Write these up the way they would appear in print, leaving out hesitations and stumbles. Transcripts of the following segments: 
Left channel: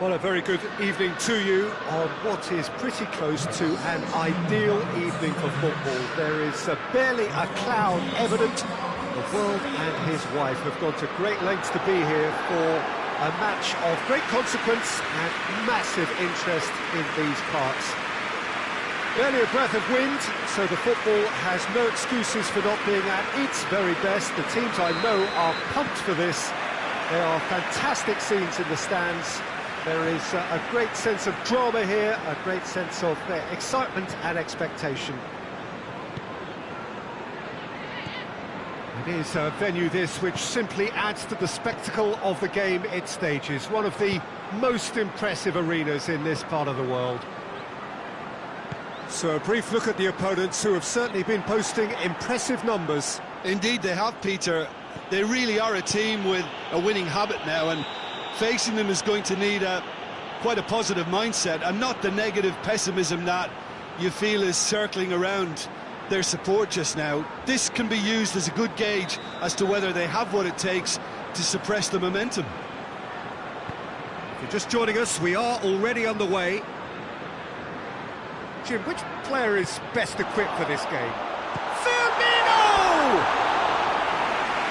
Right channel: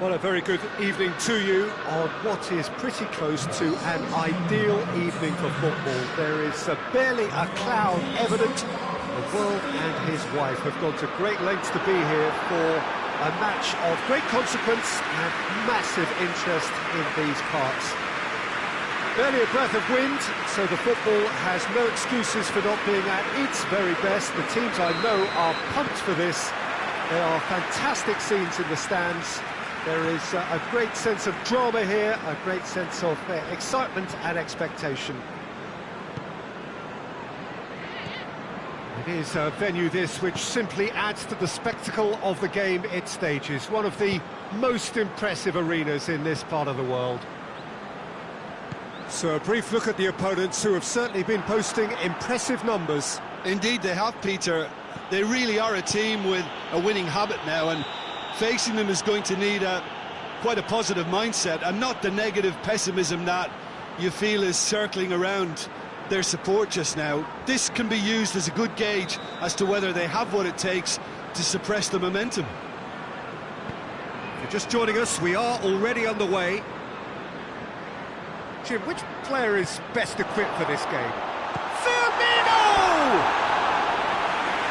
Well, a very good evening to you on what is pretty close to an ideal evening for football. There is barely a cloud evident. The world and his wife have gone to great lengths to be here for a match of great consequence and massive interest in these parts. Barely a breath of wind, so the football has no excuses for not being at its very best. The teams I know are pumped for this. There are fantastic scenes in the stands. There is a great sense of drama here, a great sense of excitement and expectation. It is a venue this which simply adds to the spectacle of the game it stages. One of the most impressive arenas in this part of the world. So a brief look at the opponents, who have certainly been posting impressive numbers. Indeed they have, Peter. They really are a team with a winning habit now, and facing them is going to need quite a positive mindset and not the negative pessimism that you feel is circling around their support just now. This can be used as a good gauge as to whether they have what it takes to suppress the momentum. If you're just joining us, we are already underway. Jim, which player is best equipped for this game? Firmino!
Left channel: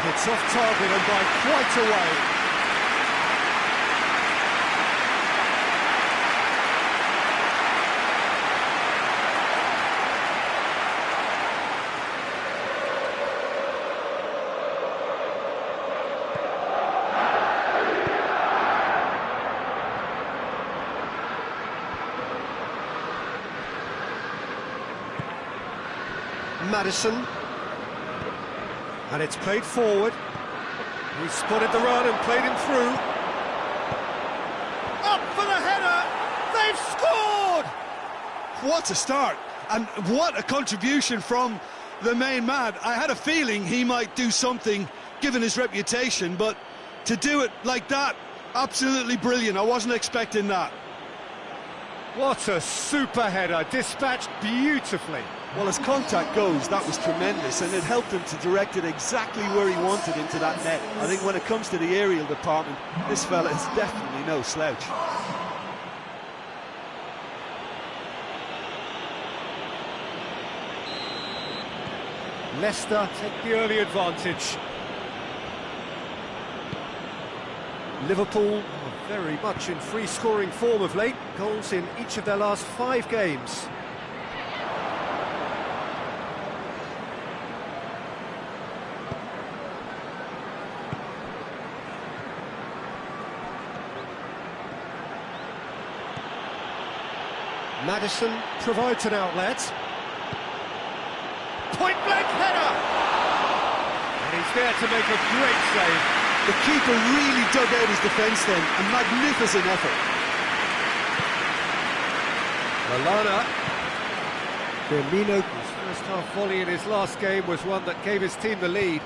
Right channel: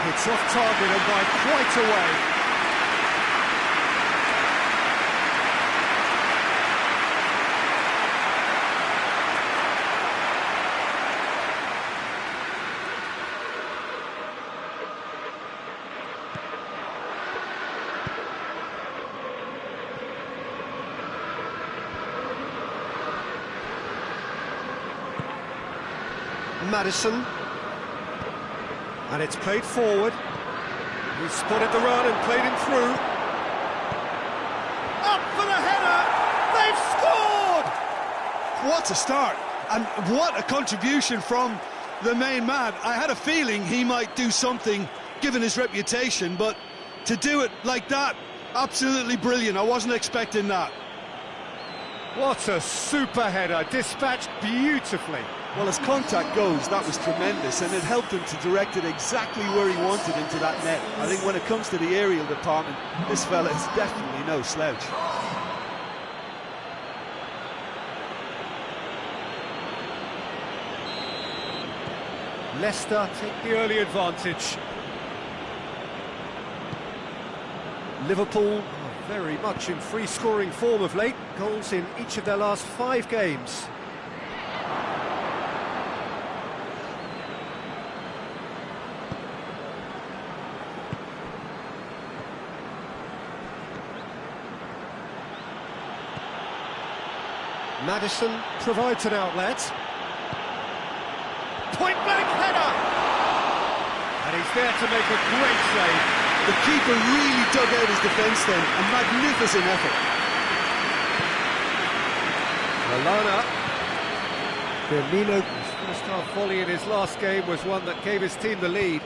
It's off target and by quite a way. Madison, and it's played forward. He spotted the run and played him through. Up for the header! They've scored! What a start, and what a contribution from the main man. I had a feeling he might do something given his reputation, but to do it like that, absolutely brilliant. I wasn't expecting that. What a super header, dispatched beautifully. Well, as contact goes, that was tremendous, and it helped him to direct it exactly where he wanted into that net. I think when it comes to the aerial department, this fella is definitely no slouch. Leicester take the early advantage. Liverpool are very much in free-scoring form of late. Goals in each of their last 5 games. Madison provides an outlet. Point-blank header! And he's there to make a great save. The keeper really dug out his defence then. A magnificent effort. Lallana. Firmino, his first-half volley in his last game was one that gave his team the lead.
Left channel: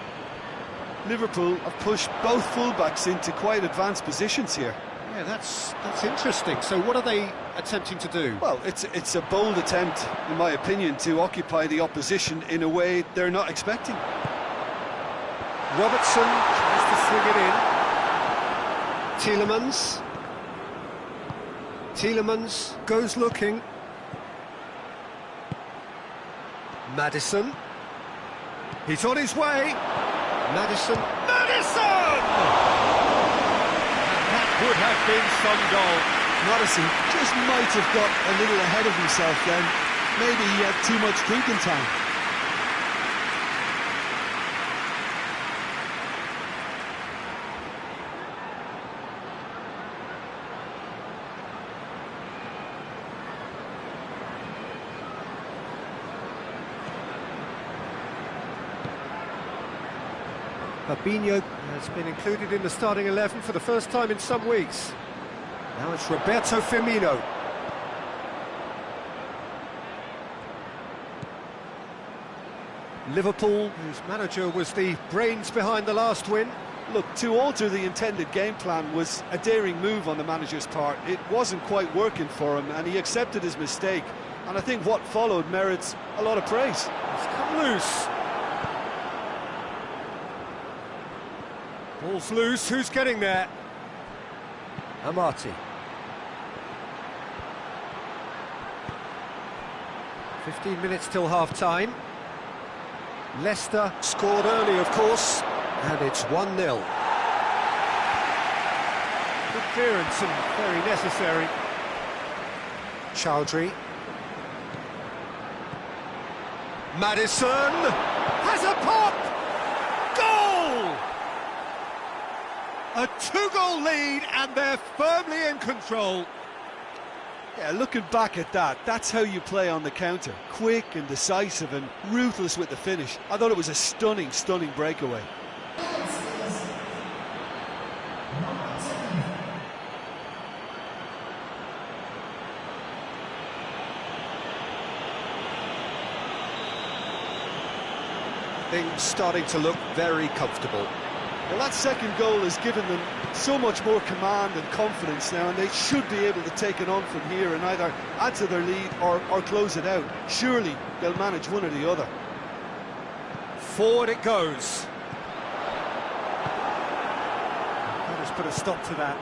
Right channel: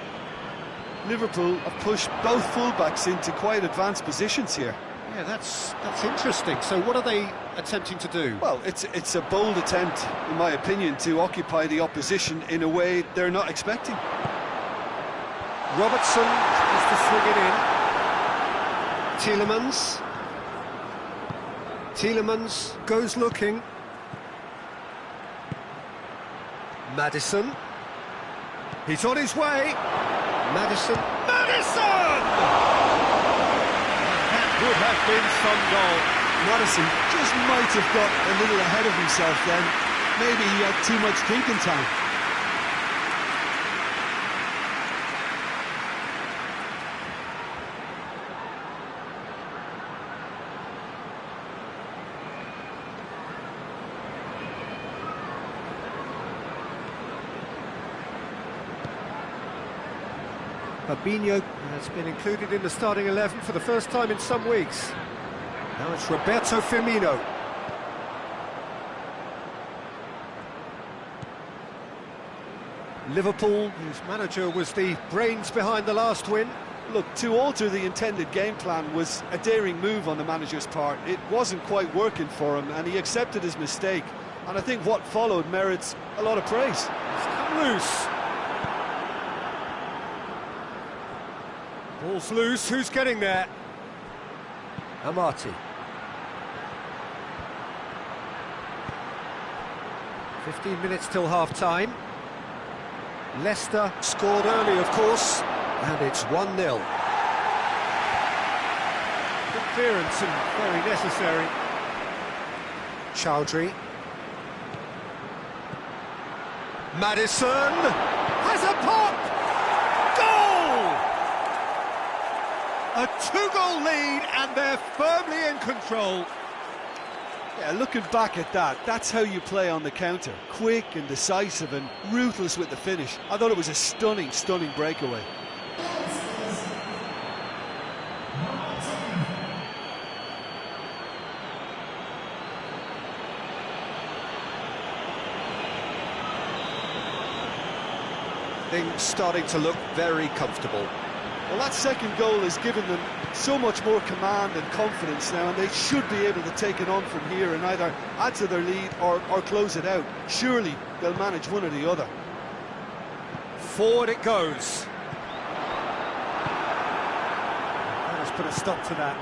Liverpool have pushed both fullbacks into quite advanced positions here. Yeah, that's interesting. So what are they attempting to do? Well, it's a bold attempt, in my opinion, to occupy the opposition in a way they're not expecting. Robertson tries to swing it in. Tielemans. Tielemans goes looking. Madison. He's on his way. Madison. Madison! That would have been some goal. Madison just might have got a little ahead of himself then. Maybe he had too much drinking time. Fabinho has been included in the starting 11 for the first time in some weeks. Now it's Roberto Firmino. Liverpool, whose manager was the brains behind the last win. Look, to alter the intended game plan was a daring move on the manager's part. It wasn't quite working for him, and he accepted his mistake. And I think what followed merits a lot of praise. It's come loose. Ball's loose, who's getting there? Amati. 15 minutes till half-time. Leicester scored early, of course, and it's 1-0. Good clearance and very necessary. Chowdhury. Maddison has a pop! Goal! A two-goal lead and they're firmly in control. Yeah, looking back at that, that's how you play on the counter. Quick and decisive and ruthless with the finish. I thought it was a stunning, stunning breakaway. Things starting to look very comfortable. Well, that second goal has given them so much more command and confidence now, and they should be able to take it on from here and either add to their lead or close it out. Surely they'll manage one or the other. Forward it goes. Let us put a stop to that.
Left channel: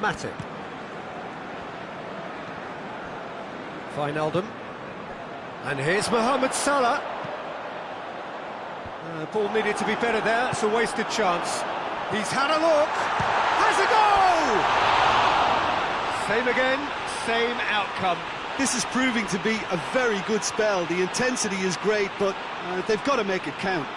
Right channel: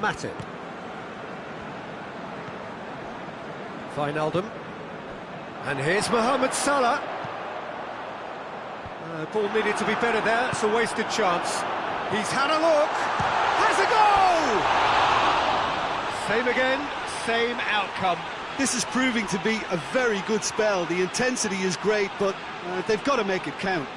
Matip. Wijnaldum. And here's Mohamed Salah. Ball needed to be better there, it's a wasted chance. He's had a look, has a goal! Same again, same outcome. This is proving to be a very good spell. The intensity is great, but they've got to make it count.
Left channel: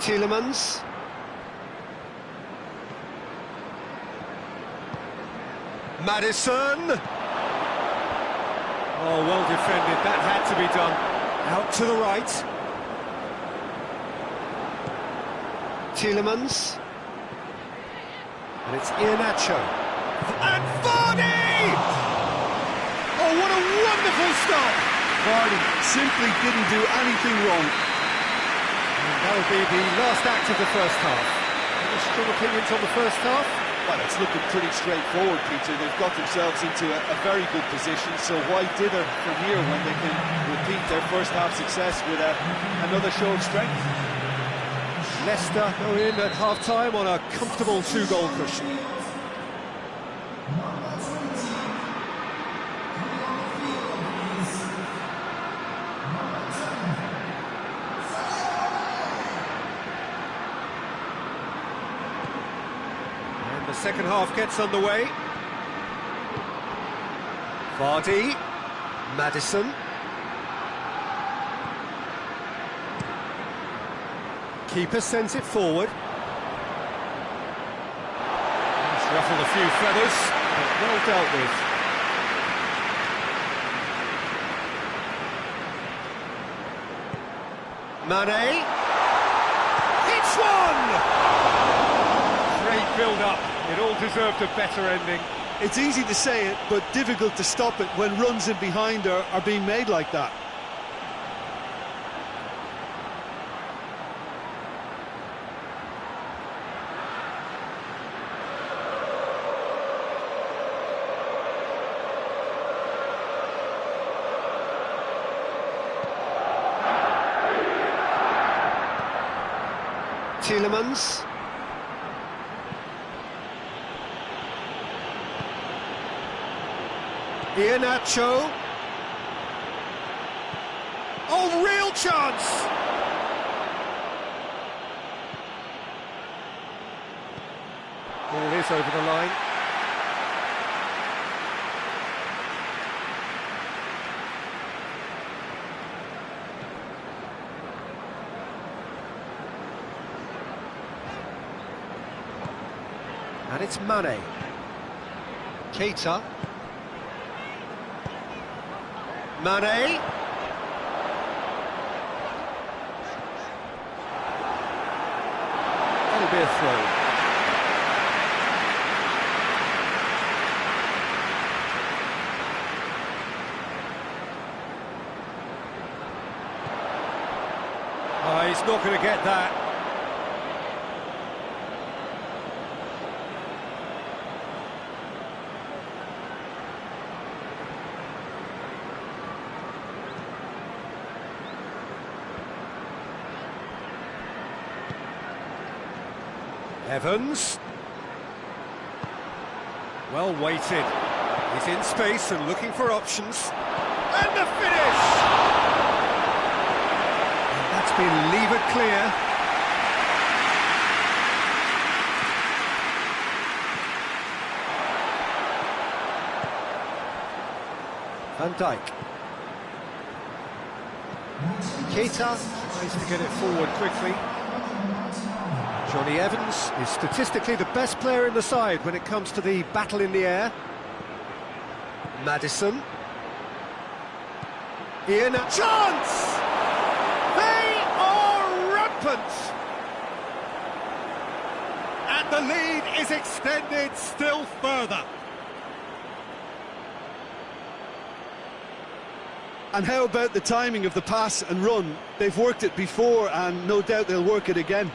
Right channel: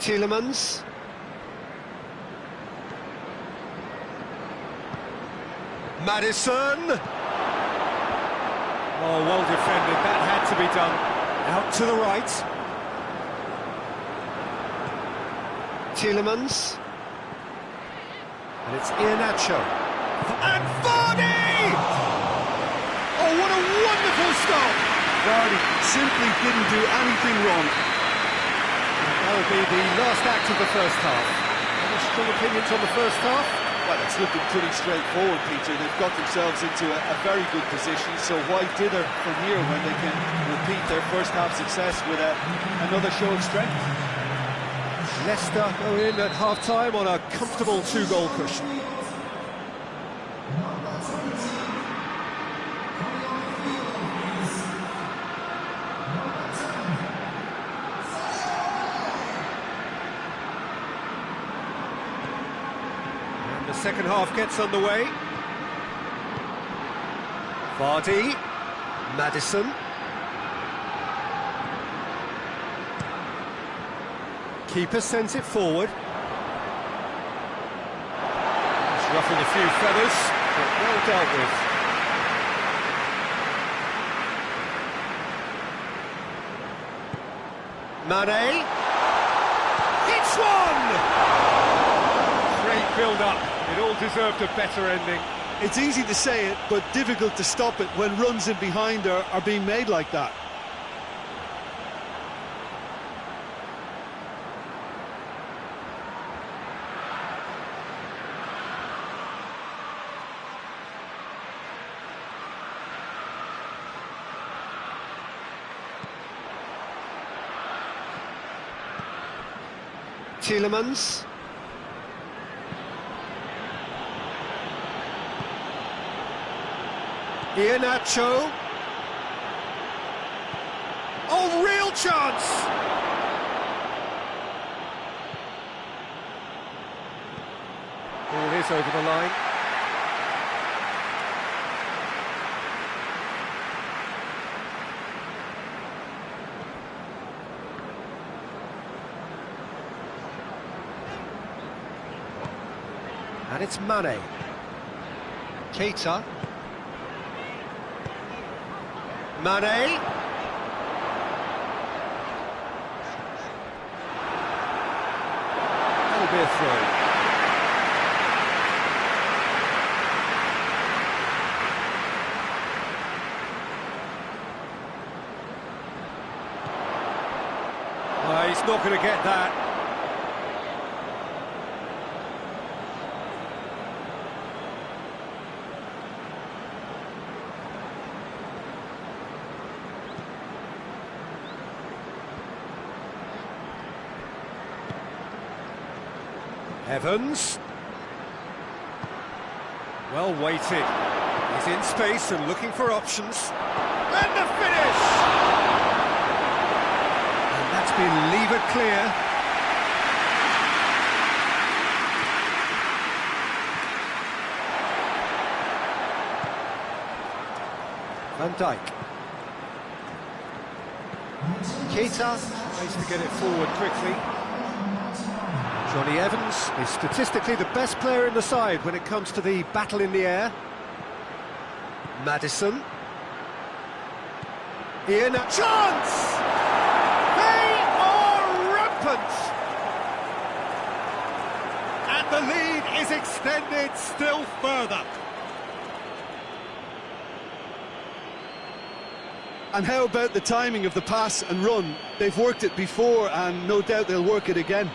Tielemans. Maddison. Oh, well defended, that had to be done. Out to the right. Tielemans. And it's Iheanacho. And Vardy! Oh, what a wonderful stop! Vardy simply didn't do anything wrong. That will be the last act of the first half. Any strong opinions on the first half? Well, it's looking pretty straightforward, Peter. They've got themselves into a very good position, so why dither from here when they can repeat their first half success with another show of strength? Leicester go in at half-time on a comfortable two-goal cushion. The second half gets underway. Vardy, Maddison. Keeper sends it forward. He's ruffled a few feathers, but well dealt with. Mane. It's one! Great build-up. It all deserved a better ending. It's easy to say it, but difficult to stop it when runs in behind are being made like that. Tielemans. Iheanacho. Oh, real chance! Ball is over the line. And it's Mane. Keita. Mane. That'll be a throw. He's not going to get that. Evans. Well weighted. He's in space and looking for options. And the finish! And that's been levered clear. Van Dijk. Keita tries to get it forward quickly. Johnny Evans is statistically the best player in the side when it comes to the battle in the air. Maddison. Ian, a chance! They are rampant! And the lead is extended still further. And how about the timing of the pass and run? They've worked it before and no doubt they'll work it again.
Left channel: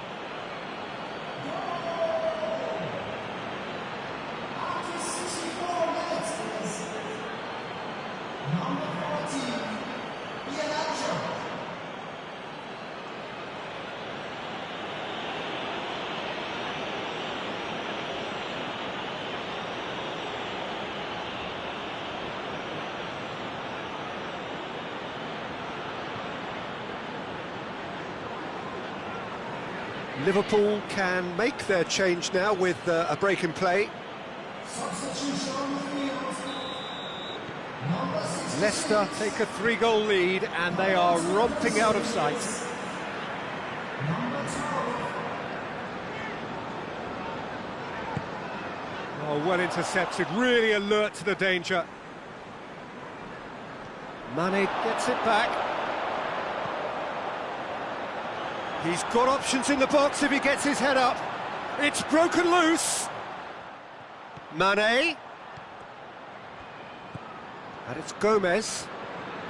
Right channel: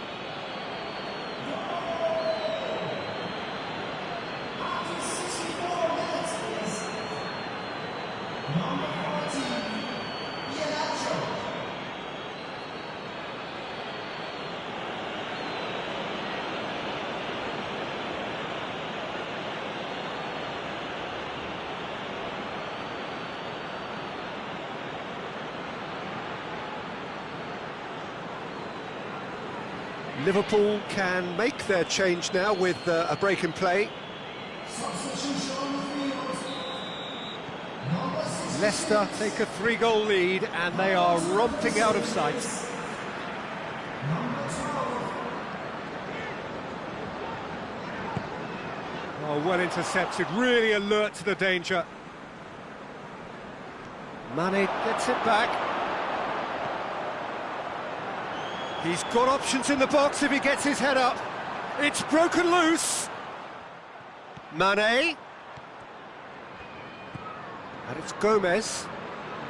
Liverpool can make their change now with a break in play. Leicester take a 3-goal lead and they are romping out of sight. Oh, well intercepted, really alert to the danger. Mane gets it back. He's got options in the box if he gets his head up. It's broken loose. Mane. And it's Gomez.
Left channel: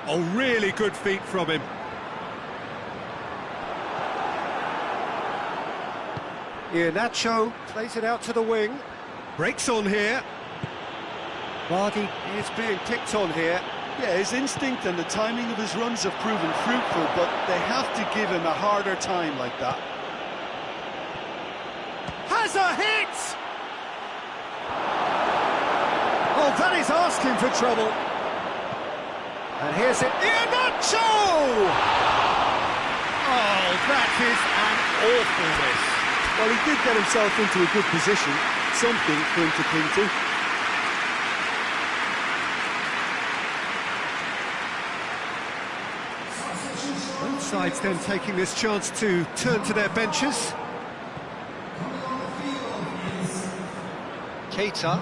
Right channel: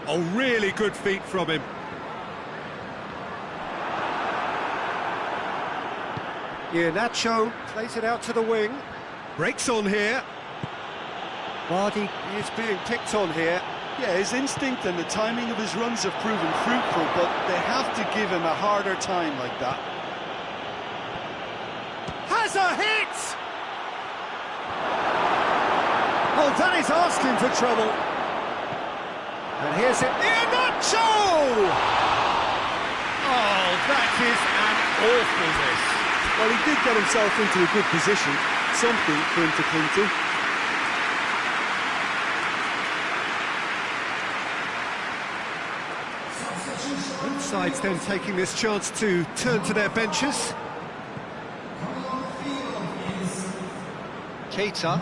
Oh, really good feet from him. Iheanacho plays it out to the wing. Breaks on here. Vardy is being picked on here. Yeah, his instinct and the timing of his runs have proven fruitful, but they have to give him a harder time like that. Has a hit! Oh, that is asking for trouble. And here's it, Iheanacho! Oh, that is an awful miss. Well, he did get himself into a good position, something for him to cling to. Both sides then taking this chance to turn to their benches. Keita.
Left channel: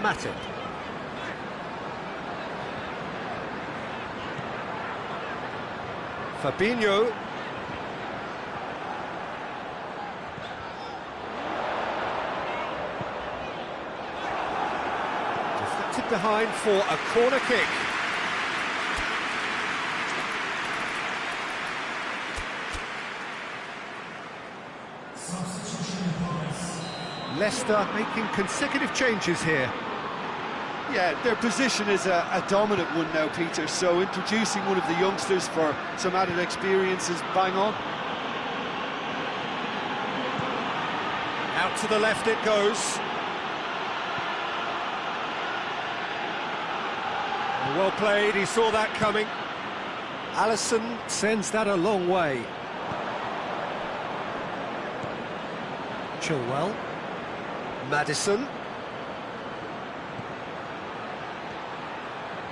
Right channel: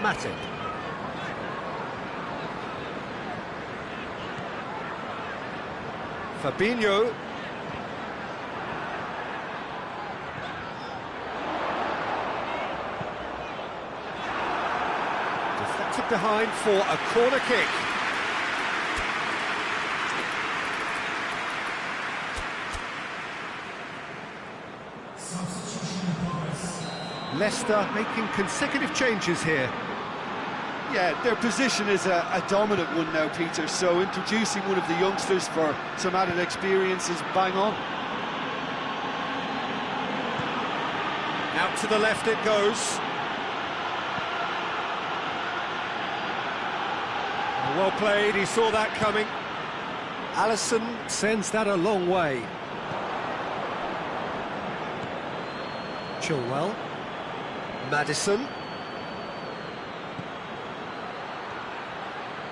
Matip. Fabinho. Deflected behind for a corner kick. Leicester making consecutive changes here. Yeah, their position is a dominant one now, Peter, so introducing one of the youngsters for some added experience is bang on. Out to the left it goes. Well played, he saw that coming. Alisson sends that a long way. Chilwell. Maddison.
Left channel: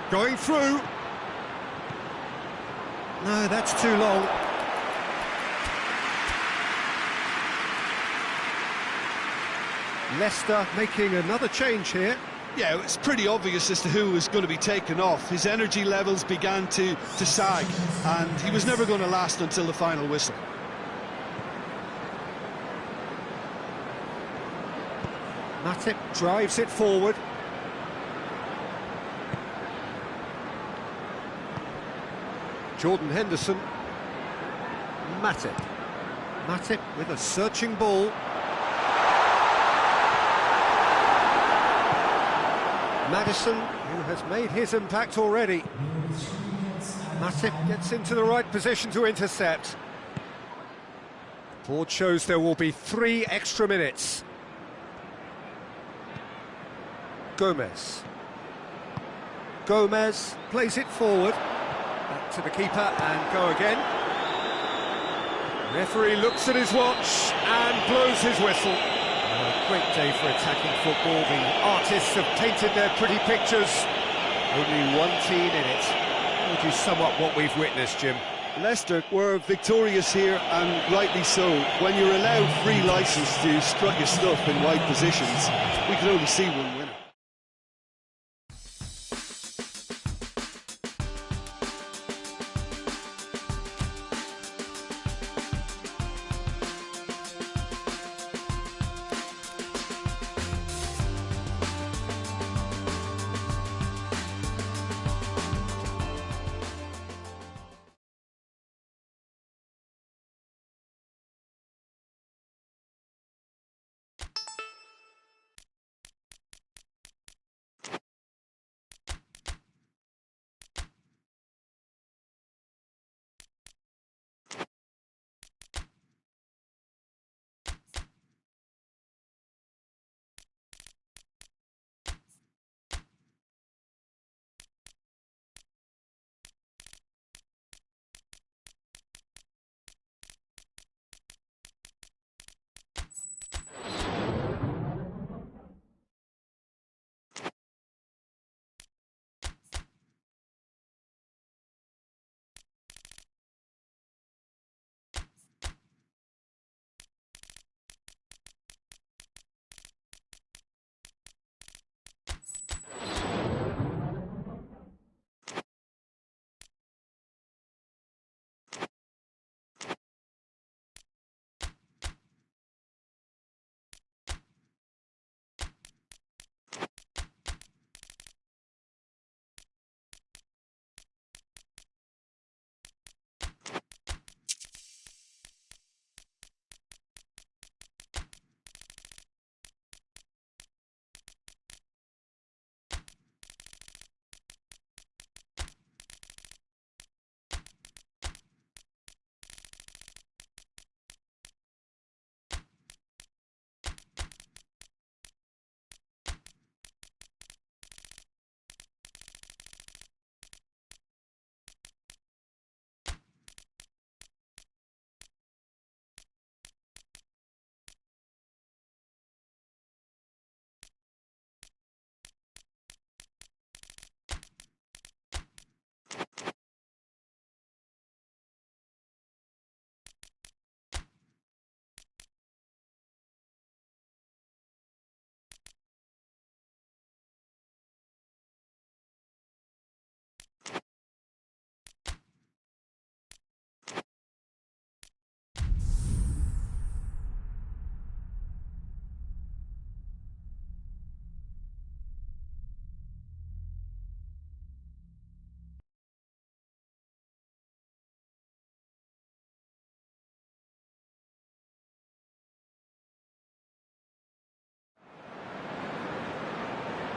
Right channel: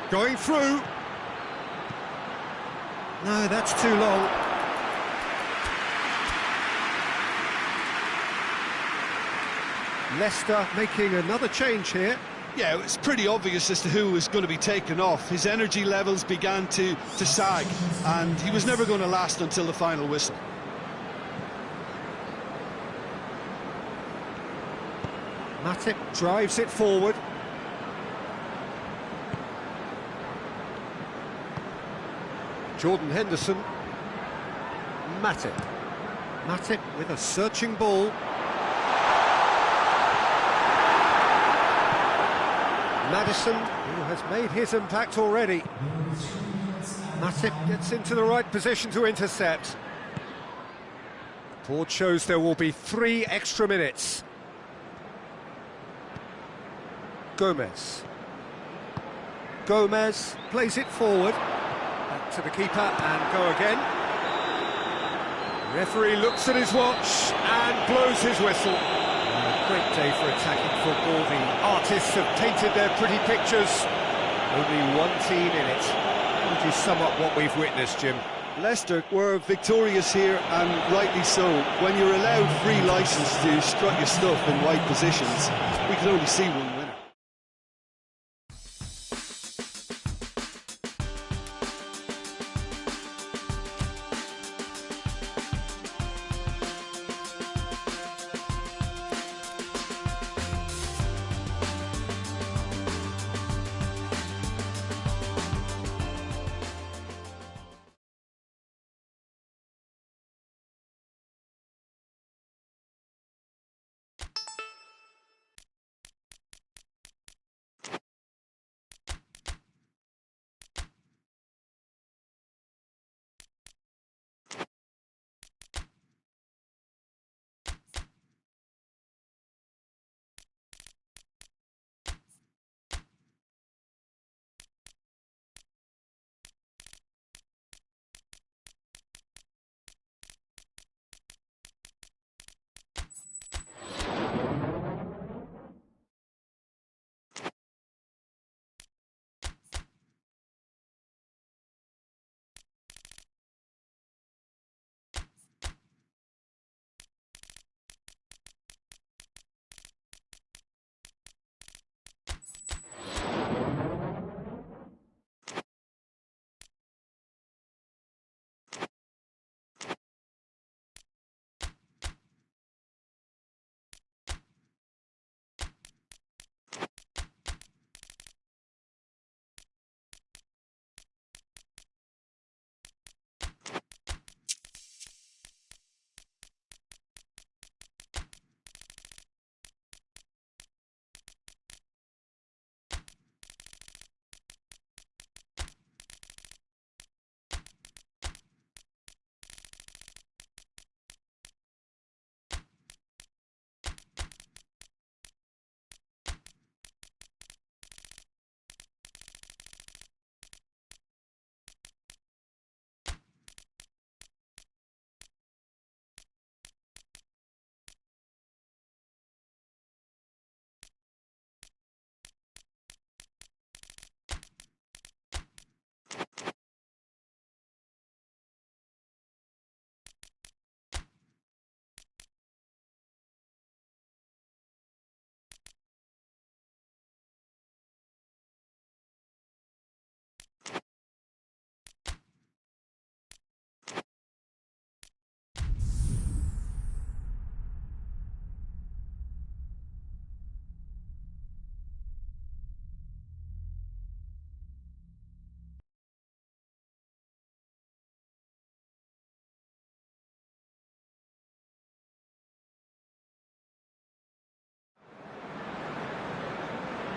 Going through. No, that's too long. Leicester making another change here. Yeah, it's pretty obvious as to who was going to be taken off. His energy levels began to sag, and he was never going to last until the final whistle. Matip drives it forward. Jordan Henderson. Matip. Matip with a searching ball. Maddison, who has made his impact already. Matip gets into the right position to intercept. Board shows there will be 3 extra minutes. Gomez. Gomez plays it forward. Back to the keeper and go again. Referee looks at his watch and blows his whistle. A great day for attacking football. The artists have painted their pretty pictures. Only one team in it. How would you sum up what we've witnessed, Jim? Leicester were victorious here, and rightly so. When you're allowed free licence to strut your stuff in wide positions, we could only see one winner.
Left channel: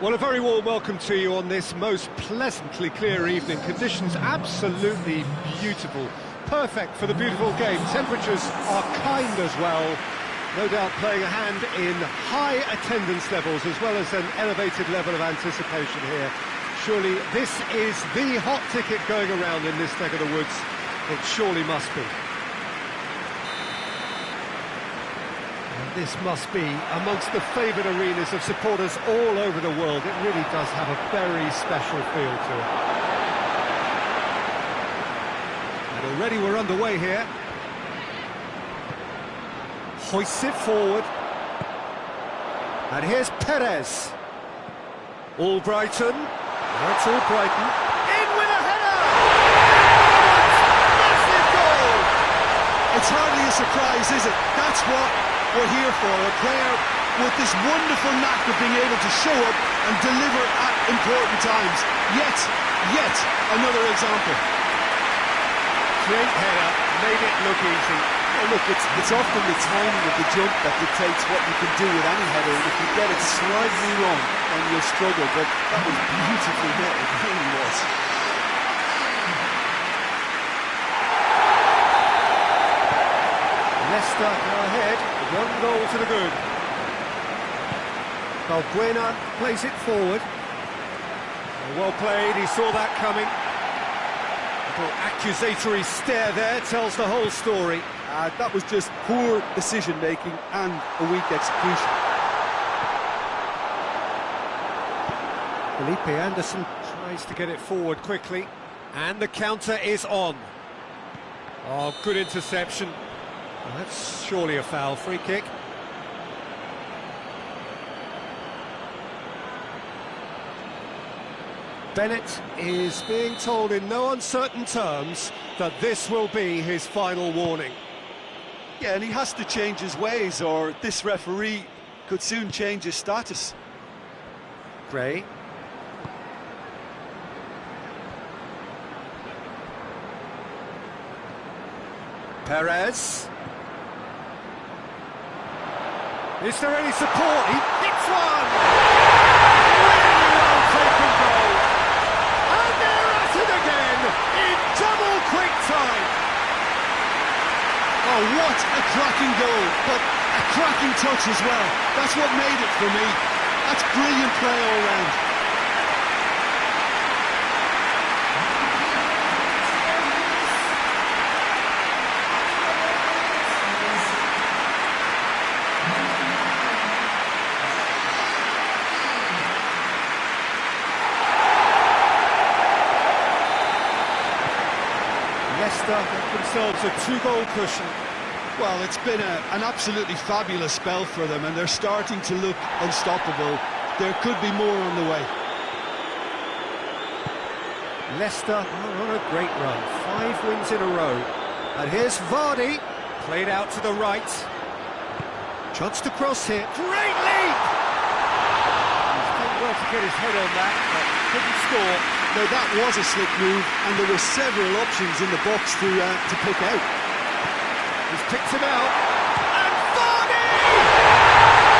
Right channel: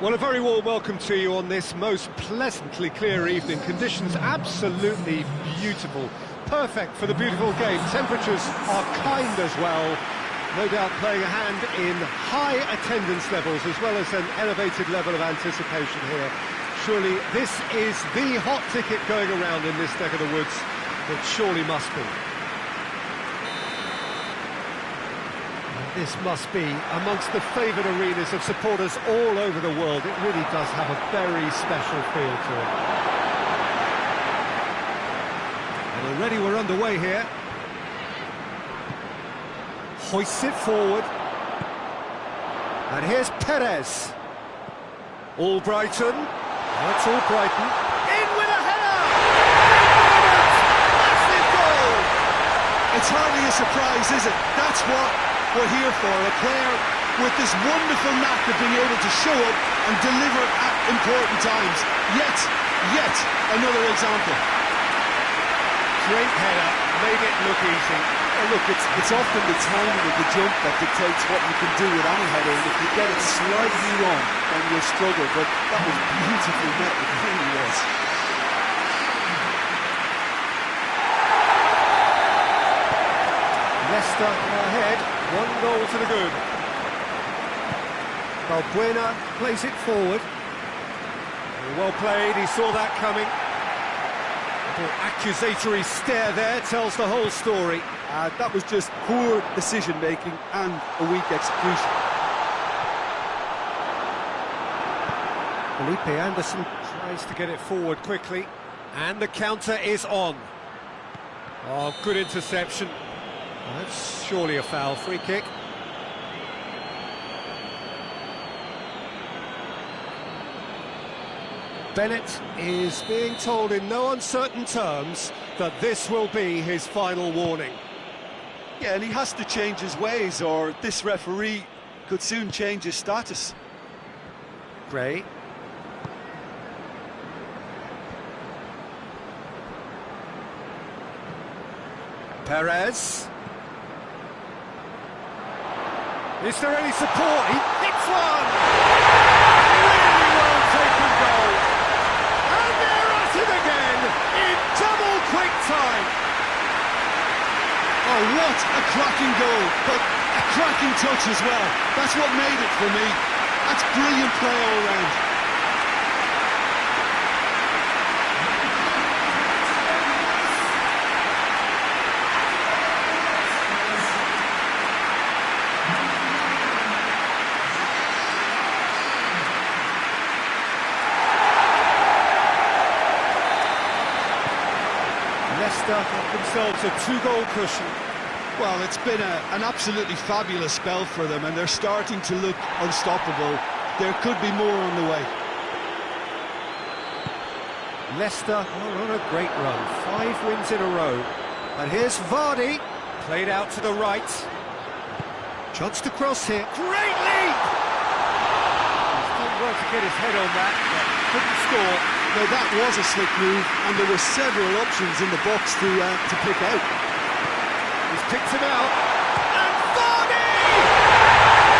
Well, a very warm welcome to you on this most pleasantly clear evening. Conditions absolutely beautiful. Perfect for the beautiful game. Temperatures are kind as well. No doubt playing a hand in high attendance levels as well as an elevated level of anticipation here. Surely this is the hot ticket going around in this neck of the woods. It surely must be. This must be amongst the favoured arenas of supporters all over the world. It really does have a very special feel to it. And already we're underway here. Hoists it forward. And here's Perez. All Brighton. That's all Brighton. In with a header! Massive goal! It's hardly a surprise, is it? That's what we're here for. A player with this wonderful knack of being able to show up and deliver at important times. Yet another example. Great header, made it look easy. Well, look, it's often the timing of the jump that dictates what you can do with any header, and if you get it slightly wrong, then you'll struggle, but that was beautifully met, it really was. Leicester are ahead, 1 goal to the good. Balbuena plays it forward. Well played, he saw that coming. A little accusatory stare there tells the whole story. That was just poor decision-making and a weak execution. Felipe Anderson tries to get it forward quickly, and the counter is on. Oh, good interception. Well, that's surely a foul. Free kick. Bennett is being told in no uncertain terms that this will be his final warning. Yeah, and he has to change his ways, or this referee could soon change his status. Gray. Perez. Is there any support? He hits one! Really well taken goal. And they're at it again in double quick time. Oh, what a cracking goal, but a cracking touch as well. That's what made it for me. That's brilliant play all round. Leicester have themselves a 2-goal cushion. Well, it's been an absolutely fabulous spell for them, and they're starting to look unstoppable. There could be more on the way. Leicester are on a great run, 5 wins in a row. And here's Vardy, played out to the right. Chance to cross here, great leap! He's done well to get his head on that, but couldn't score. Now that was a slick move, and there were several options in the box to pick out. He's picked him out, and Vardy!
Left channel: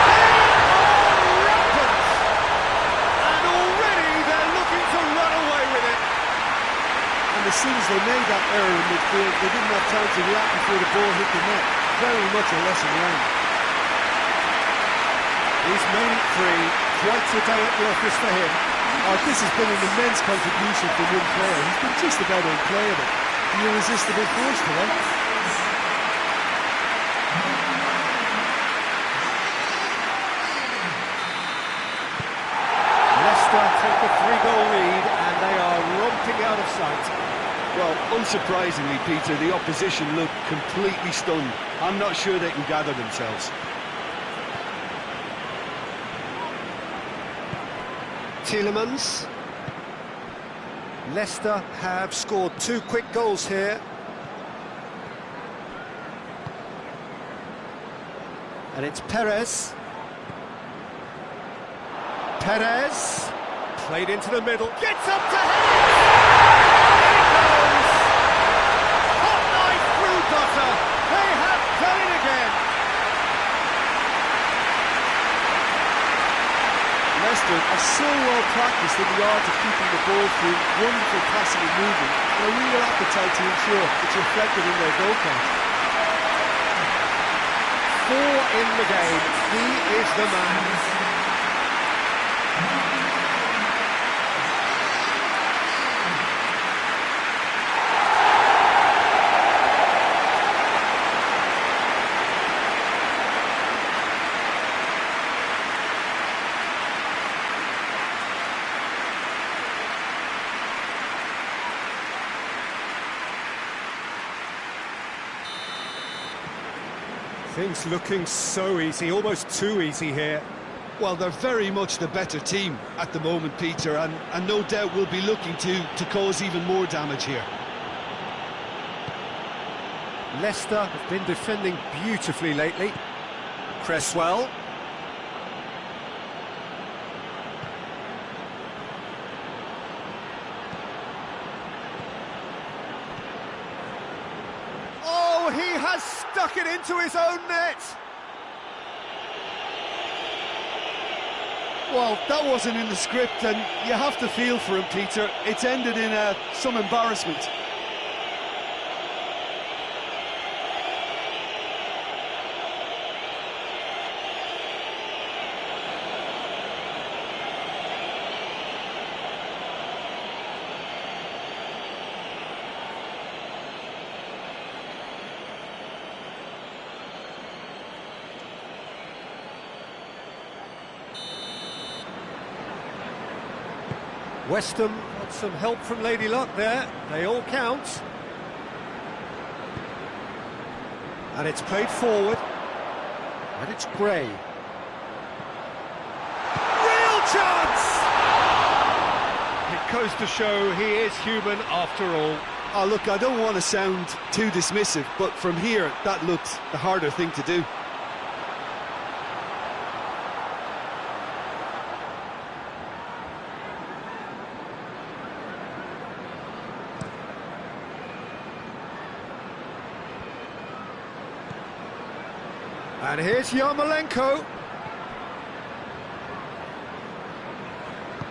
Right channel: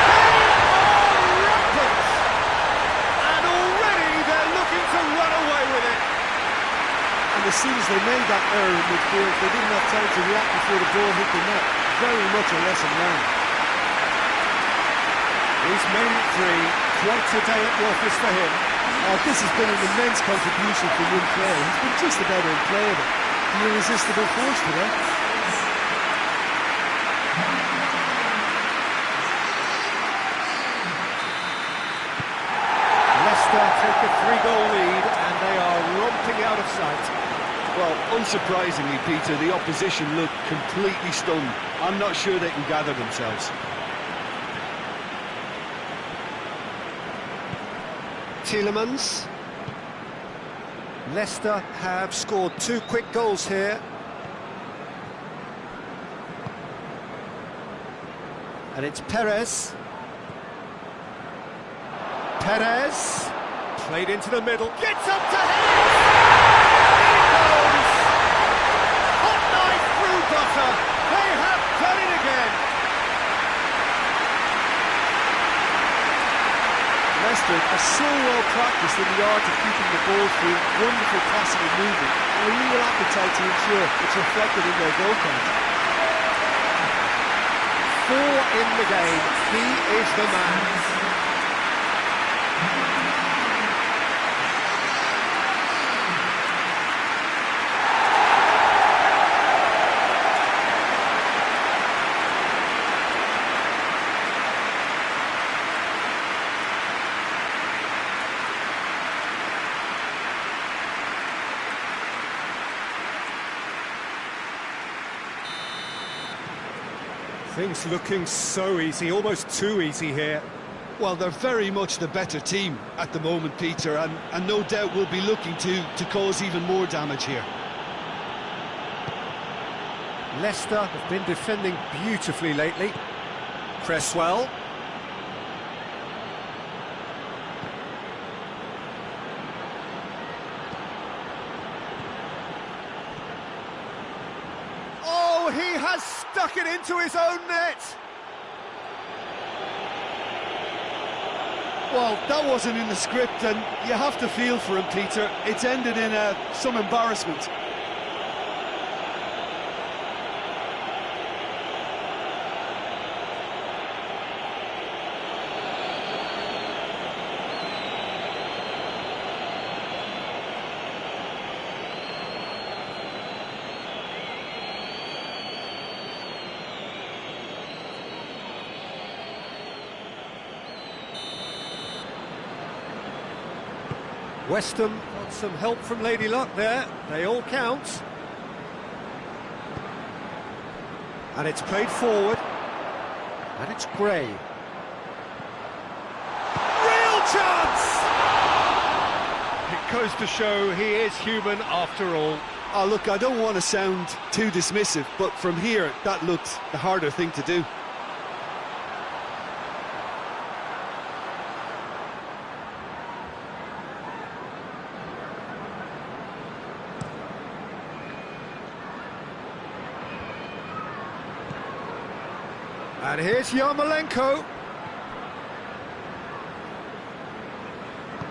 They are rampant! And already they're looking to run away with it. And as soon as they made that error in midfield, they didn't have time to react before the ball hit the net. Very much a lesson learned. He's made it 3, quite a day at the office for him. Oh, this has been an immense contribution from one player. He's been just about unplayable. The irresistible force today. Leicester take a 3-goal lead and they are romping out of sight. Well, unsurprisingly, Peter, the opposition look completely stunned. I'm not sure they can gather themselves. Tielemans. Leicester have scored 2 quick goals here. And it's Perez. Perez. Played into the middle. Gets up to head it! In it goes! Hot knife through butter. They have done it again. Leicester are so well practiced in the art of keeping the ball through, wonderful passing and movement, and a real appetite to ensure it's reflected in their goal count. 4 in the game, he is the man. Things looking so easy, almost too easy here. Well, they're very much the better team at the moment, Peter, and no doubt will be looking to cause even more damage here. Leicester have been defending beautifully lately. Cresswell. Oh, he has stuck it into his own net! Well, that wasn't in the script, and you have to feel for him, Peter. It's ended in some embarrassment. West Ham got some help from Lady Luck there. They all count. And it's played forward. And it's Gray. Real chance! It goes to show he is human after all. Oh, look, I don't want to sound too dismissive, but from here, that looked the harder thing to do. And here's Yarmolenko.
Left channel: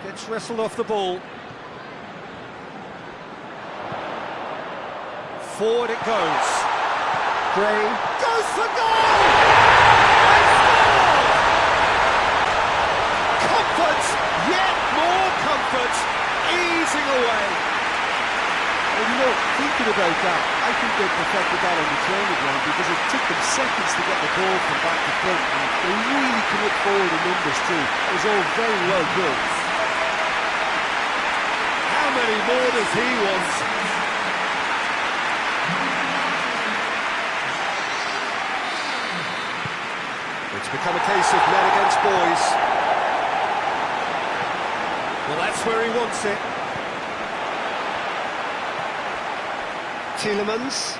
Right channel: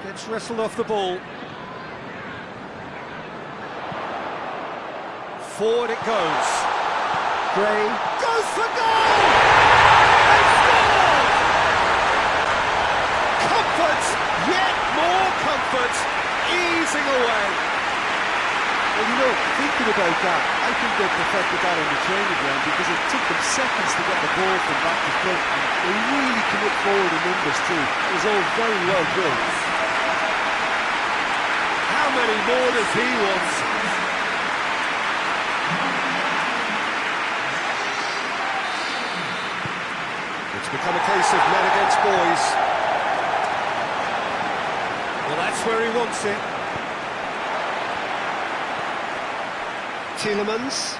Gets wrestled off the ball. Forward it goes. Gray goes for goal! They score! Comfort, yet more comfort, easing away. Well, you know, thinking about that, I think they perfected that on the training ground because it took them seconds to get the ball from back to front, and they really commit forward in numbers too. It was all very well built. How many more does he want? It's become a case of men against boys. Well, that's where he wants it. Tielemans.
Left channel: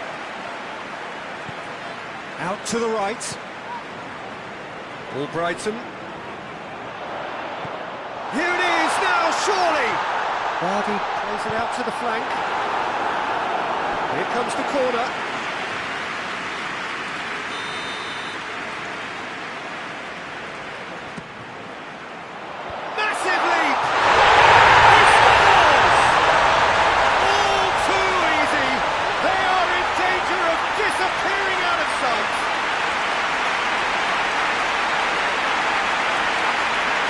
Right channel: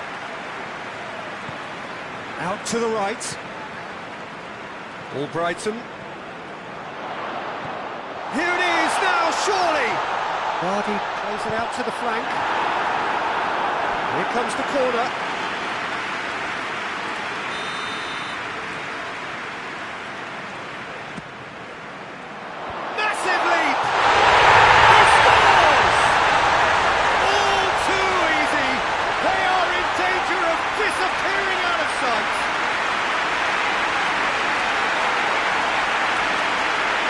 Out to the right. Albrighton. Here it is now, surely! Vardy plays it out to the flank. Here comes the corner. Massive leap! He scores! All too easy. They are in danger of disappearing out of sight.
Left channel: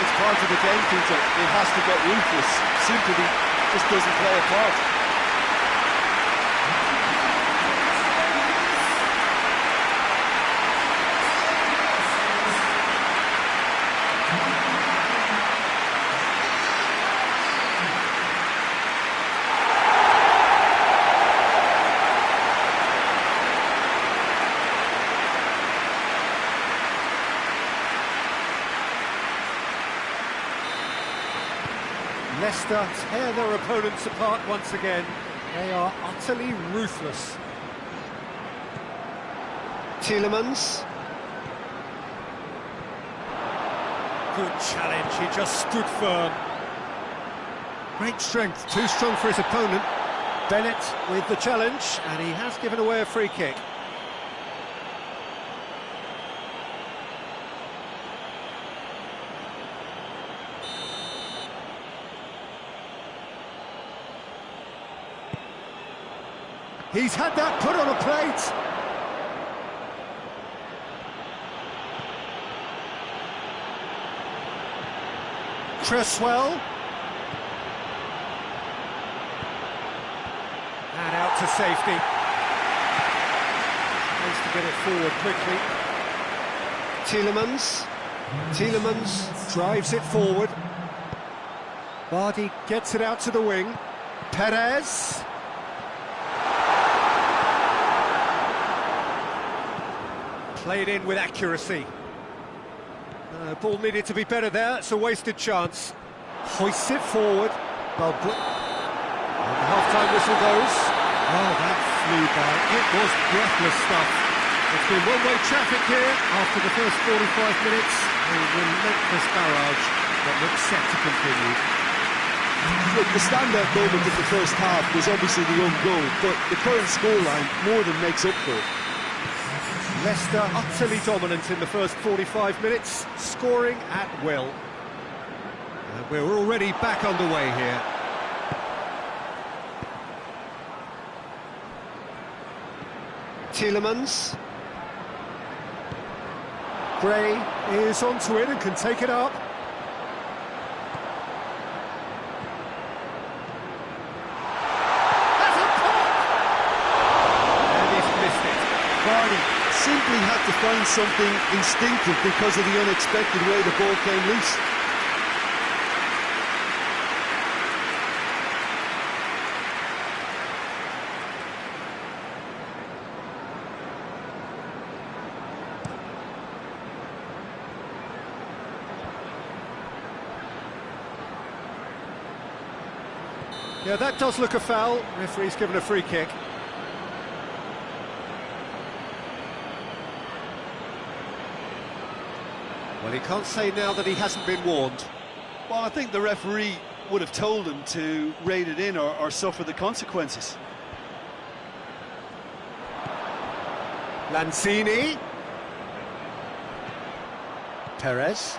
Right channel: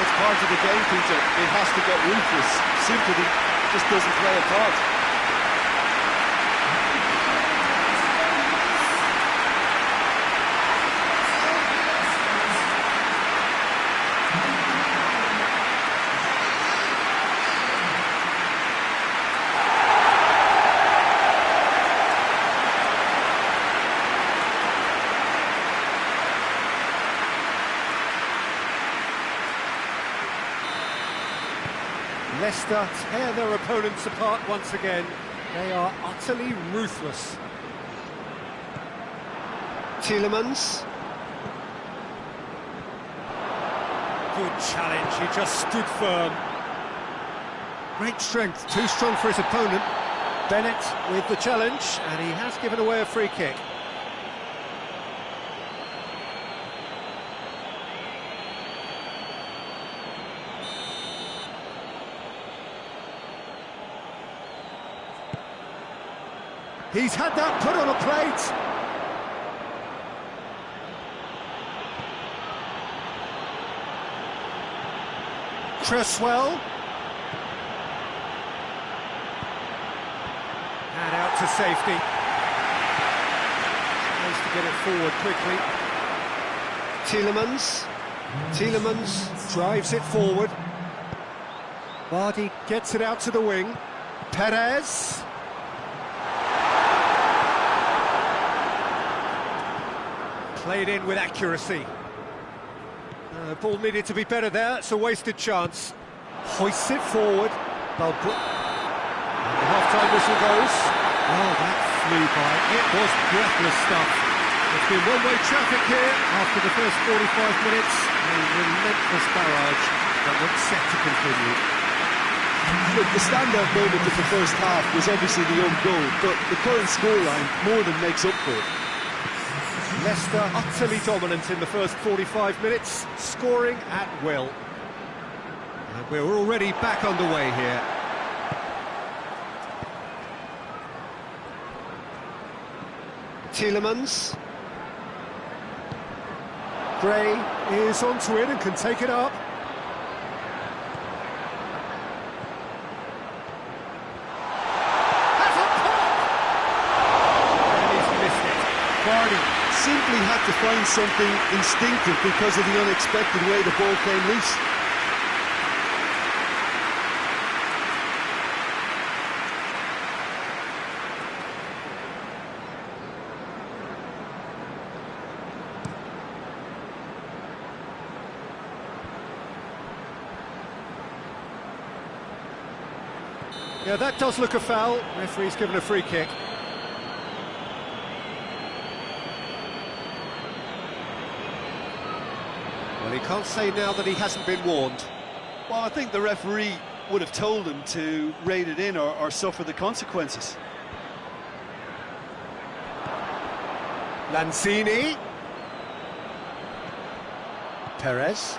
It's part of the game, Peter. It has to get ruthless. Sympathy just doesn't play a part. Leicester tear their opponents apart once again. They are utterly ruthless. Tielemans. Good challenge, he just stood firm. Great strength, too strong for his opponent. Bennett with the challenge, and he has given away a free kick. He's had that put on a plate. Cresswell. And out to safety. Tries to get it forward quickly. Tielemans. Tielemans drives it forward. Vardy gets it out to the wing. Perez. Played in with accuracy. Ball needed to be better there, it's a wasted chance. Hoists it forward. And the half-time whistle goes. Oh, that flew by. It was breathless stuff. It's been one-way traffic here after the first 45 minutes. A relentless barrage that looks set to continue. Look, the standout moment of the first half was obviously the own goal, but the current scoreline more than makes up for it. Leicester utterly dominant in the first 45 minutes, scoring at will. And we're already back underway here. Tielemans. Gray is onto it and can take it up. Has a pop! And he's missed it. Vardy simply had to find something instinctive because of the unexpected way the ball came loose. Yeah, that does look a foul. Referee's given a free kick. Well, he can't say now that he hasn't been warned. Well, I think the referee would have told him to rein it in or suffer the consequences. Lanzini. Perez.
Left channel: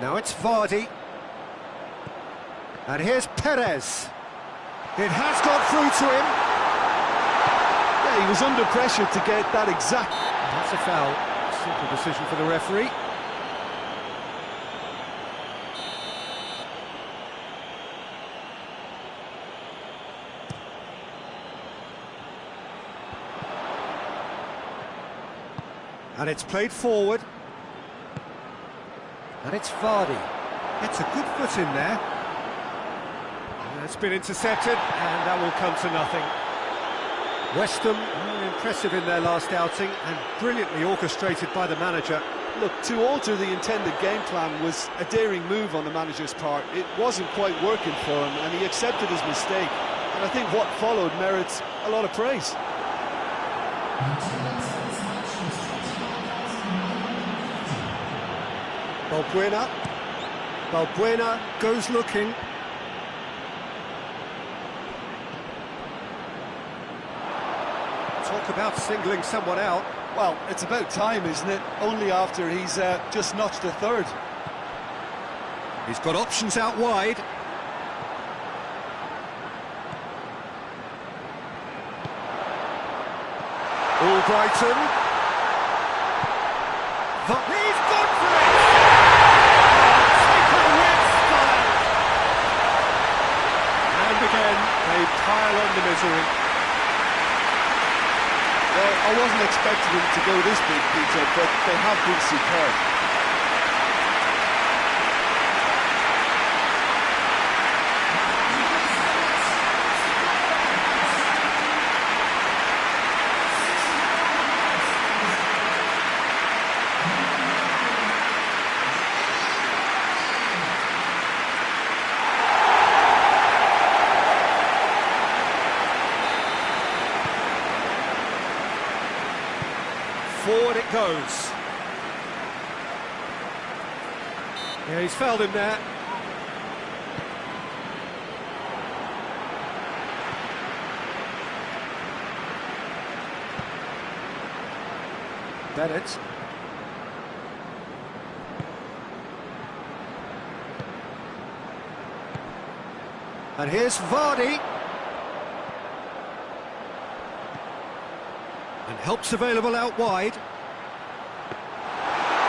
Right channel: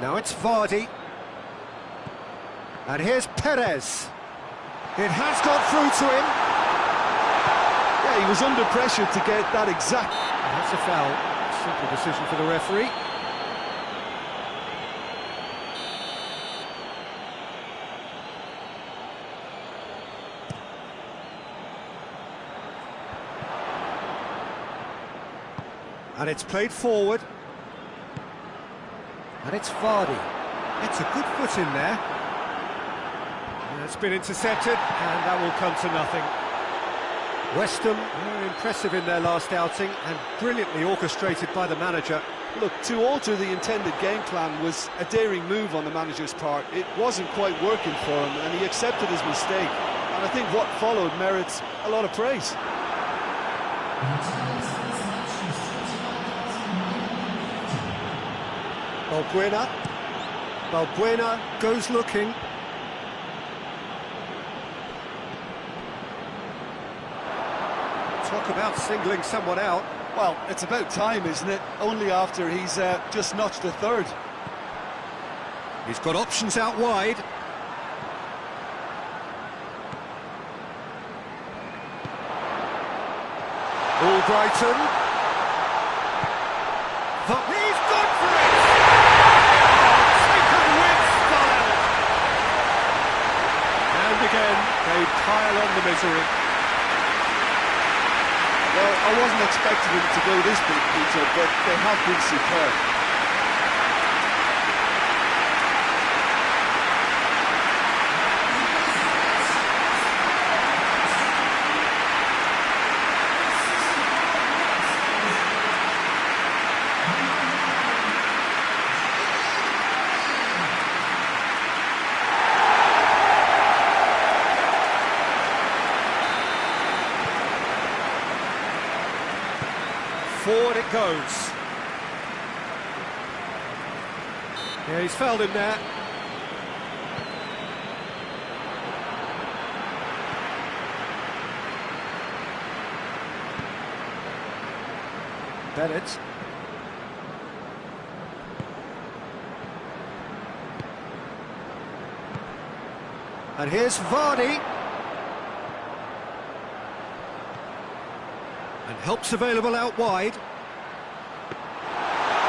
Now it's Vardy. And here's Perez. It has got through to him. Yeah, he was under pressure to get that exact. And that's a foul. Simple decision for the referee. And it's played forward. And it's Vardy. It's a good foot in there. And it's been intercepted, and that will come to nothing. West Ham were impressive in their last outing and brilliantly orchestrated by the manager. Look, to alter the intended game plan was a daring move on the manager's part. It wasn't quite working for him, and he accepted his mistake. And I think what followed merits a lot of praise. Balbuena. Balbuena goes looking. Talk about singling someone out. Well, it's about time, isn't it? Only after he's just notched a third. He's got options out wide. Albrighton. He's gone for it! Oh, taken with style! And again, they pile on the misery. Well, I wasn't expecting them to go this big, Peter, but they have been superb. Forward it goes. Yeah, he's fouled him there. Bennett. And here's Vardy. And help's available out wide.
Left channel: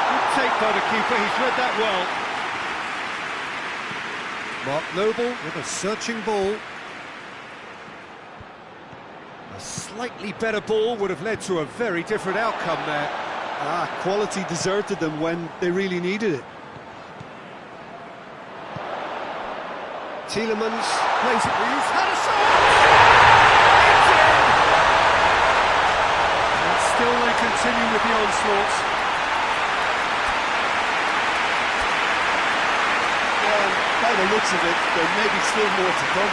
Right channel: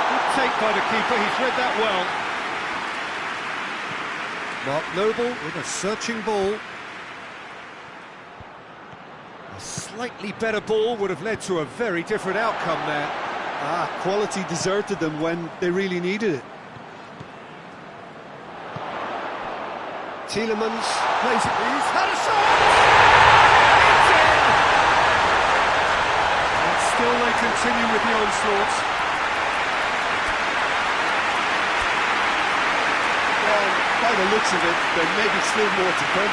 Good take by the keeper, he's read that well. Mark Noble with a searching ball. A slightly better ball would have led to a very different outcome there. Quality deserted them when they really needed it. Tielemans plays it, he's had a shot! It's in! And still they continue with the onslaught. Well, by the looks of it, there may be still more to come.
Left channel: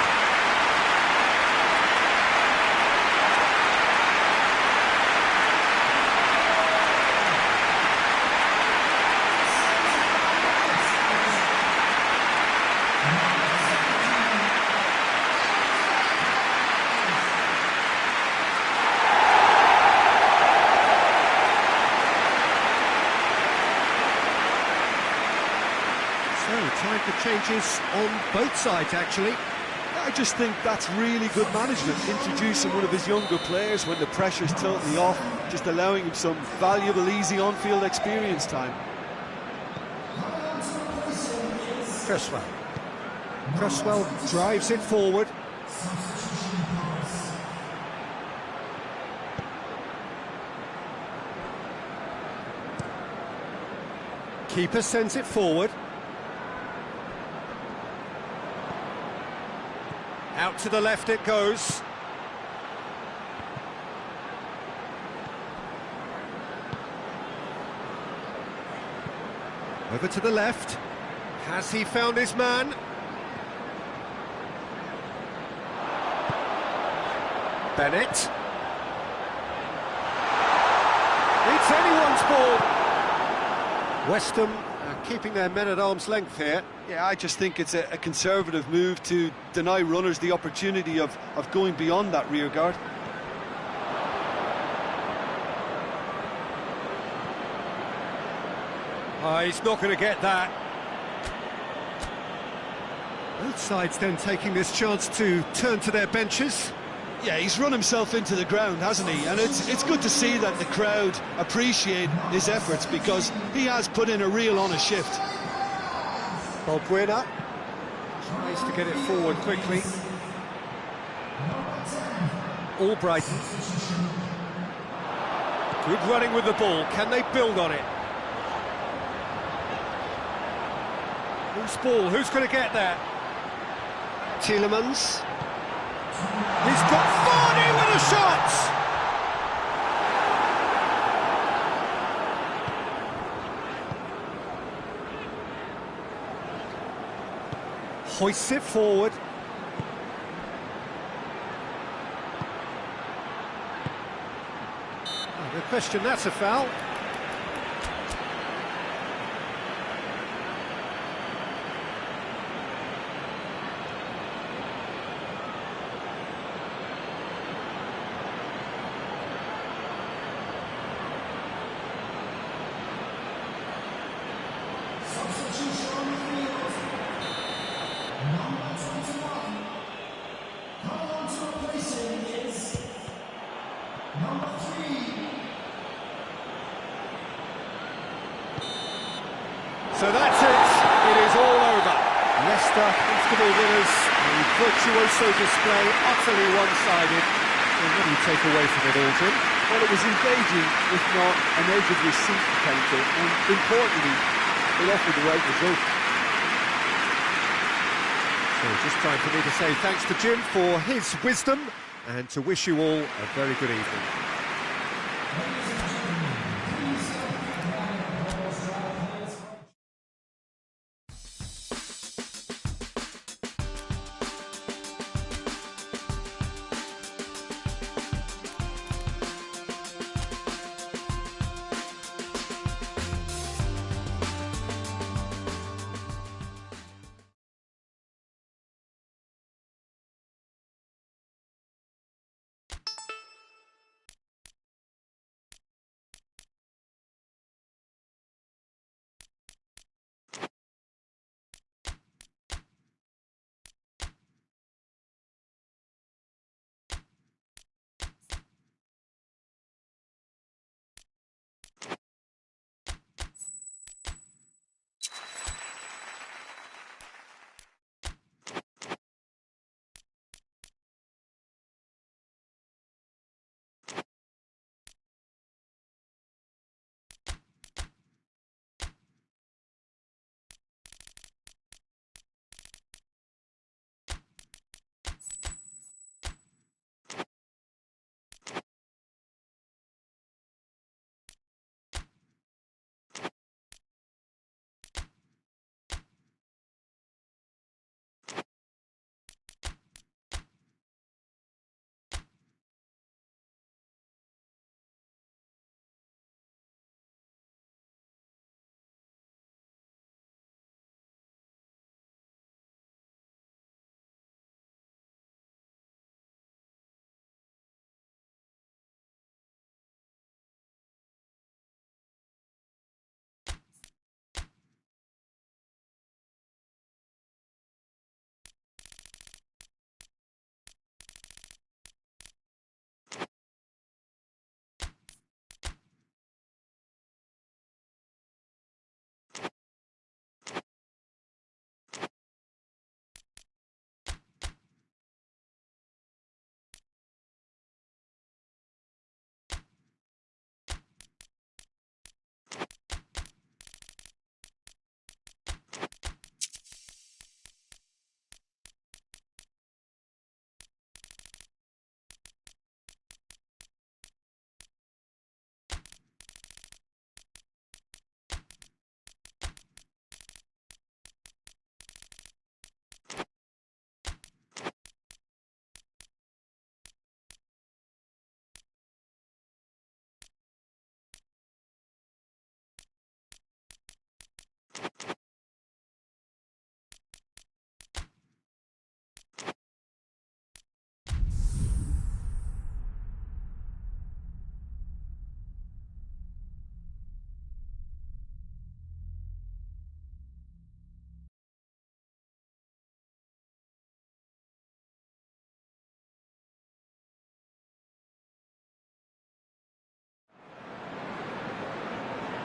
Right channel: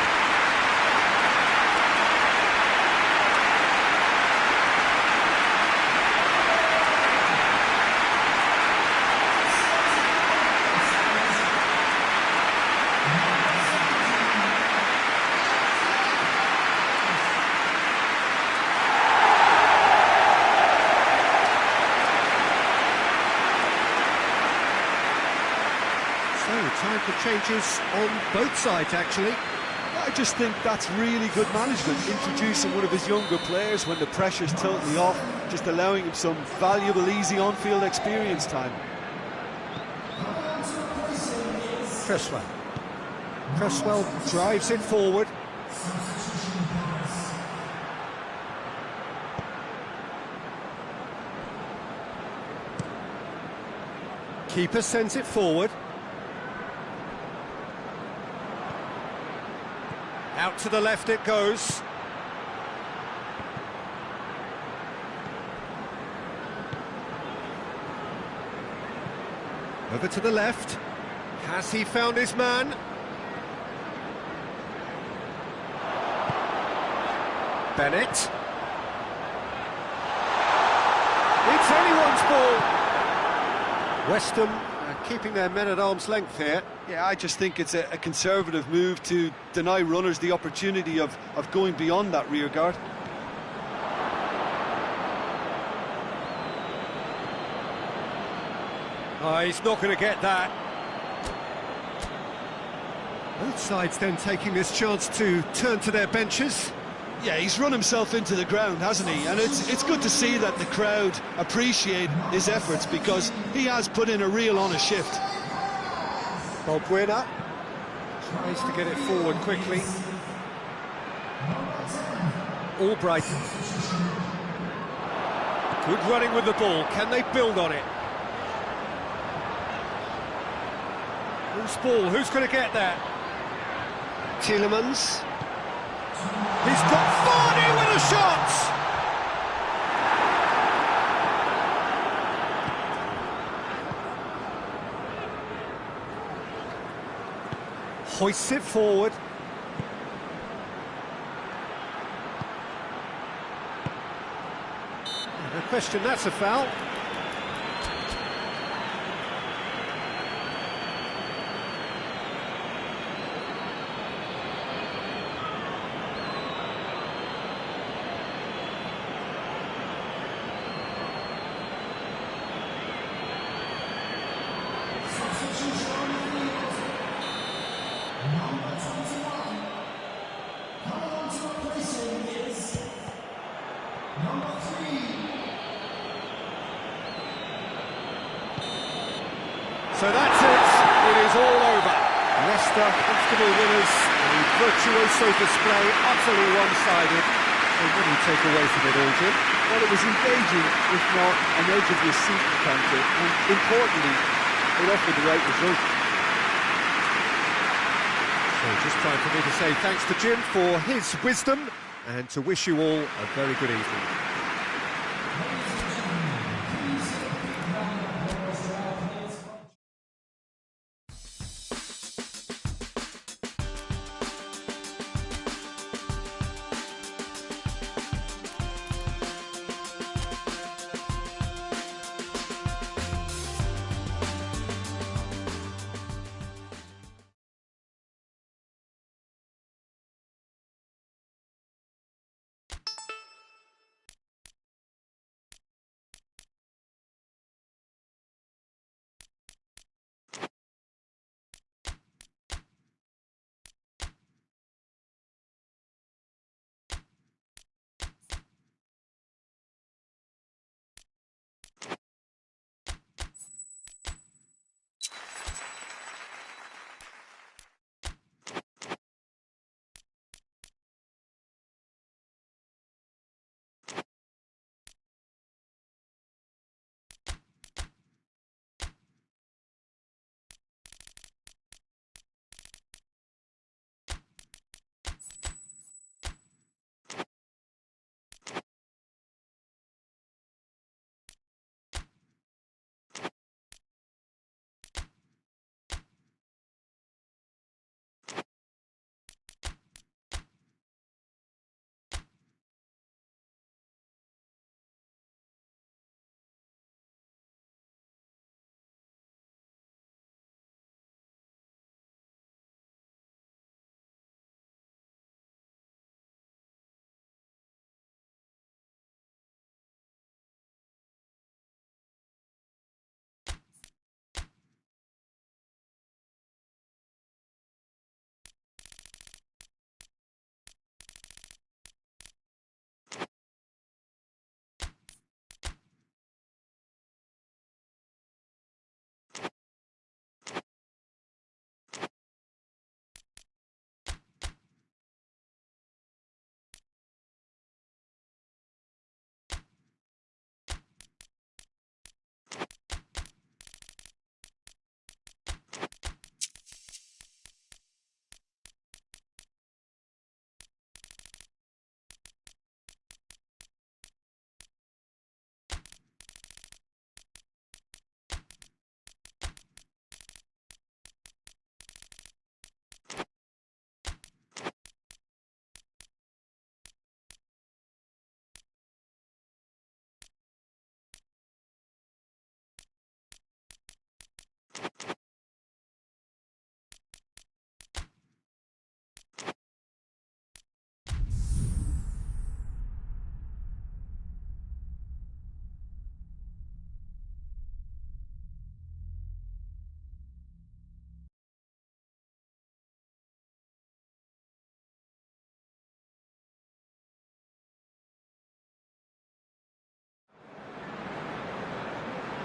time for changes on both sides, actually. I just think that's really good management, introducing one of his younger players when the pressure's totally off, just allowing him some valuable, easy on-field experience time. Cresswell drives it forward. Keeper sends it forward. Out to the left it goes. Over to the left. Has he found his man? Bennett. It's anyone's ball. West Ham keeping their men at arm's length here. Yeah, I just think it's a conservative move to deny runners the opportunity of going beyond that rear guard. Oh, he's not going to get that. Both sides then taking this chance to turn to their benches. Yeah, he's run himself into the ground, hasn't he? And it's good to see that the crowd appreciate his efforts, because he has put in a real honest shift. Balbuena tries to get it forward quickly. Albrighton. Good running with the ball. Can they build on it? Whose ball? Who's going to get that? Tielemans. He's got Varney with a shot! Hoists it forward. Oh, no question, that's a foul. So that's it, it is all over. Leicester comfortable winners, a virtuoso display, utterly one-sided. So what do you take away from it all, Jim? Well, it was engaging, if not an edge of your seat encounter, and importantly, it offered the right result. So just time for me to say thanks to Jim for his wisdom, and to wish you all a very good evening.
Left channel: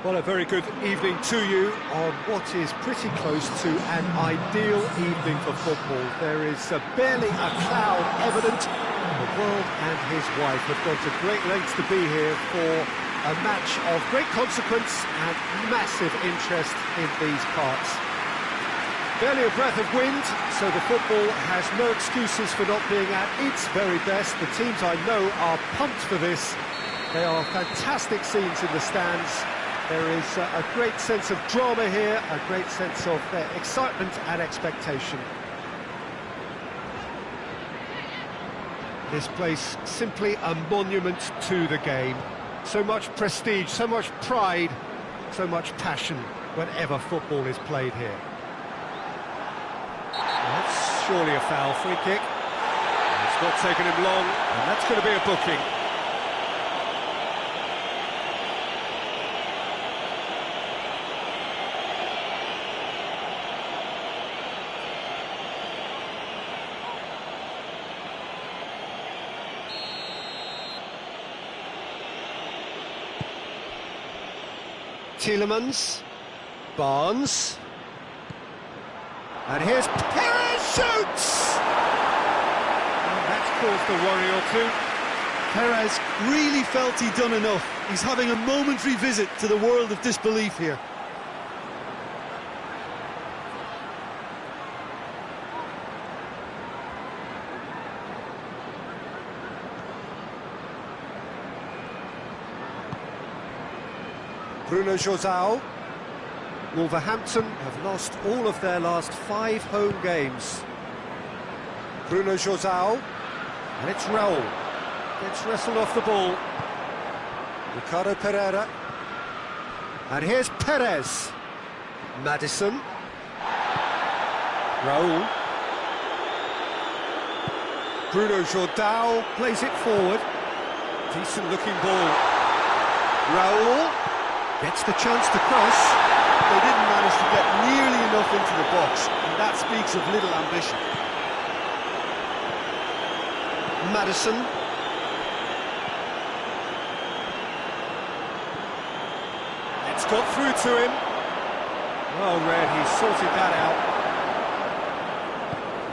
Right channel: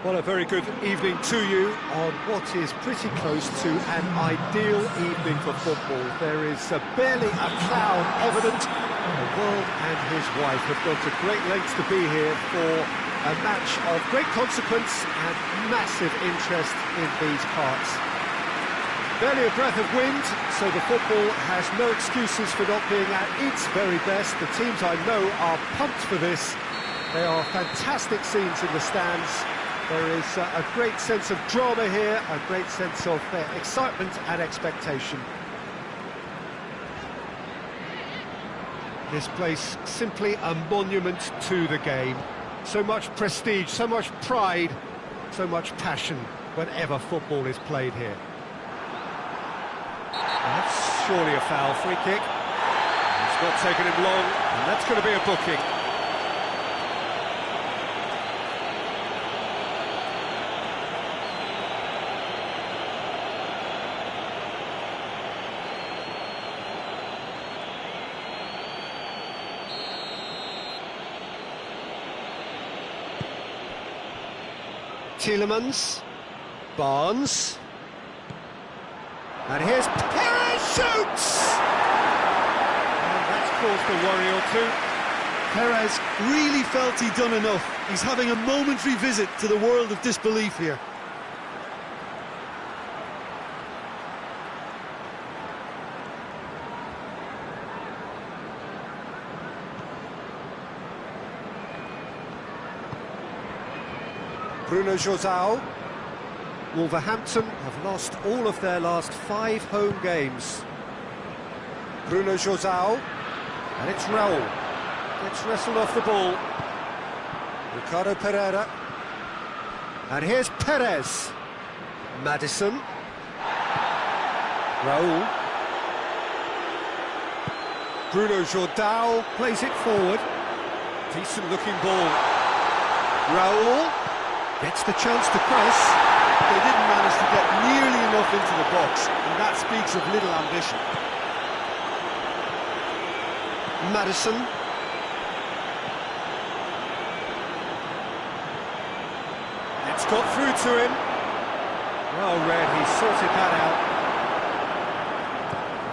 Well, a very good evening to you on what is pretty close to an ideal evening for football. There is barely a cloud evident. The world and his wife have gone to great lengths to be here for a match of great consequence and massive interest in these parts. Barely a breath of wind, so the football has no excuses for not being at its very best. The teams I know are pumped for this. They are fantastic scenes in the stands. There is a great sense of drama here, a great sense of excitement and expectation. This place simply a monument to the game. So much prestige, so much pride, so much passion whenever football is played here. That's surely a foul, free kick. It's not taken him long, and that's going to be a booking. Tielemans, Barnes, and here's Perez shoots! And that's caused a worry or two. Perez really felt he'd done enough. He's having a momentary visit to the world of disbelief here. Bruno João. Wolverhampton have lost all of their last 5 home games. Bruno João, and it's Raul. Gets wrestled off the ball. Ricardo Pereira. And here's Perez. Maddison. Raul. Bruno João plays it forward. Decent looking ball. Raul gets the chance to cross. They didn't manage to get nearly enough into the box, and that speaks of little ambition. Maddison. It's got through to him. Well read, he sorted that out.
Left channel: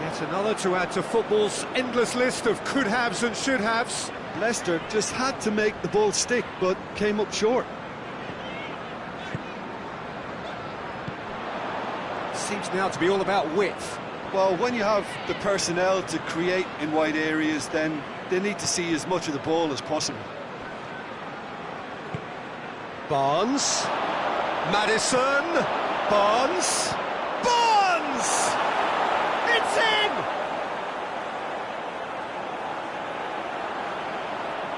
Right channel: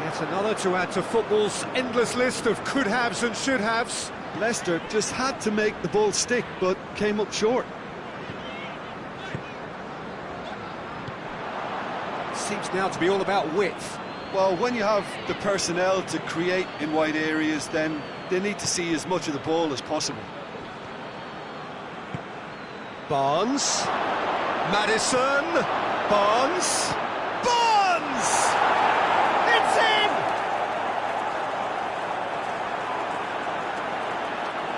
Yet another to add to football's endless list of could-haves and should-haves. Leicester just had to make the ball stick, but came up short. Seems now to be all about width. Well, when you have the personnel to create in wide areas, then they need to see as much of the ball as possible. Barnes. Maddison. Barnes. Barnes! It's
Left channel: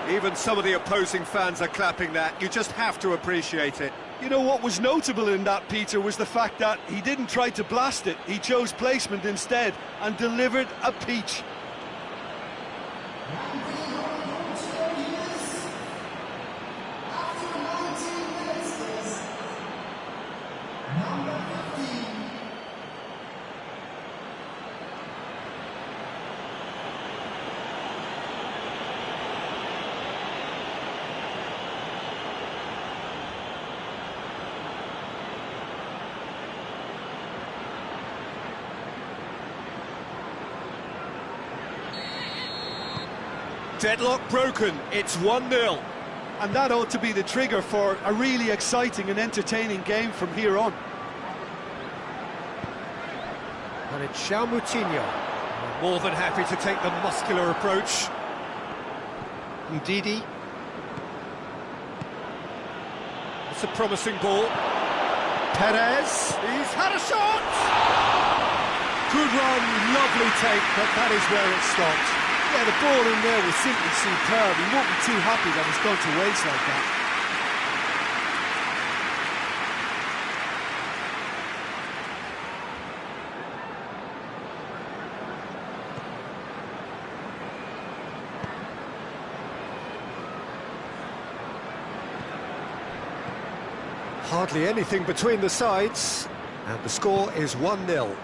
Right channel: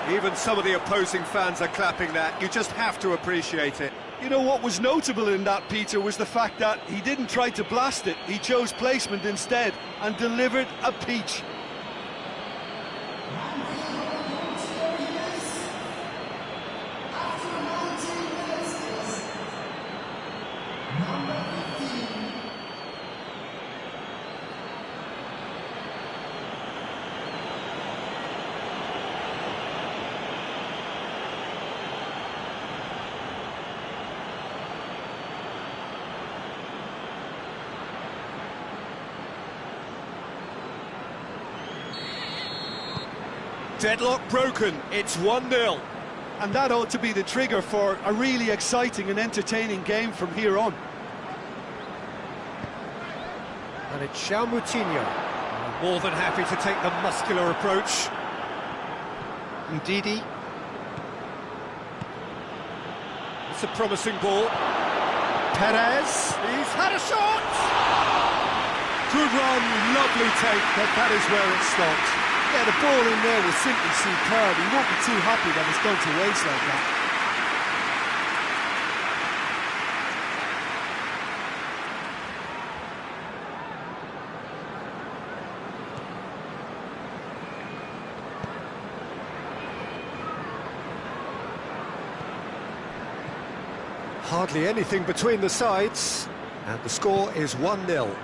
in! Even some of the opposing fans are clapping that. You just have to appreciate it. You know, what was notable in that, Peter, was the fact that he didn't try to blast it. He chose placement instead and delivered a peach. Deadlock broken, it's 1-0. And that ought to be the trigger for a really exciting and entertaining game from here on. And it's João Moutinho. More than happy to take the muscular approach. Ndidi. That's a promising ball. Perez. He's had a shot! Good run, lovely take, but that is where it stopped. Yeah, the ball in there was simply superb. He won't be too happy that it's gone to waste like that. Hardly anything between the sides, and the score is 1-0.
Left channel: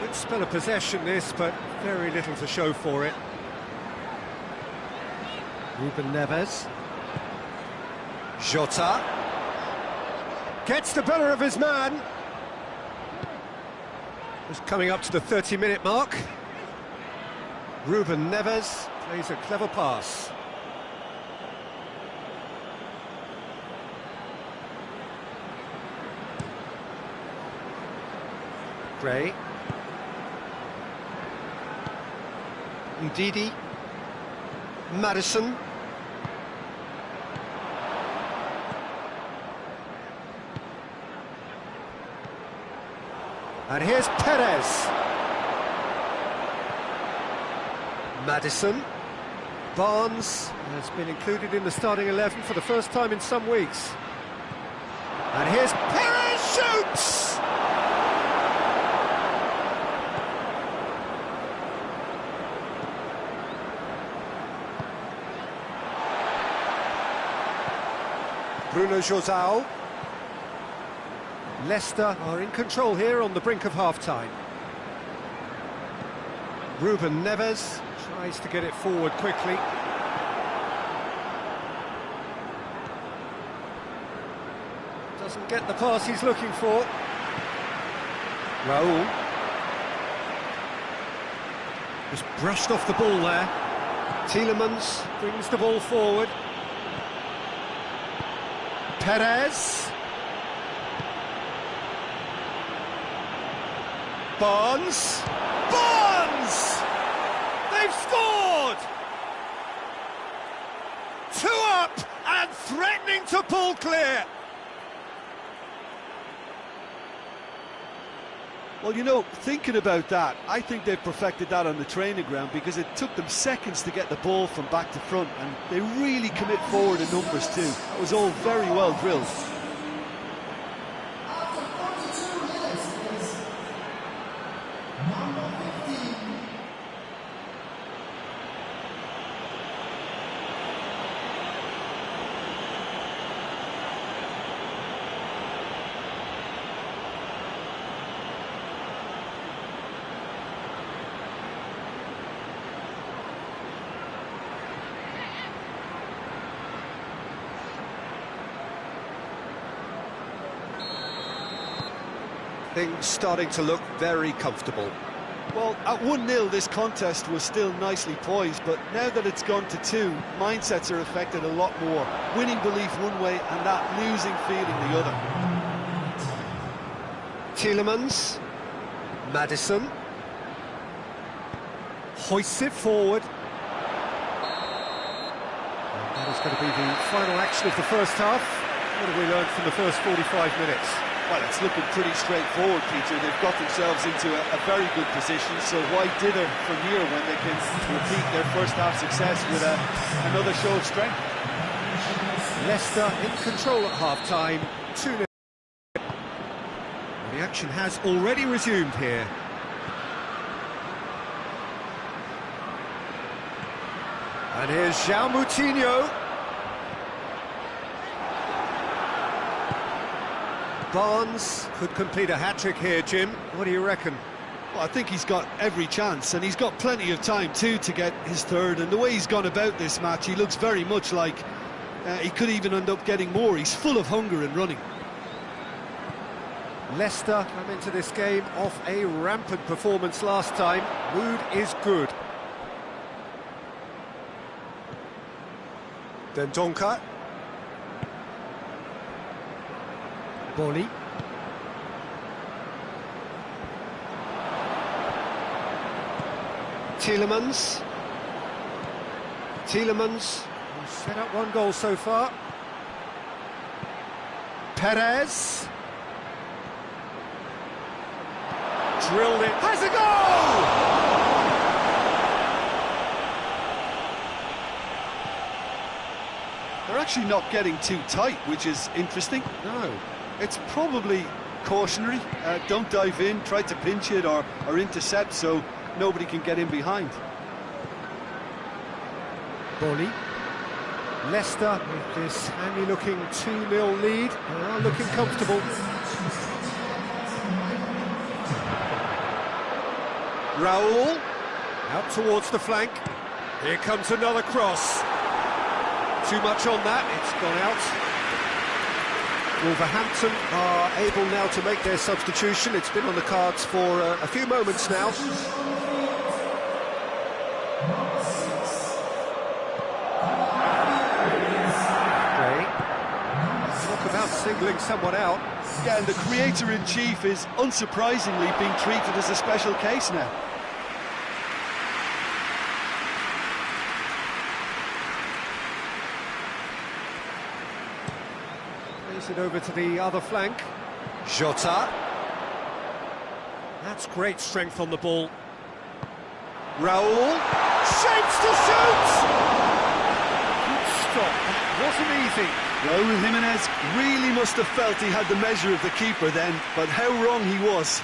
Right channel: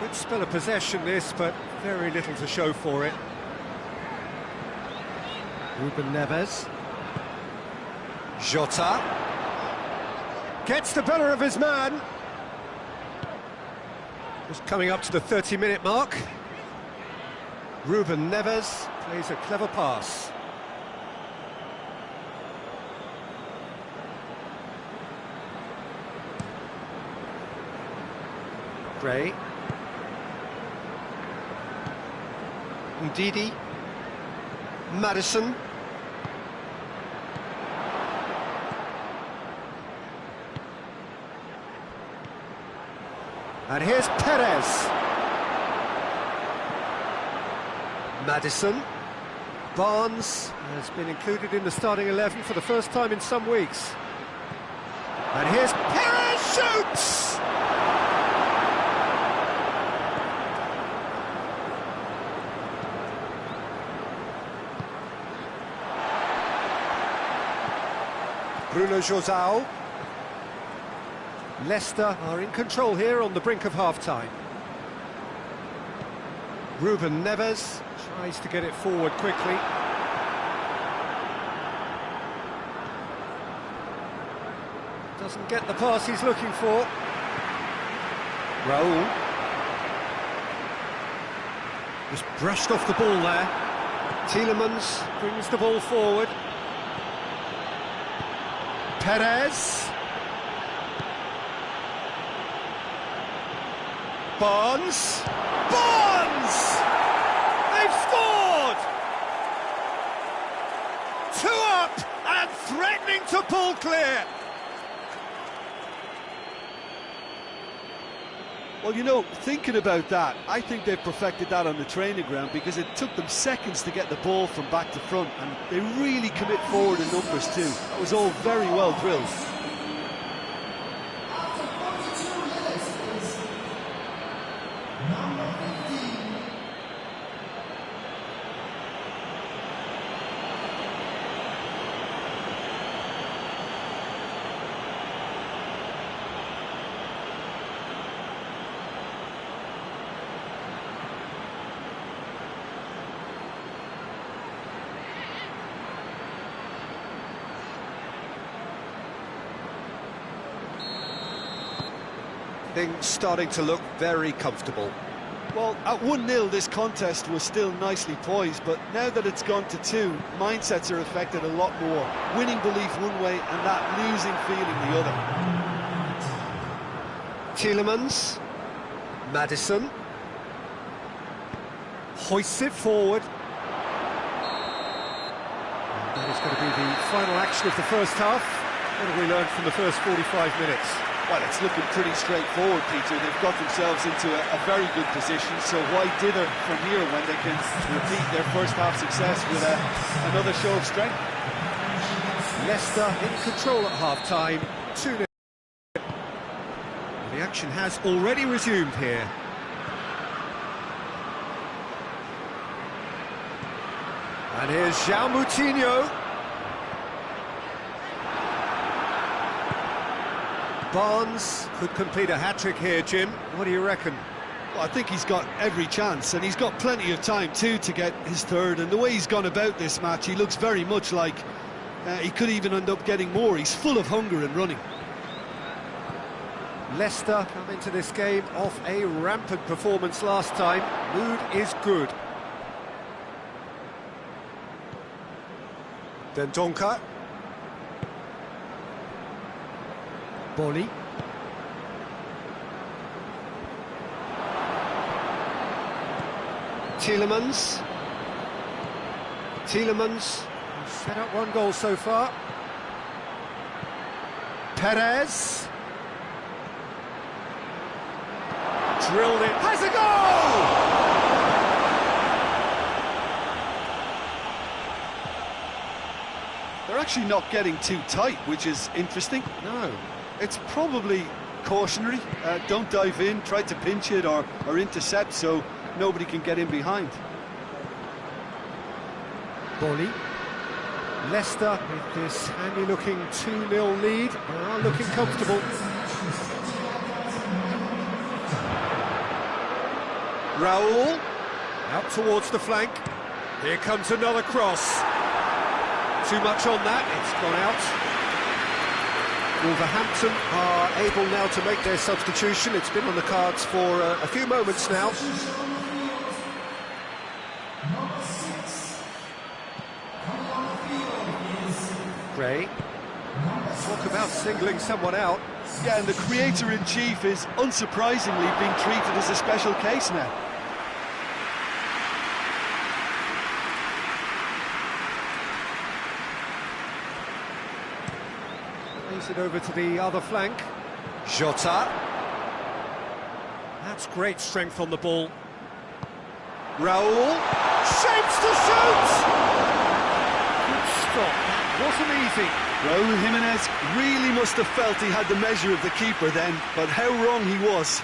Good spell of possession this, but very little to show for it. Ruben Neves. Jota. Gets the better of his man. Just coming up to the 30-minute mark. Ruben Neves plays a clever pass. Gray. Ndidi. Madison. And here's Perez. Madison. Barnes has been included in the starting 11 for the first time in some weeks. And here's Perez, shoots! Bruno Josao. Leicester are in control here on the brink of half-time. Ruben Neves tries to get it forward quickly. Doesn't get the pass he's looking for. Raul. Just brushed off the ball there. Tielemans brings the ball forward. Perez. Barnes. Barnes! They've scored! 2 up and threatening to pull clear. Well, you know, thinking about that, I think they've perfected that on the training ground because it took them seconds to get the ball from back to front, and they really commit forward in numbers too. That was all very well drilled. Things starting to look very comfortable. Well, at 1-0 this contest was still nicely poised, but now that it's gone to 2, mindsets are affected a lot more. Winning belief one way and that losing feeling the other. Tielemans. Madison. Hoists it forward. And that is going to be the final action of the first half. What have we learned from the first 45 minutes? Well, it's looking pretty straightforward, Peter. They've got themselves into a very good position, so why dither from here when they can repeat their first half success with another show of strength? Leicester in control at half-time, 2-0. The action has already resumed here. And here's João Moutinho. Barnes could complete a hat-trick here, Jim. What do you reckon? Well, I think he's got every chance, and he's got plenty of time too to get his third, and the way he's gone about this match, he looks very much like he could even end up getting more. He's full of hunger and running. Leicester come into this game off a rampant performance last time. Mood is good. Dendoncker. Bolly. Tielemans. Tielemans set up 1 goal so far. Perez. Drilled it. Has a goal! They're actually not getting too tight, which is interesting. No. It's probably cautionary. Don't dive in, try to pinch it or intercept so nobody can get in behind. Bolly. Leicester with this handy-looking 2-0 lead are looking comfortable. Raul out towards the flank. Here comes another cross. Too much on that, it's gone out. Wolverhampton are able now to make their substitution. It's been on the cards for a few moments now. Gray. Talk about singling someone out. Yeah, and the creator-in-chief is unsurprisingly being treated as a special case now. Plays it over to the other flank. Jota. That's great strength on the ball. Raul. Shapes to shoot! Good stop, that wasn't easy. Raul Jimenez really must have felt he had the measure of the keeper then, but how wrong he was.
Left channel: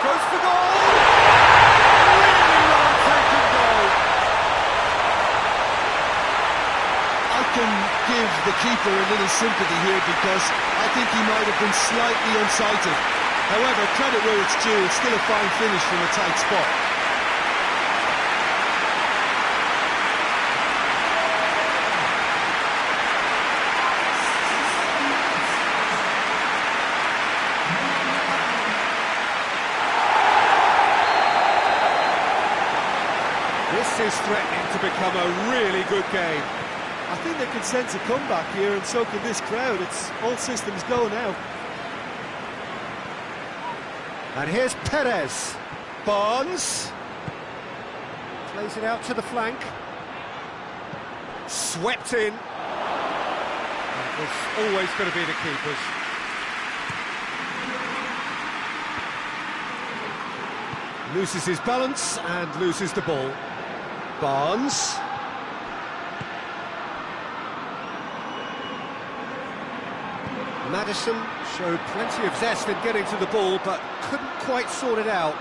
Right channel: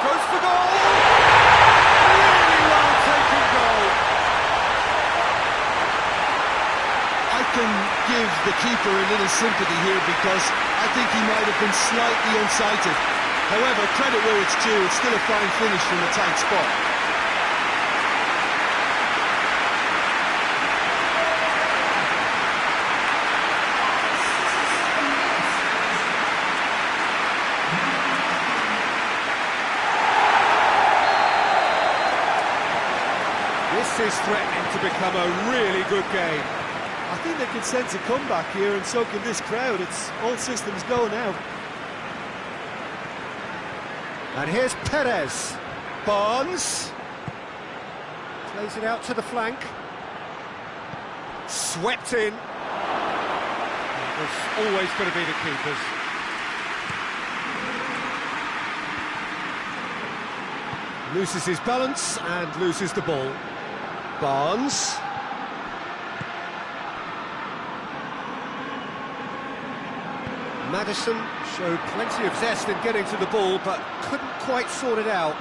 Goes for goal! Really well taken goal. I can give the keeper a little sympathy here because I think he might have been slightly unsighted. However, credit where it's due, it's still a fine finish from a tight spot. This is threatening to become a really good game. I think they can sense a comeback here, and so can this crowd. It's all systems go now. And here's Perez. Barnes. Plays it out to the flank. Swept in. It was always going to be the keepers. Loses his balance and loses the ball. Barnes. Maddison showed plenty of zest in getting to the ball, but couldn't quite sort it out.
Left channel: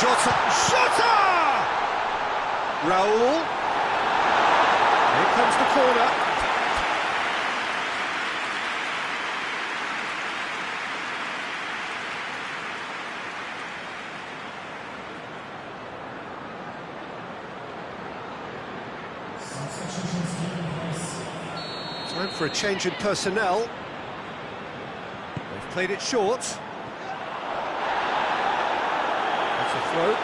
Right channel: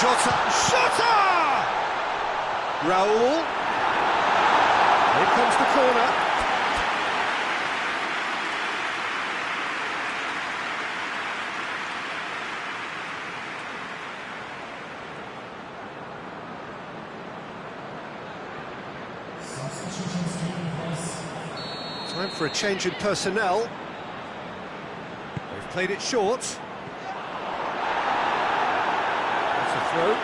Jota! Jota! Raul. Here comes the corner. Time for a change in personnel. They've played it short. That's a throw.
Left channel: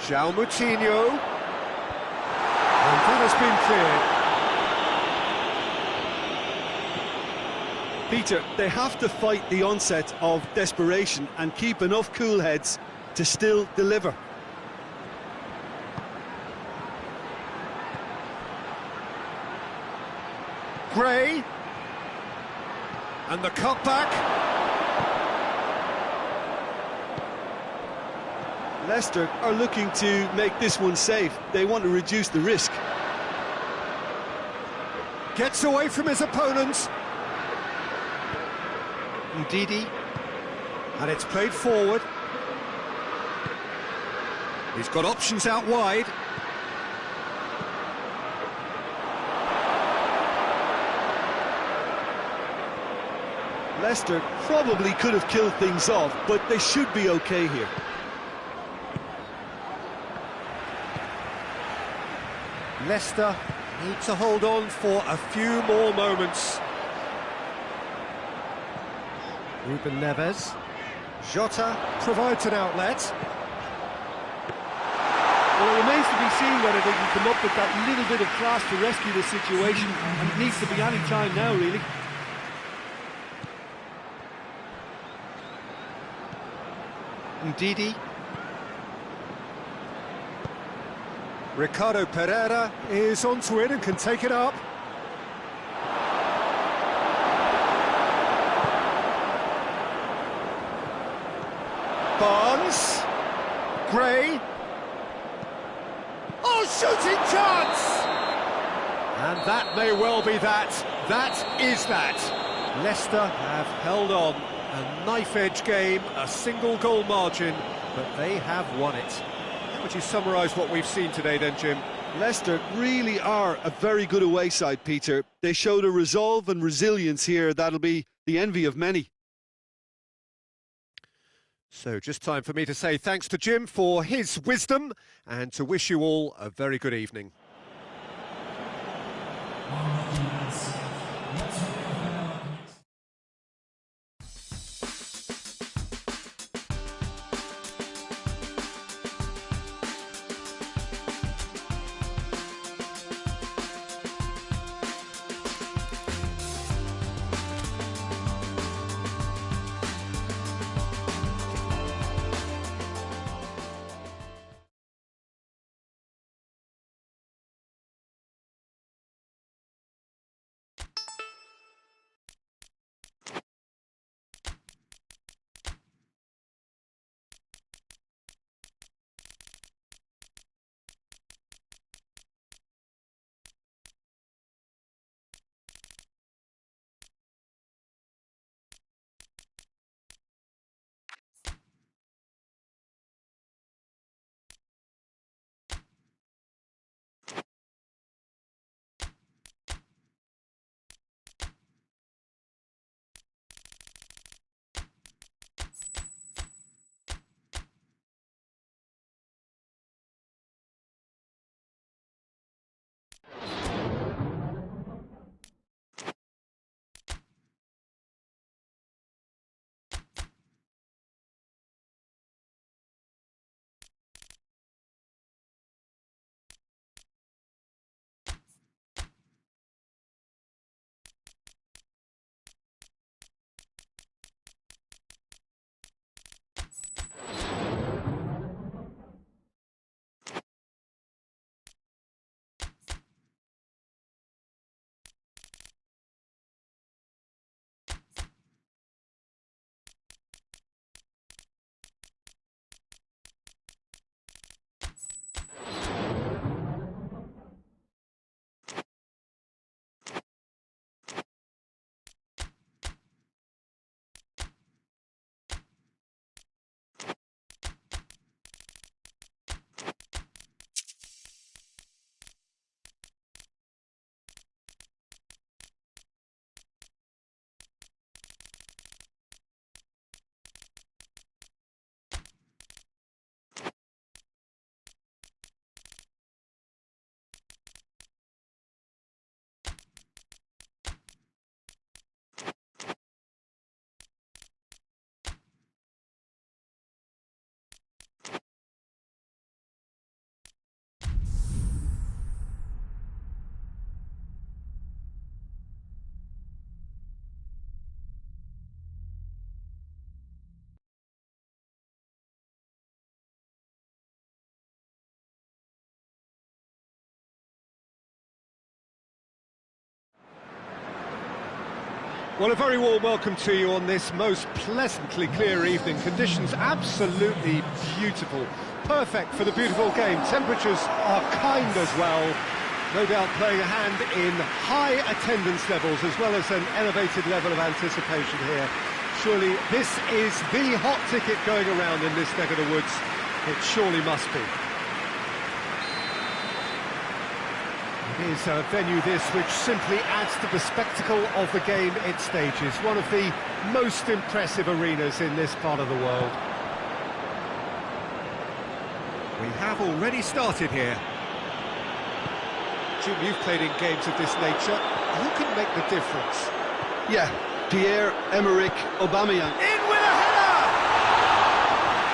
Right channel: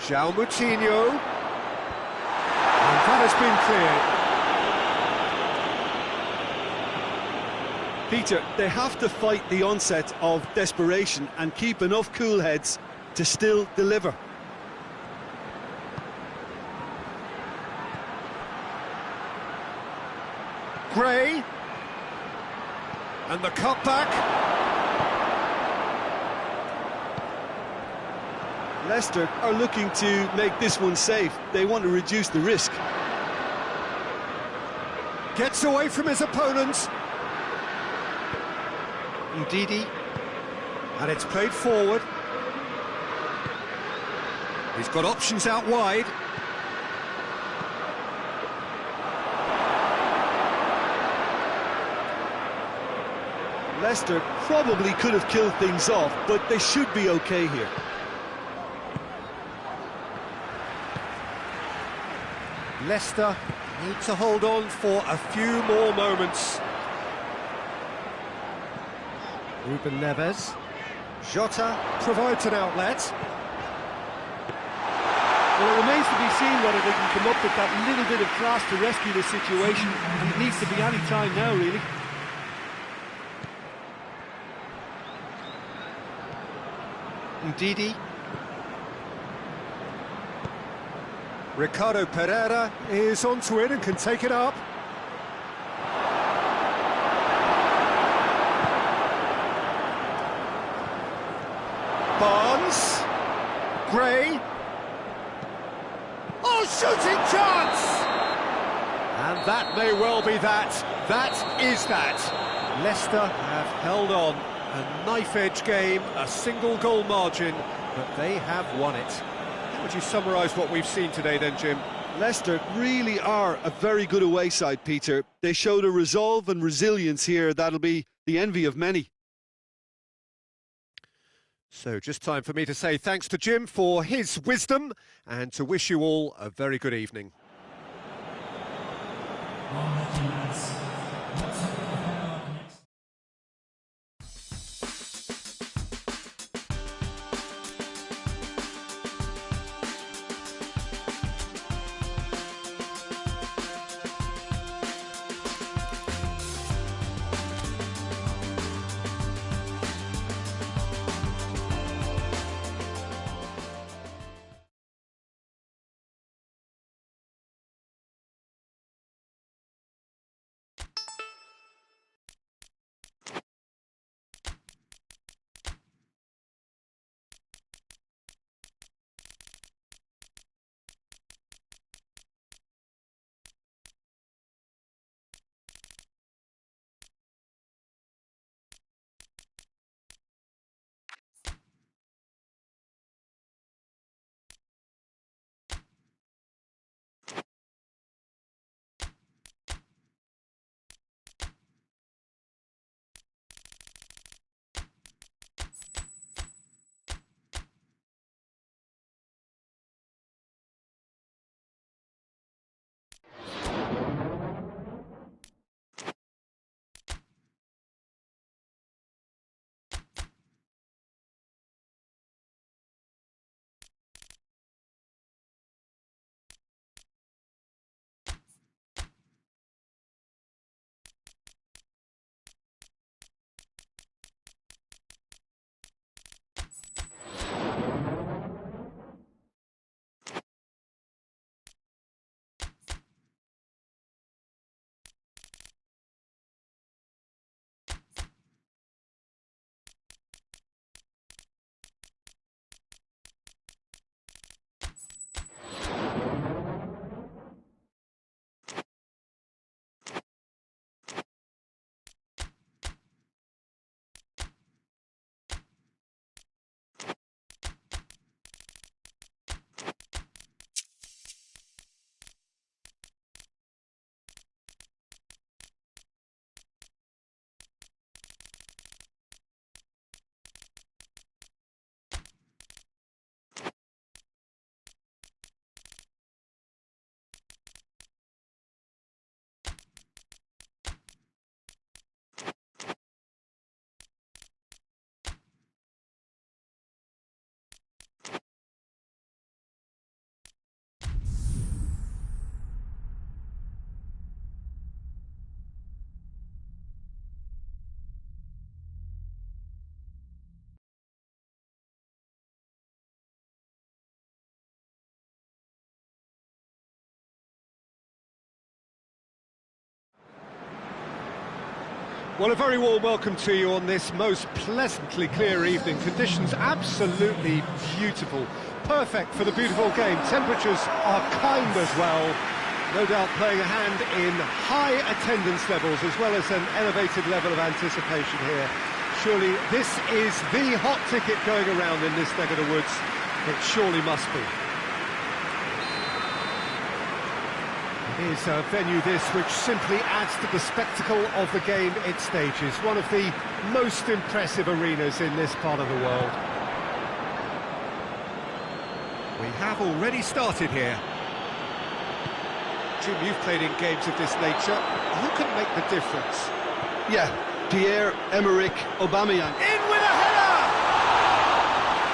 João Moutinho. And that has been cleared. Peter, they have to fight the onset of desperation and keep enough cool heads to still deliver. Gray. And the cutback. Leicester are looking to make this one safe. They want to reduce the risk. Gets away from his opponent. Ndidi. And it's played forward. He's got options out wide. Leicester probably could have killed things off, but they should be okay here. Leicester need to hold on for a few more moments. Ruben Neves. Jota provides an outlet. Well, it remains to be seen whether they can come up with that little bit of class to rescue the situation, and it needs to be any time now, really. Ndidi. Ricardo Pereira is onto it and can take it up. Barnes. Gray. Oh, shooting chance! And that may well be that. That is that. Leicester have held on. A knife-edge game, a single goal margin, but they have won it. How would you summarise what we've seen today then, Jim? Leicester really are a very good away side, Peter. They showed a resolve and resilience here that'll be the envy of many. So just time for me to say thanks to Jim for his wisdom and to wish you all a very good evening. Well, a very warm welcome to you on this most pleasantly clear evening. Conditions absolutely beautiful. Perfect for the beautiful game. Temperatures are kind as well. No doubt playing a hand in high attendance levels as well as an elevated level of anticipation here. Surely this is the hot ticket going around in this neck of the woods. It surely must be. It is a venue this which simply adds to the spectacle of the game it stages. One of the most impressive arenas in this part of the world. We have already started here. Jim, you've played in games of this nature. Who can make the difference? Yeah, Pierre-Emerick Aubameyang. In with a header!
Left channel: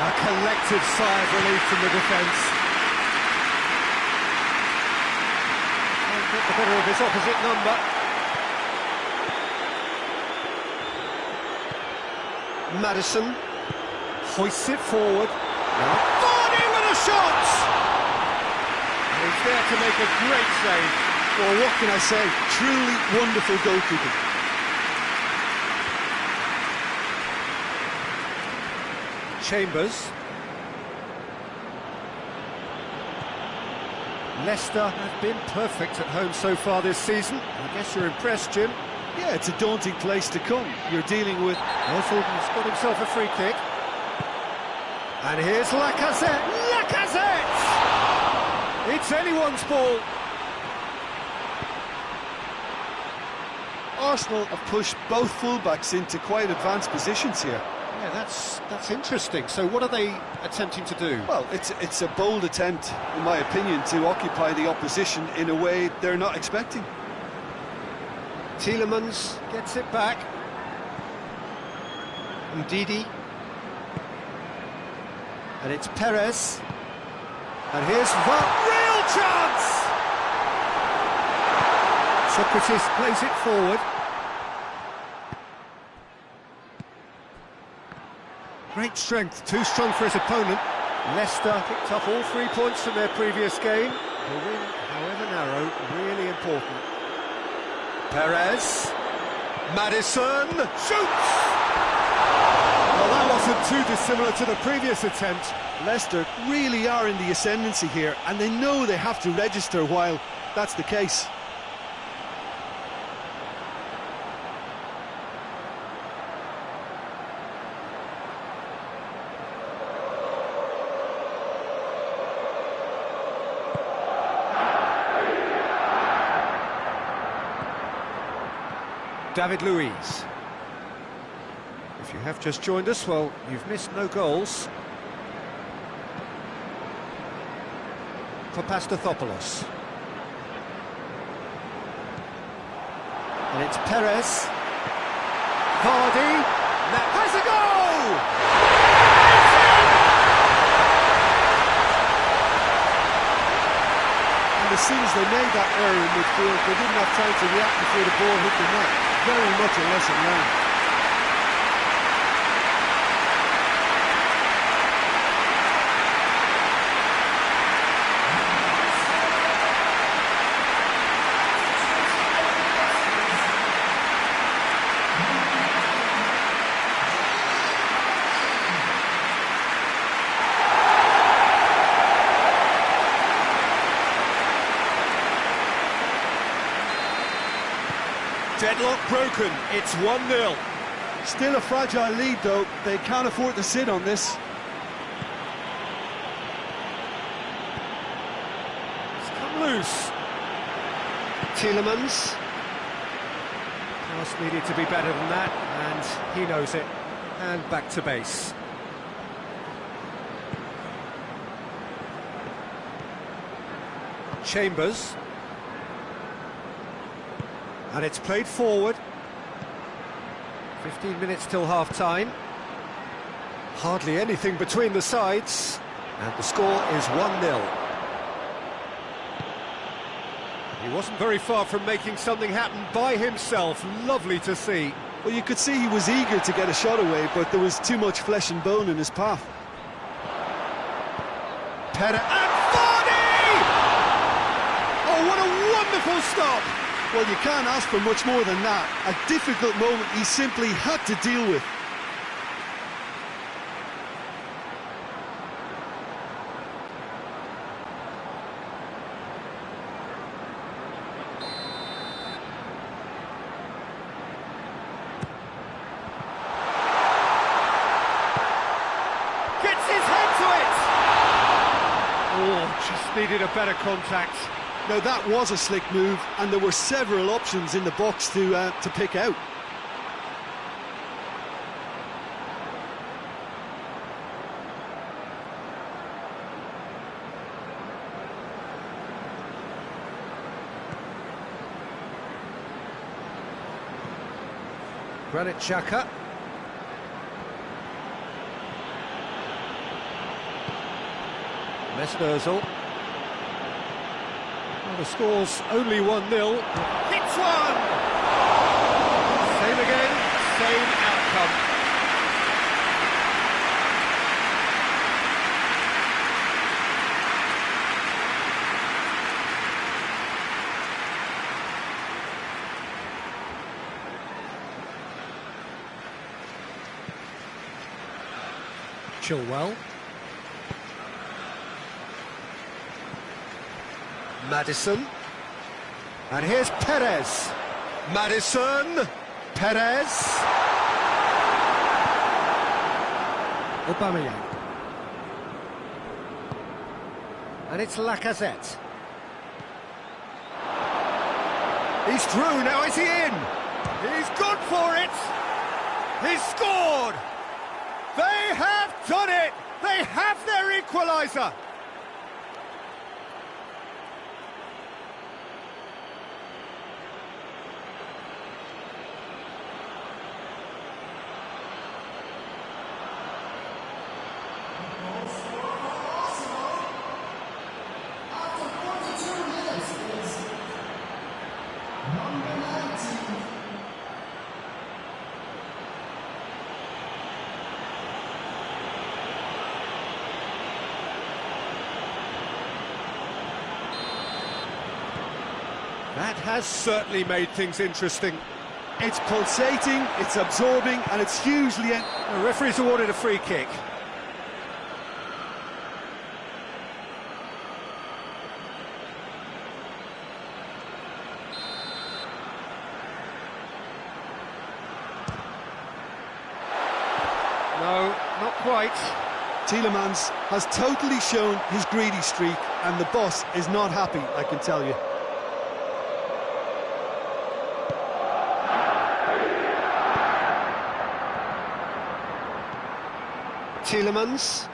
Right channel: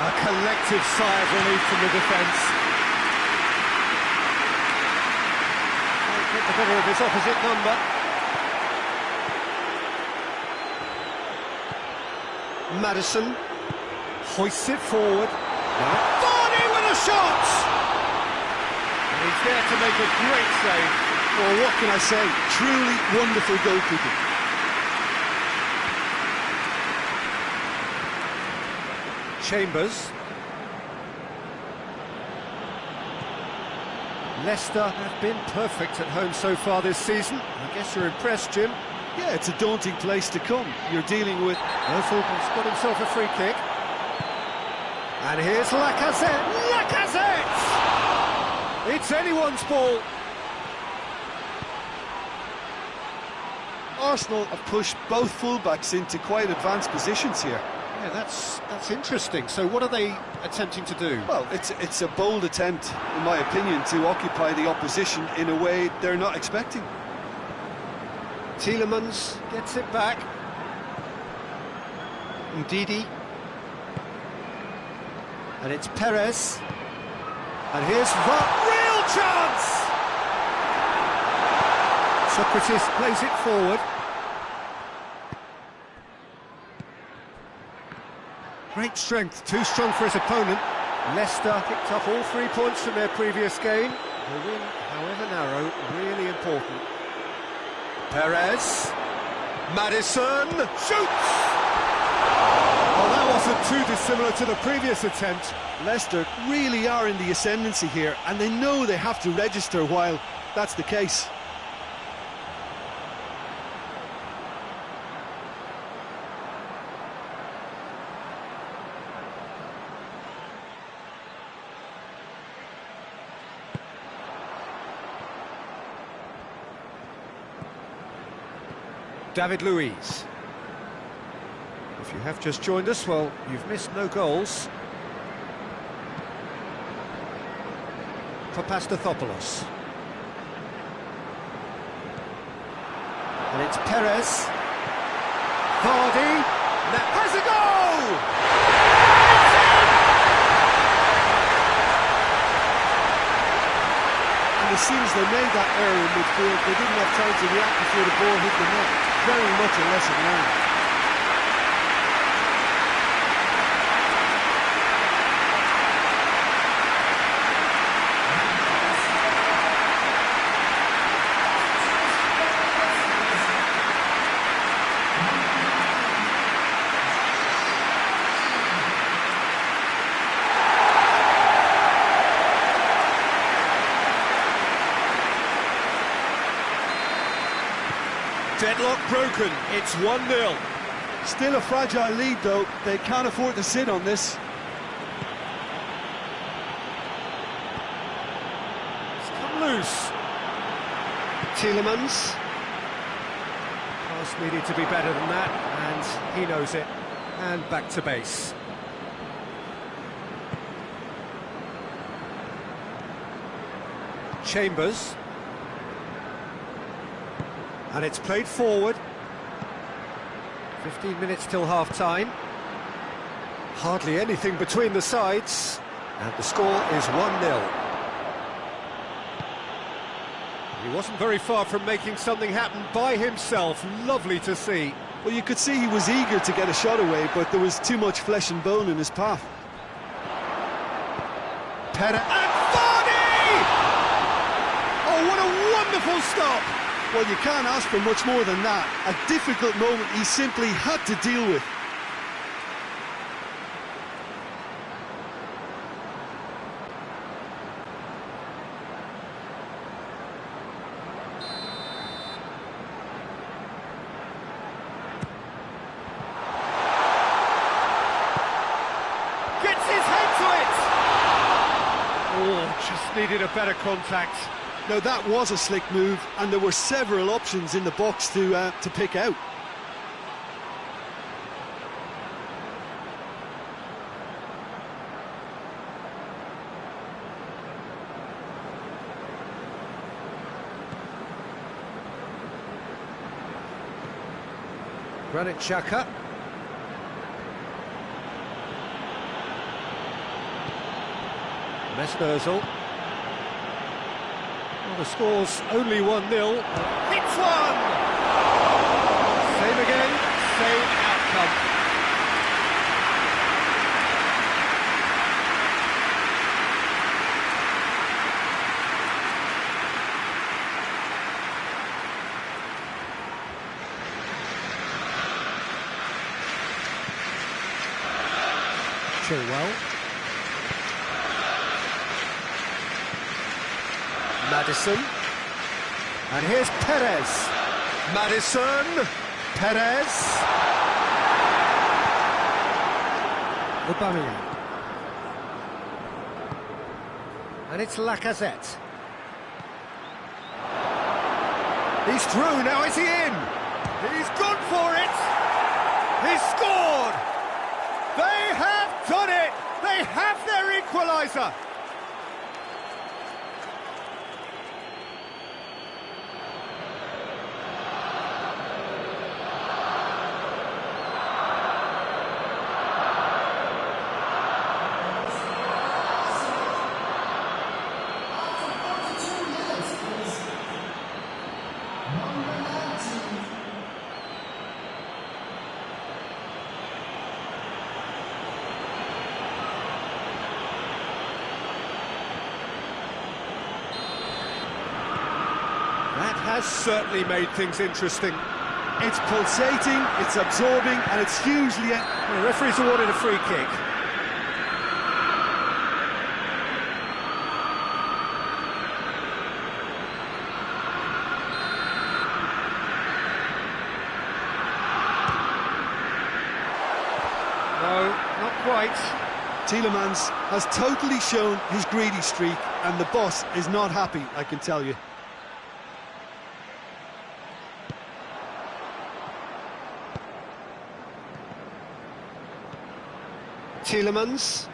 A collective sigh of relief from the defence. Get the better of his opposite number. Maddison hoists it forward. Now Varney with a shot! And he's there to make a great save. Well, what can I say? Truly wonderful goalkeeping. Chambers. Leicester have been perfect at home so far this season. I guess you're impressed, Jim. Yeah, it's a daunting place to come. You're dealing with... Ozil has got himself a free kick. And here's Lacazette. Lacazette! It's anyone's ball. Arsenal have pushed both fullbacks into quite advanced positions here. Yeah, that's interesting. So what are they attempting to do? Well, it's a bold attempt, in my opinion, to occupy the opposition in a way they're not expecting. Tielemans gets it back. Ndidi. And it's Perez. And here's real chance! Socrates plays it forward. Great strength, too strong for his opponent. Leicester picked up all 3 points from their previous game. The win, however narrow, really important. Perez. Maddison shoots! Well, that wasn't too dissimilar to the previous attempt. Leicester really are in the ascendancy here, and they know they have to register while that's the case. David Luiz. If you have just joined us, well, you've missed no goals. Papastathopoulos. And it's Perez. Vardy. That has a goal! And as soon as they made that error in midfield, they didn't have time to react before the ball hit the net. Very much a lesson learned. Deadlock broken, it's 1-0. Still a fragile lead though, they can't afford to sit on this. It's come loose. Tielemans. Pass needed to be better than that, and he knows it. And back to base. Chambers. And it's played forward. 15 minutes till half-time. Hardly anything between the sides. And the score is 1-0. He wasn't very far from making something happen by himself. Lovely to see. Well, you could see he was eager to get a shot away, but there was too much flesh and bone in his path. Perez and Vardy! Oh, what a wonderful stop! Well, you can't ask for much more than that. A difficult moment he simply had to deal with. Gets his head to it! Oh, just needed a better contact. Now that was a slick move, and there were several options in the box to pick out. Granit Xhaka. Mesut Ozil. Well, the score's only 1-0. Hits one! Same again, same outcome. Chilwell. Maddison. And here's Perez. Maddison, Perez, Aubameyang, and it's Lacazette. He's through, now is he in? He's gone for it! He's scored! They have done it! They have their equaliser! That has certainly made things interesting. It's pulsating, it's absorbing, and it's hugely... The referee's awarded a free kick. No, not quite. Tielemans has totally shown his greedy streak, and the boss is not happy, I can tell you. Tielemans.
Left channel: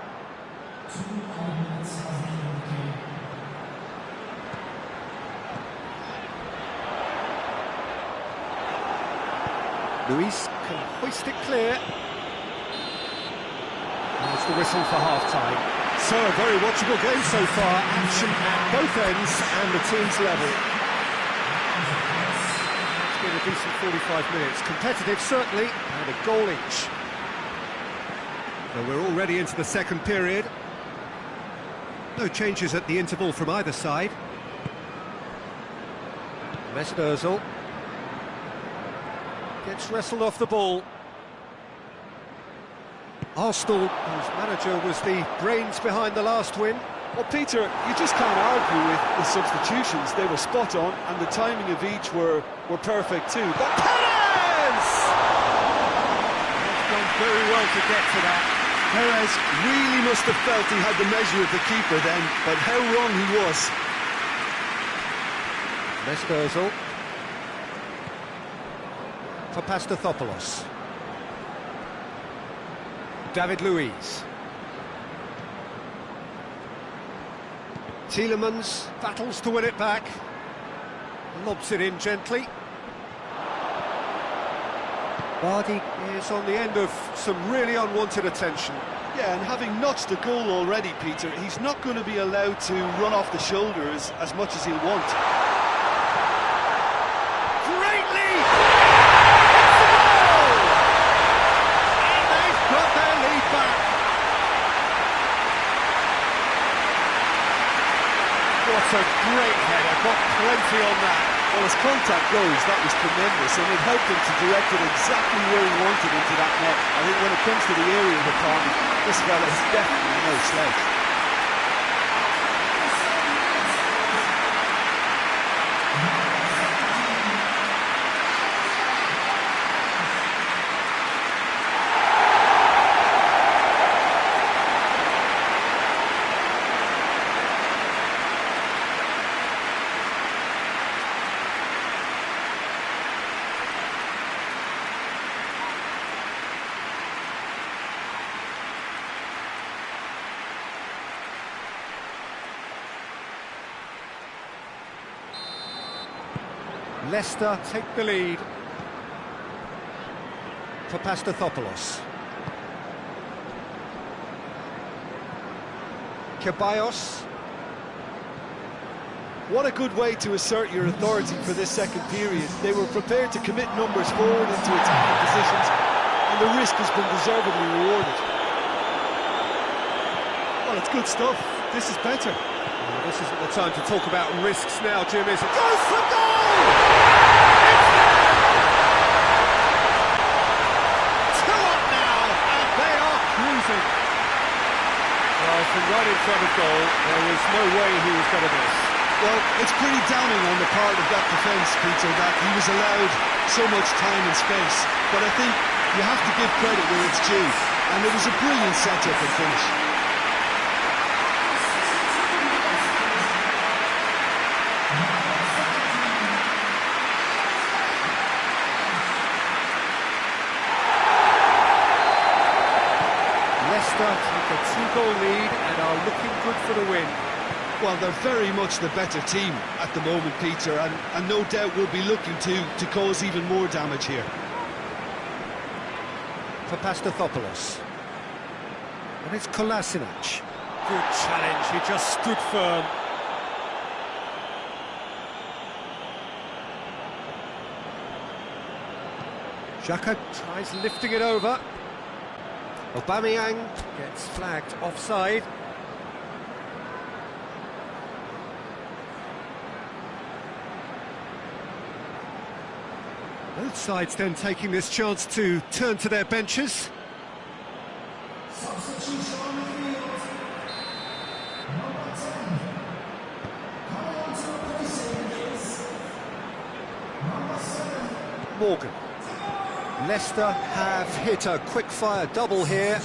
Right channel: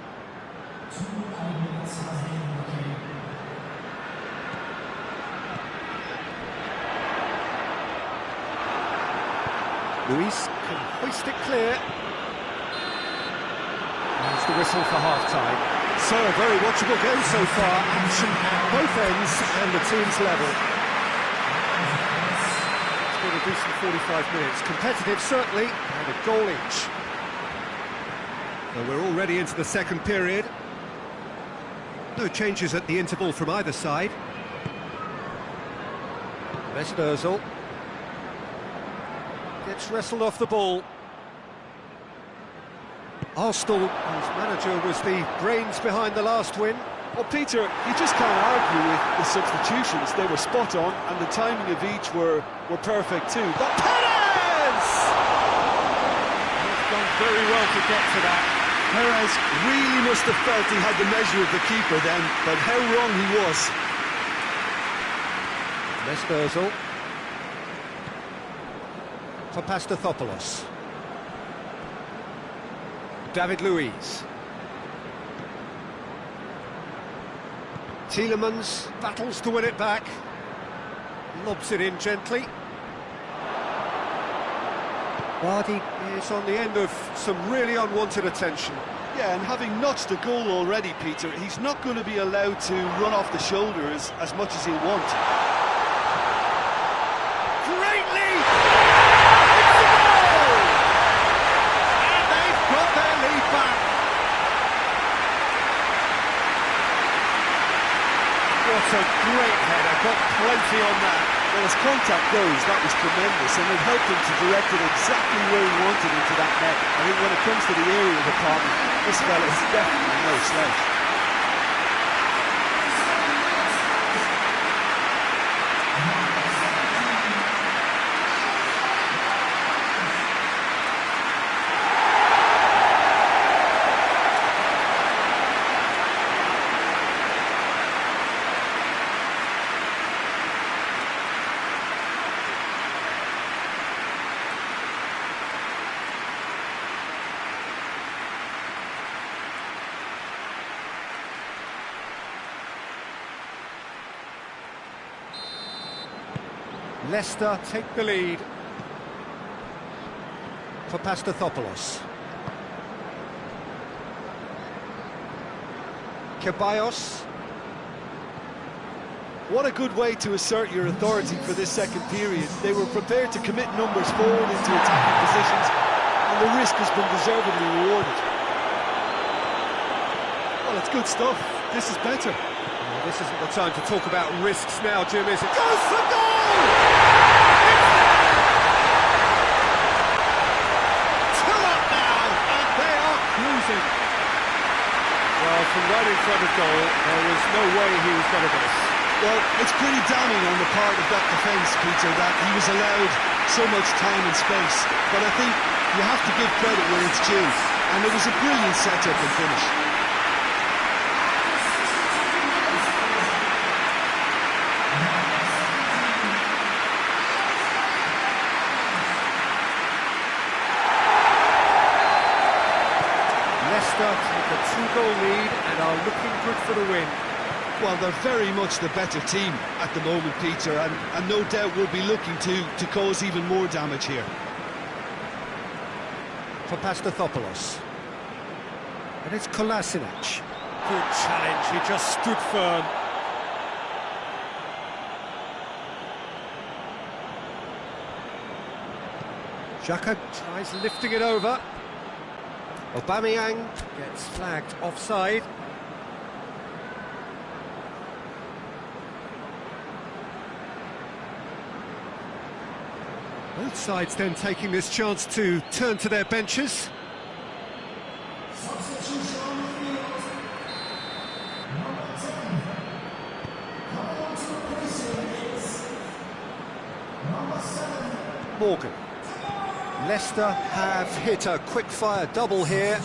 Luis can hoist it clear. There's the whistle for half-time. So, a very watchable game so far. Action at both ends and the team's level. It's been a decent 45 minutes. Competitive, certainly, and a goal each. So we're already into the second period. No changes at the interval from either side. Mesut Ozil gets wrestled off the ball. Arsenal, whose manager was the brains behind the last win. Well, Peter, you just can't argue with the substitutions. They were spot on, and the timing of each were perfect too. But Perez! It's gone very well to get to that. Perez really must have felt he had the measure of the keeper then, but how wrong he was. Mesut Ozil for Pastathopoulos. David Luiz. Tielemans battles to win it back. Lobs it in gently. Vardy is on the end of some really unwanted attention. Yeah, and having notched a goal already, Peter, he's not going to be allowed to run off the shoulders as much as he'll want. Great lead! It's a goal! And they've got their lead back. What a great header, got plenty on that. Well, as contact goes, that was tremendous, and it helped him to direct it exactly where he wanted into that net. I think when it comes to the aerial department, this fella is definitely no slouch. Leicester take the lead for Pastathopoulos. Ceballos. What a good way to assert your authority for this second period. They were prepared to commit numbers forward into attacking positions, and the risk has been deservedly rewarded. Well, it's good stuff. This is better. Well, this isn't the time to talk about risks now, Jim, is it? Goes for goal! It's there! 2 up now, and they are cruising. Well, from right in front of goal, there was no way he was going to miss. Well, it's pretty damning on the part of that defence, Peter, that he was allowed so much time and space. But I think you have to give credit where it's due, and it was a brilliant setup and finish. Leicester take a 2-goal lead and are looking good for the win. Well, they're very much the better team at the moment, Peter, and no doubt will be looking to cause even more damage here. For Pastathopoulos. And it's Kolasinac. Good challenge, he just stood firm. Xhaka tries lifting it over. Aubameyang gets flagged offside. Both sides then taking this chance to turn to their benches. Morgan. Leicester have hit a quick-fire double here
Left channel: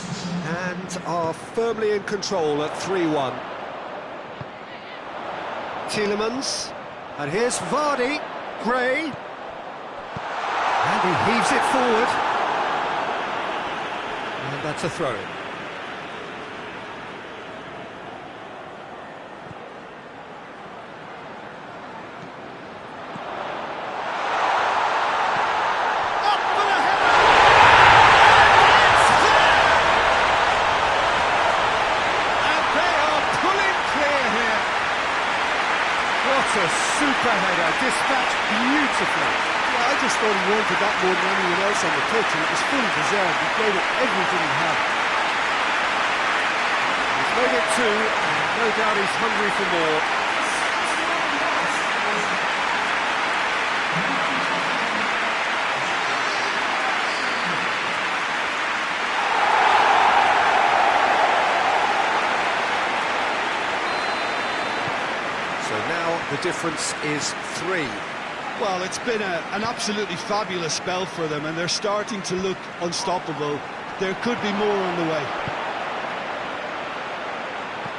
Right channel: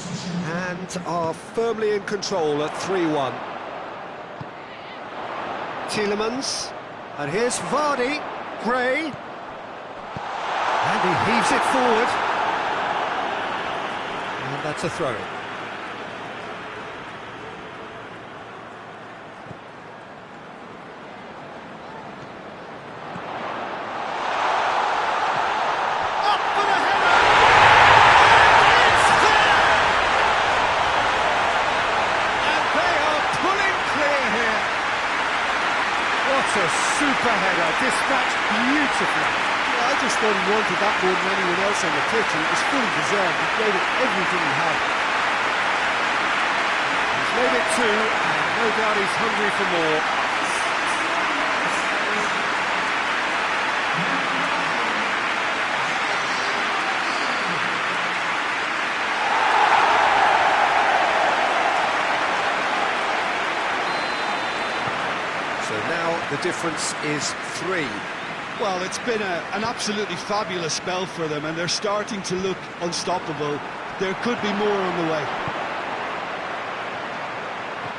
and are firmly in control at 3-1. Tielemans, and here's Vardy, Gray, and he heaves it forward, and that's a throw-in. What a super header, dispatched beautifully. Yeah, I just thought he wanted that more than anyone else on the pitch, and it was fully deserved. He gave it everything he had. He's made it 2, and no doubt he's hungry for more. So now the difference is 3. Well, it's been an absolutely fabulous spell for them, and they're starting to look unstoppable. There could be more on the way.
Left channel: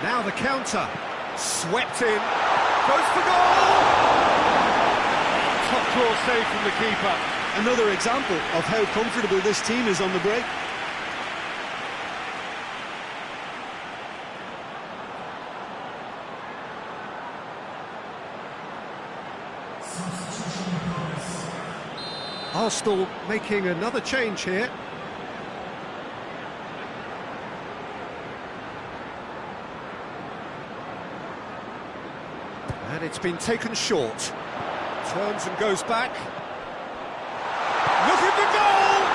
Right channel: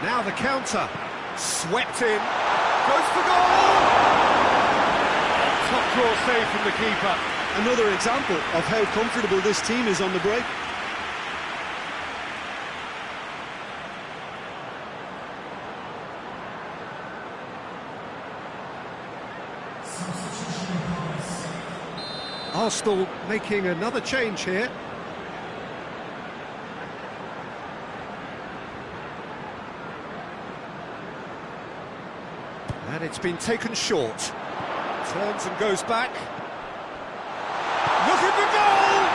Now the counter, swept in, goes for goal! Top draw save from the keeper. Another example of how comfortable this team is on the break. Arsenal making another change here. And it's been taken short. Turns and goes back. Look at the goal!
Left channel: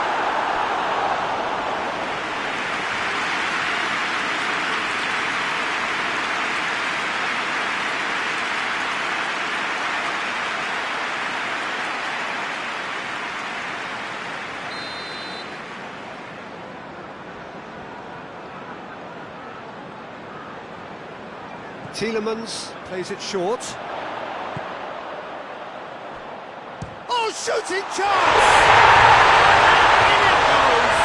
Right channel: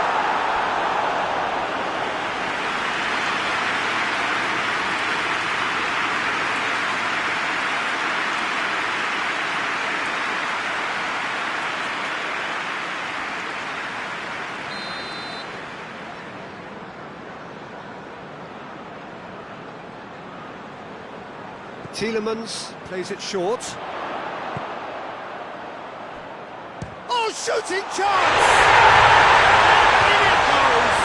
Tielemans plays it short. Oh, shooting chance! And in it goes!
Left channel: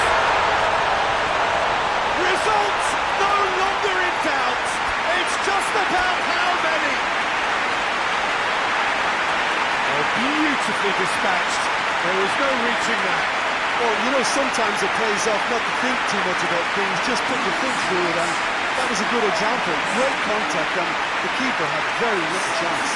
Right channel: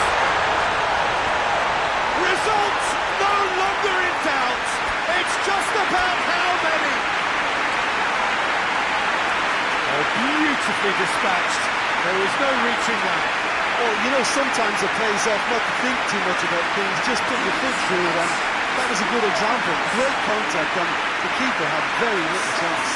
Result no longer in doubt. It's just about how many. Oh, beautifully dispatched. There was no reaching that. Well, you know, sometimes it pays off not to think too much about things, just put your foot through it, and that was a good example. Great contact, and the keeper had very little chance.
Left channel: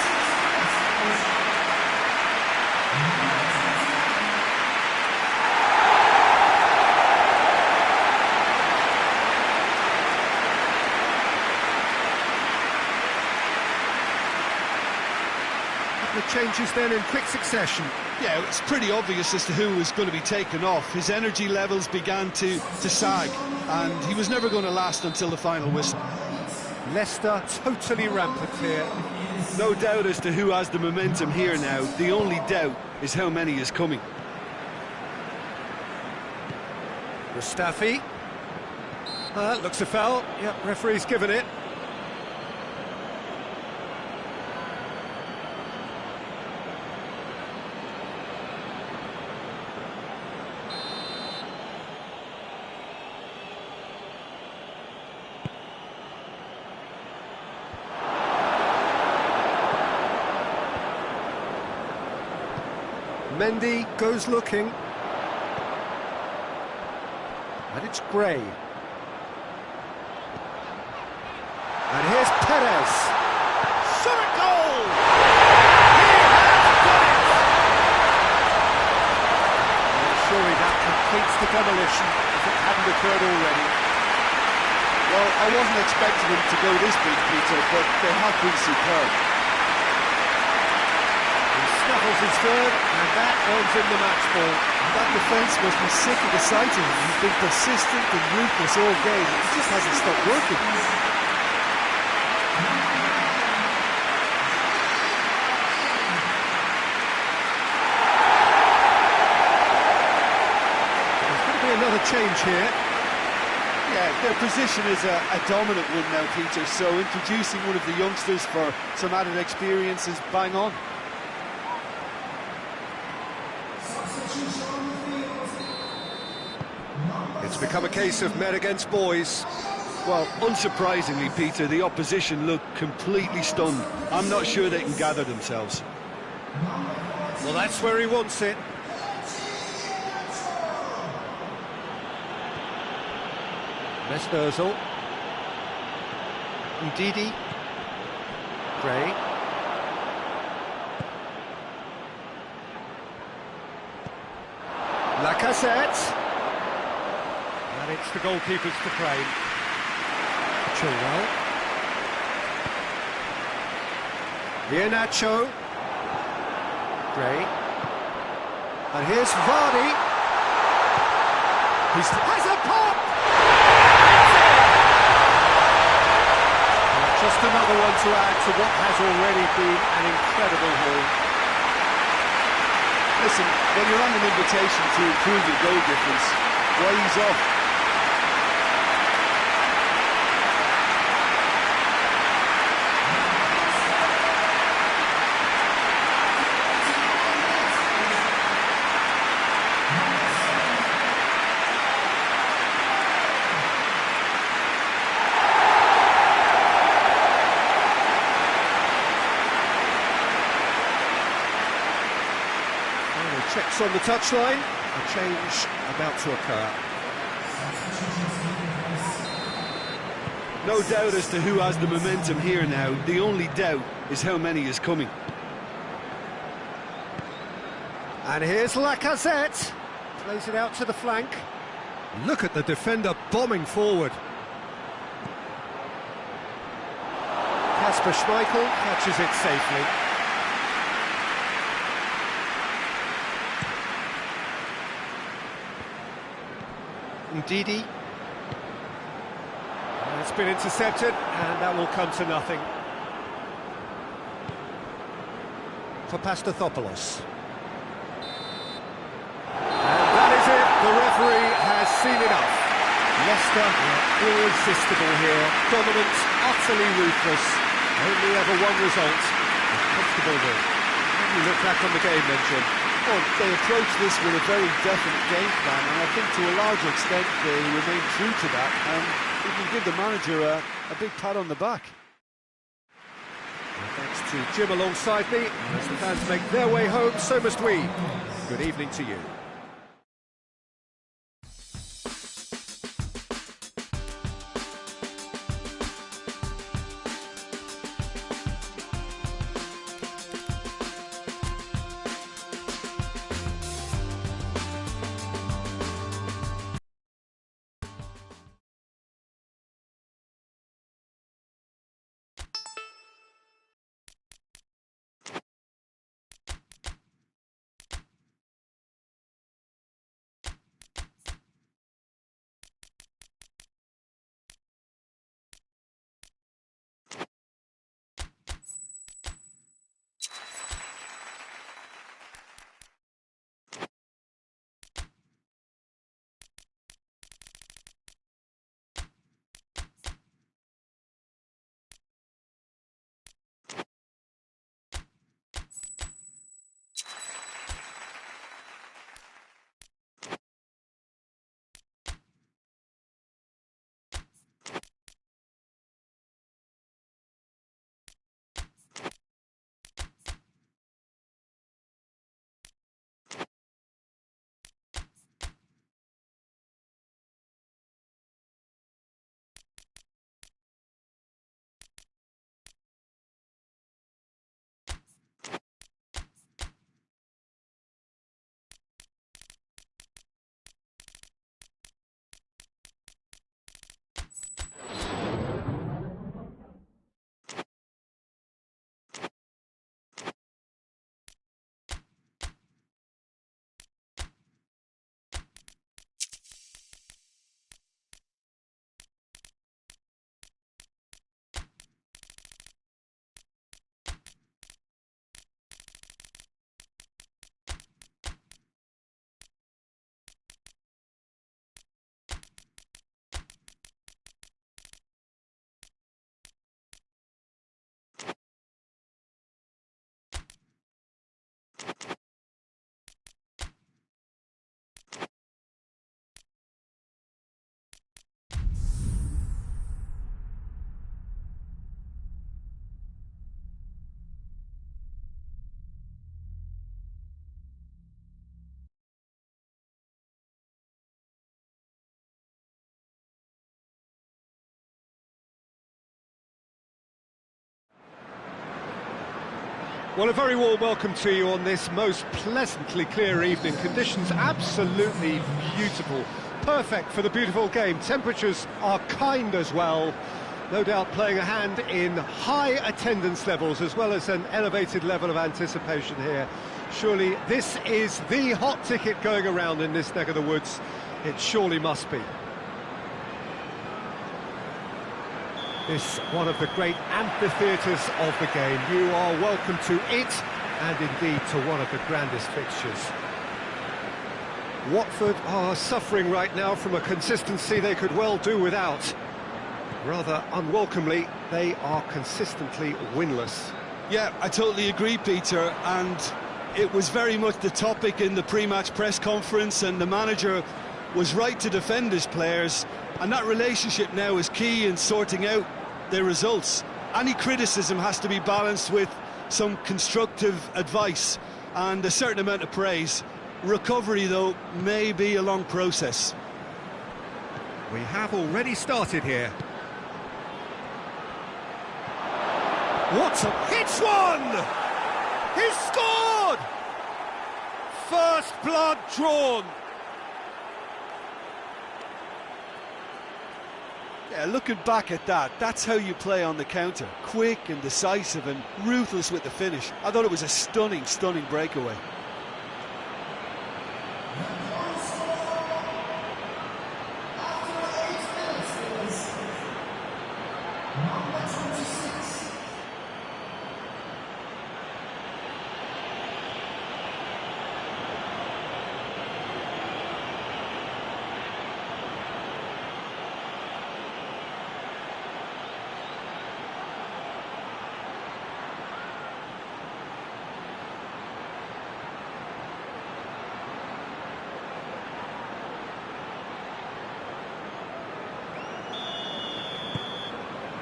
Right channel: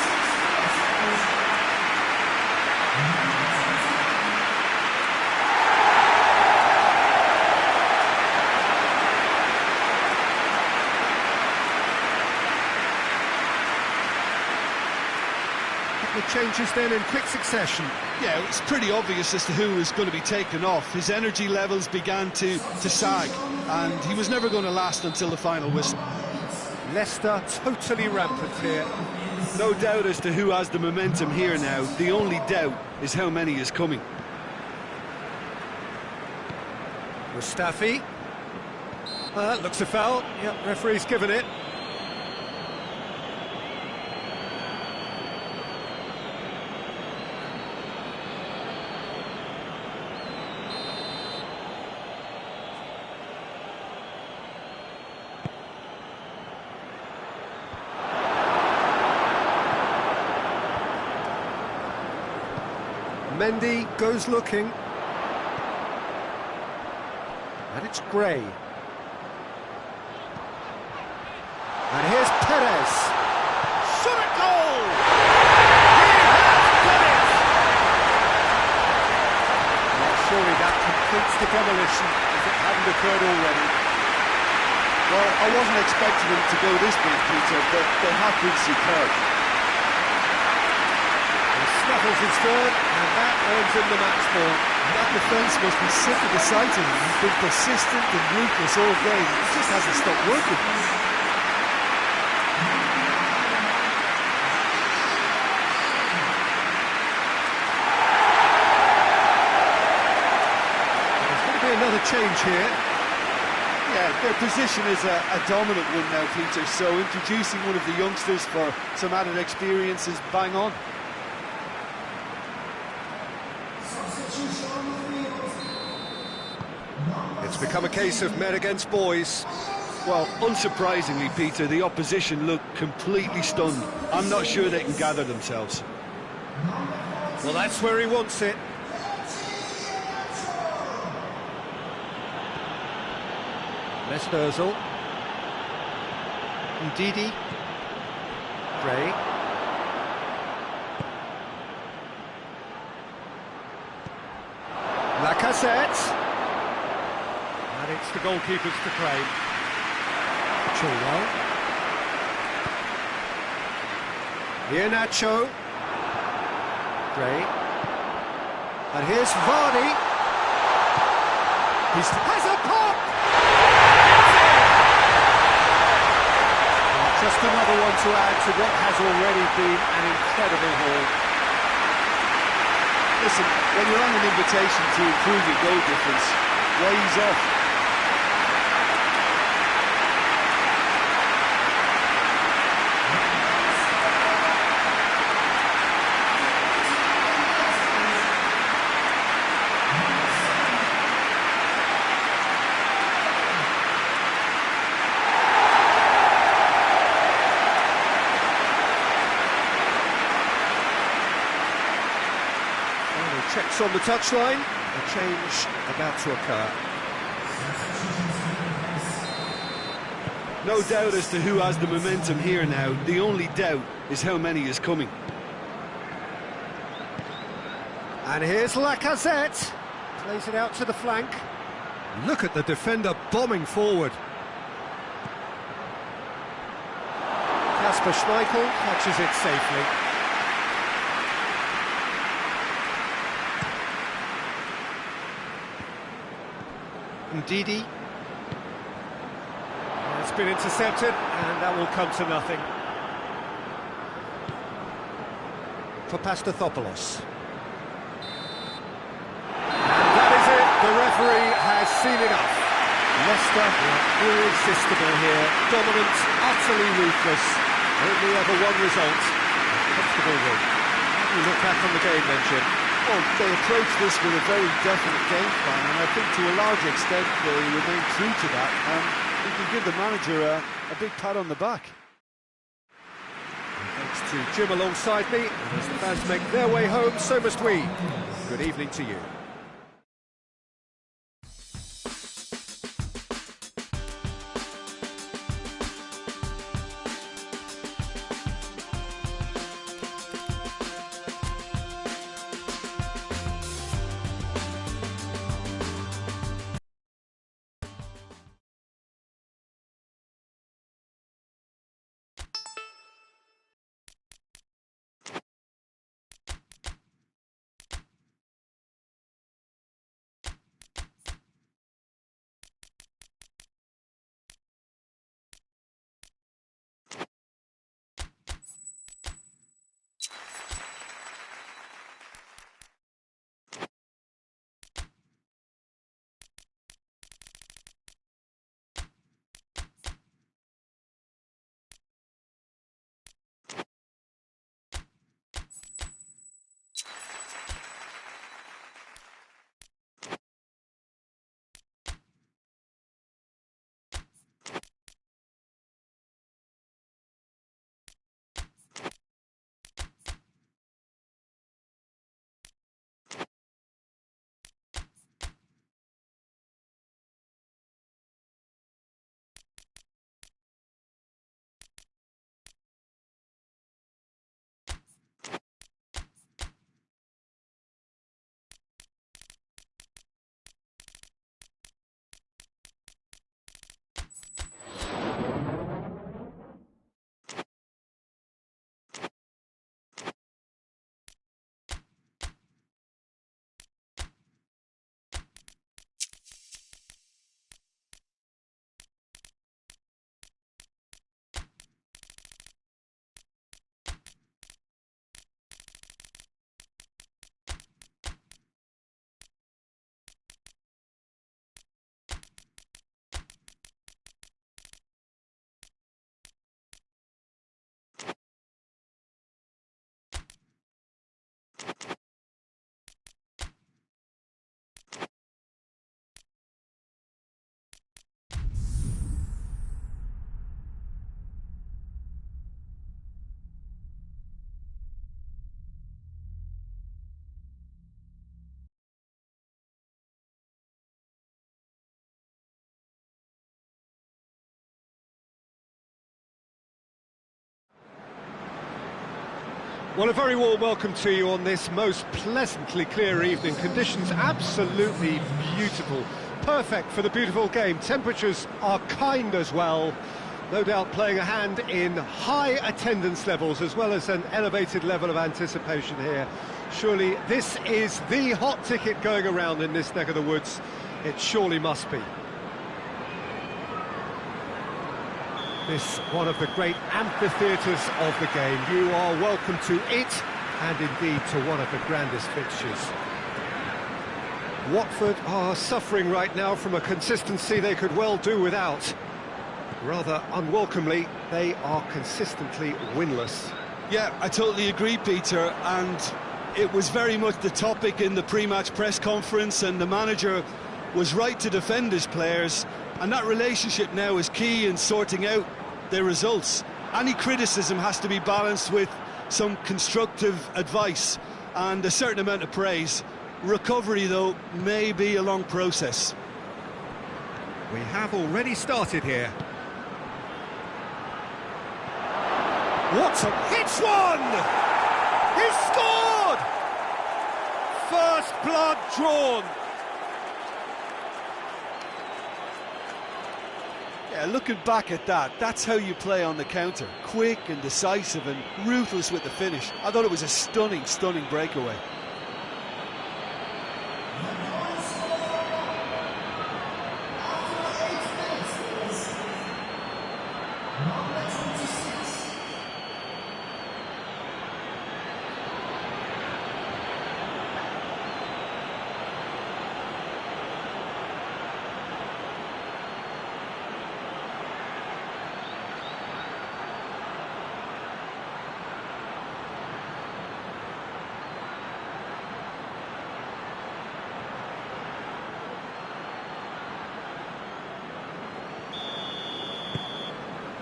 The changes then in quick succession. Yeah, it's pretty obvious as to who was going to be taken off. His energy levels began to sag, and he was never going to last until the final whistle. Leicester totally rampant here. No doubt as to who has the momentum here now. The only doubt is how many is coming. Mustafi. Looks a foul. Yep, referee's given it. Mendy goes looking. And it's Gray. And here's Perez. Shot at goal! He has got it! Well, surely that completes the demolition if it hadn't occurred already. Well, I wasn't expecting them to go this big, Peter, but they have been superb. He snuffles his third, and that earns him the match ball. That defence must be sick of the sight of him. He's been persistent and ruthless all game. He just hasn't stopped working. There's going to be another change here. Yeah, their position is a dominant one now, Peter, so introducing one of the youngsters for some added experience is bang on. It's become a case of men against boys. Well, unsurprisingly, Peter, the opposition look completely stunned. I'm not sure they can gather themselves. Well, that's where he wants it. Mesut Ozil. Ndidi. Gray. Lacazette. And it's the goalkeepers to claim. Chilwell. Iheanacho. Gray. And here's Vardy. He has a pop! That's it! Well, just another one to add to what has already been an incredible haul. Listen, when you're on an invitation to improve your goal difference, why ease off? Final checks on the touchline. A change about to occur. No doubt as to who has the momentum here now. The only doubt is how many is coming. And here's Lacazette. Plays it out to the flank. Look at the defender bombing forward. Kasper Schmeichel catches it safely. Ndidi. It's been intercepted, and that will come to nothing. For Pastathopoulos. And that is it. The referee has seen enough. Leicester were irresistible here. Dominant, utterly ruthless. Only ever one result. A comfortable win. How do you look back on the game then, Jim? Well, they approached this with a very definite game plan, and I think to a large extent they remain true to that. We can give the manager a big pat on the back. Well, thanks to Jim alongside me, and as the fans make their way home, so must we. Good evening to you. Well, a very warm welcome to you on this most pleasantly clear evening. Conditions absolutely beautiful. Perfect for the beautiful game. Temperatures are kind as well. No doubt playing a hand in high attendance levels as well as an elevated level of anticipation here. Surely this is the hot ticket going around in this neck of the woods. It surely must be. This one of the great amphitheatres of the game. You are welcome to it, and indeed to one of the grandest fixtures. Watford are suffering right now from a consistency they could well do without. Rather unwelcomely, they are consistently winless. Yeah, I totally agree, Peter, and it was very much the topic in the pre-match press conference, and the manager was right to defend his players, and that relationship now is key in sorting out their results. Any criticism has to be balanced with some constructive advice and a certain amount of praise. Recovery, though, may be a long process. We have already started here. What a... Hits one! He's scored! First blood drawn. Yeah, looking back at that, that's how you play on the counter. Quick and decisive and ruthless with the finish. I thought it was a stunning, stunning breakaway.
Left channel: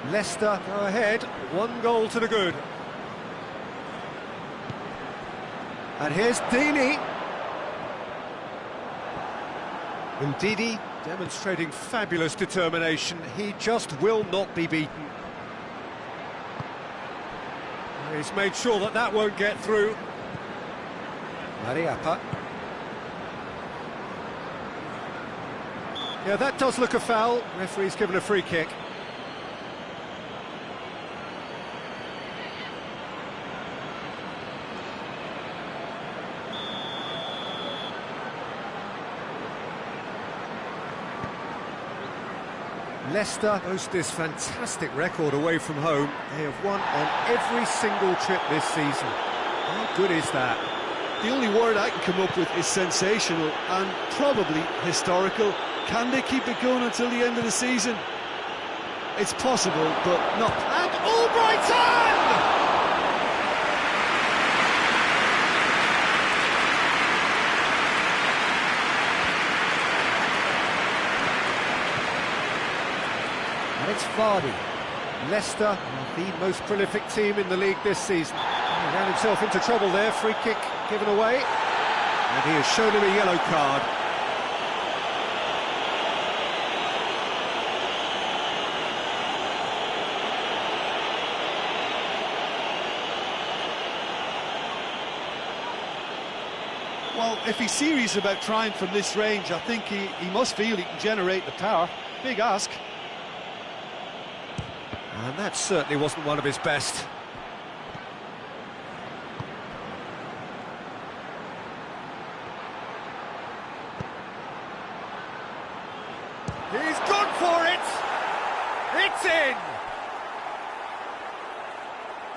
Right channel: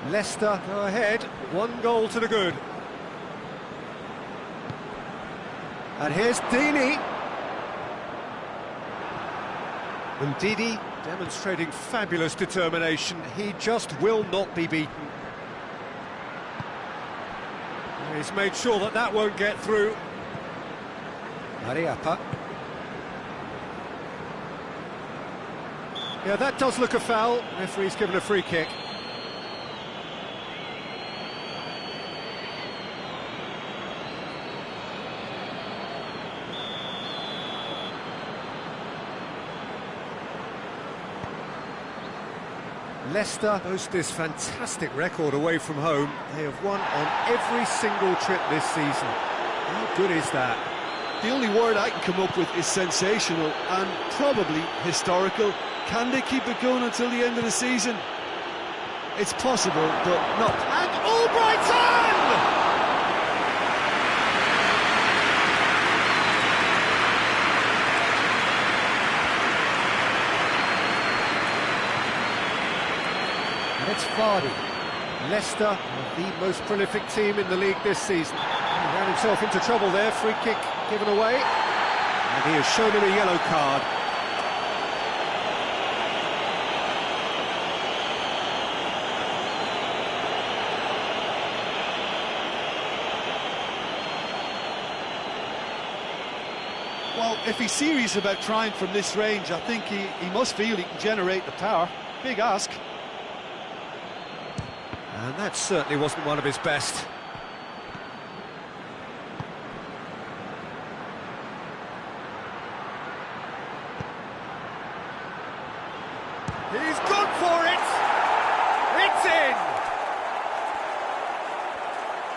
Leicester go ahead, 1 goal to the good. And here's Deeney. And Didi demonstrating fabulous determination. He just will not be beaten. He's made sure that that won't get through. Mariappa. Yeah, that does look a foul. Referee's given a free kick. Leicester boast this fantastic record away from home. They have won on every single trip this season. How good is that? The only word I can come up with is sensational and probably historical. Can they keep it going until the end of the season? It's possible, but not. And Albrighton! And it's Vardy. Leicester are the most prolific team in the league this season. He ran himself into trouble there, free kick given away. And he has shown him a yellow card. Well, if he's serious about trying from this range, I think he must feel he can generate the power. Big ask. And that certainly wasn't one of his best. He's gone for it! It's in!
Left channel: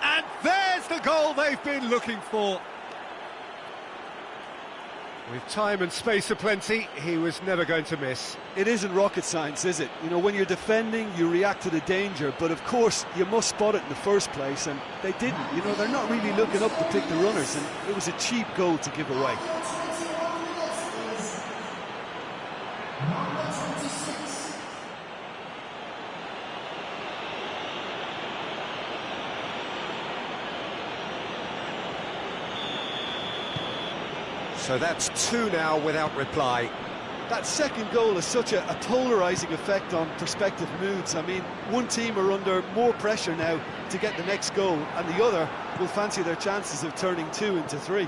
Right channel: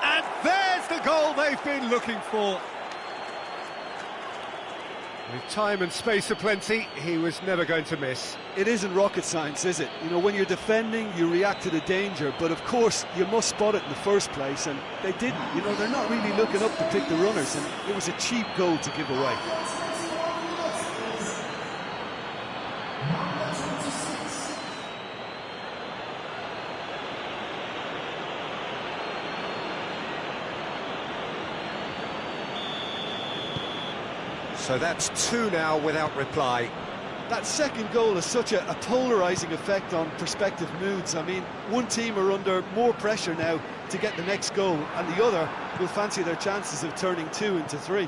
And there's the goal they've been looking for. With time and space aplenty, he was never going to miss. It isn't rocket science, is it? You know, when you're defending, you react to the danger, but of course, you must spot it in the first place, and they didn't. You know, they're not really looking up to pick the runners, and it was a cheap goal to give away. So that's 2 now without reply. That second goal has such a polarising effect on prospective moods. I mean, one team are under more pressure now to get the next goal, and the other will fancy their chances of turning 2 into 3.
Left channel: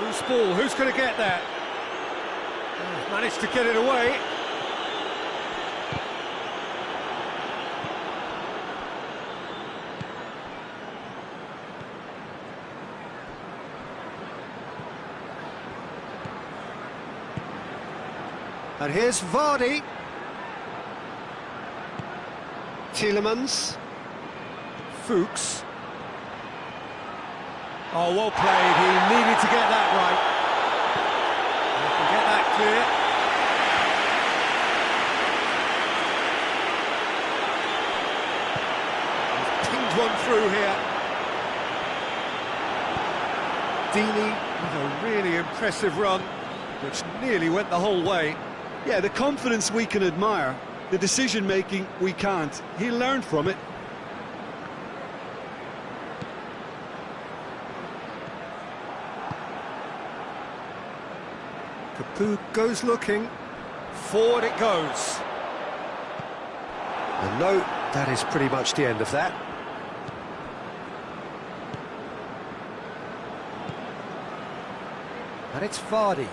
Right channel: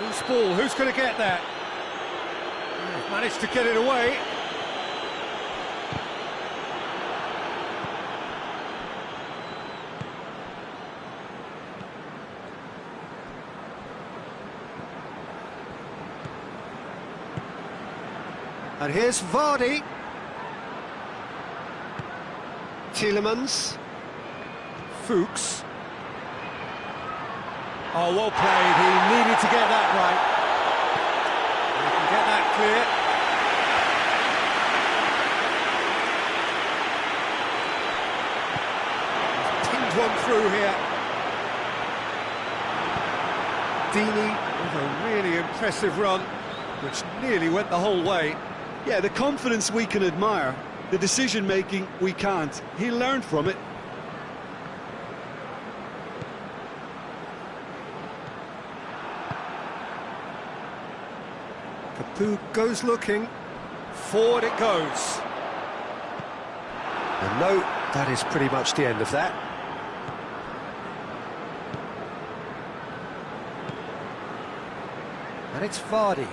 Loose ball, who's going to get that? Managed to get it away. And here's Vardy. Tielemans. Fuchs. Oh, well played. He needed to get that right. He can get that clear. He's pinged one through here. Deeney with a really impressive run, which nearly went the whole way. Yeah, the confidence we can admire, the decision-making we can't. He learned from it. Capoue goes looking. Forward it goes. And no, that is pretty much the end of that. And it's Vardy.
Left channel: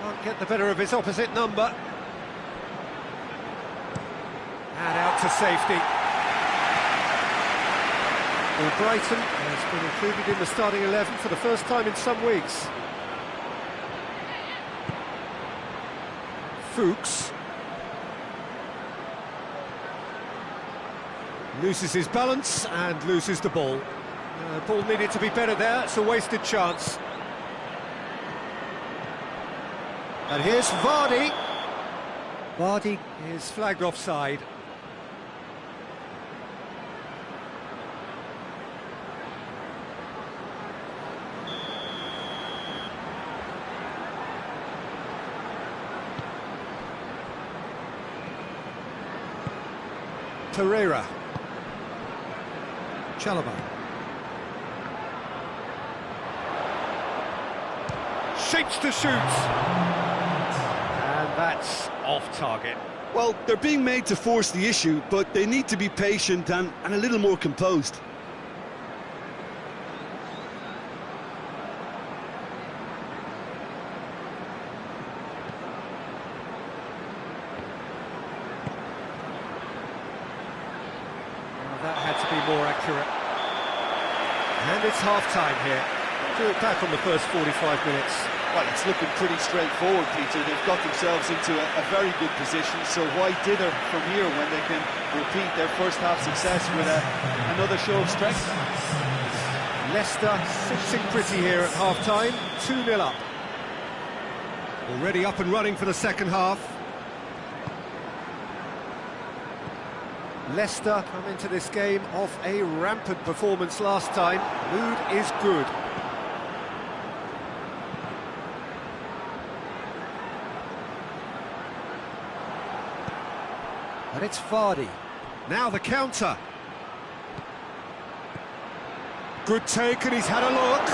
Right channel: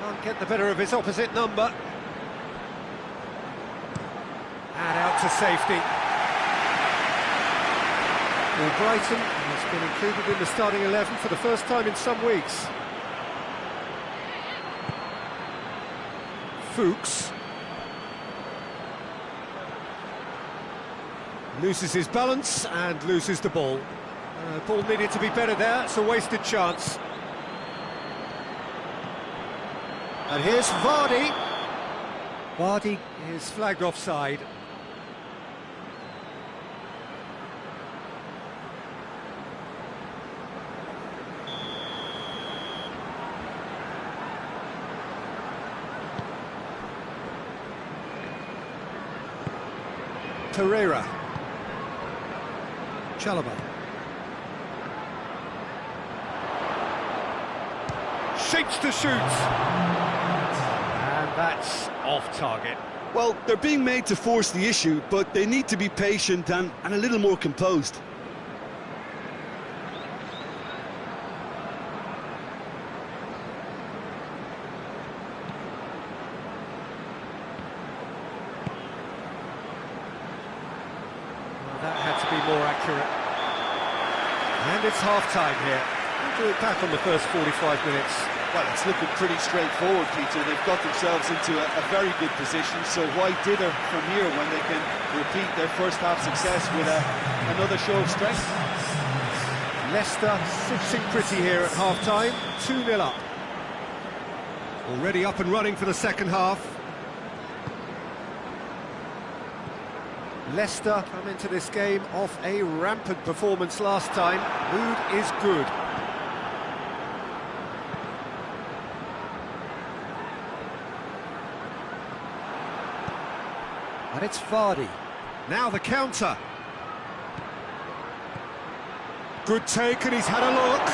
Can't get the better of his opposite number. And out to safety. Well, Brighton has been included in the starting 11 for the first time in some weeks. Fuchs. Loses his balance and loses the ball. Ball needed to be better there, it's a wasted chance. And here's Vardy. Vardy is flagged offside. Pereira. Chalobah. Shapes to shoot. And that's off target. Well, they're being made to force the issue, but they need to be patient and a little more composed. Well, that had to be more accurate. And it's half-time here. We'll do it back on the first 45 minutes. Well, it's looking pretty straightforward, Peter. They've got themselves into a very good position, so why dither from here when they can repeat their first half success with another show of strength? Leicester sitting pretty here at half-time, 2-0 up. Already up and running for the second half. Leicester come into this game off a rampant performance last time. Mood is good. And it's Vardy. Now the counter. Good take, and he's had a look.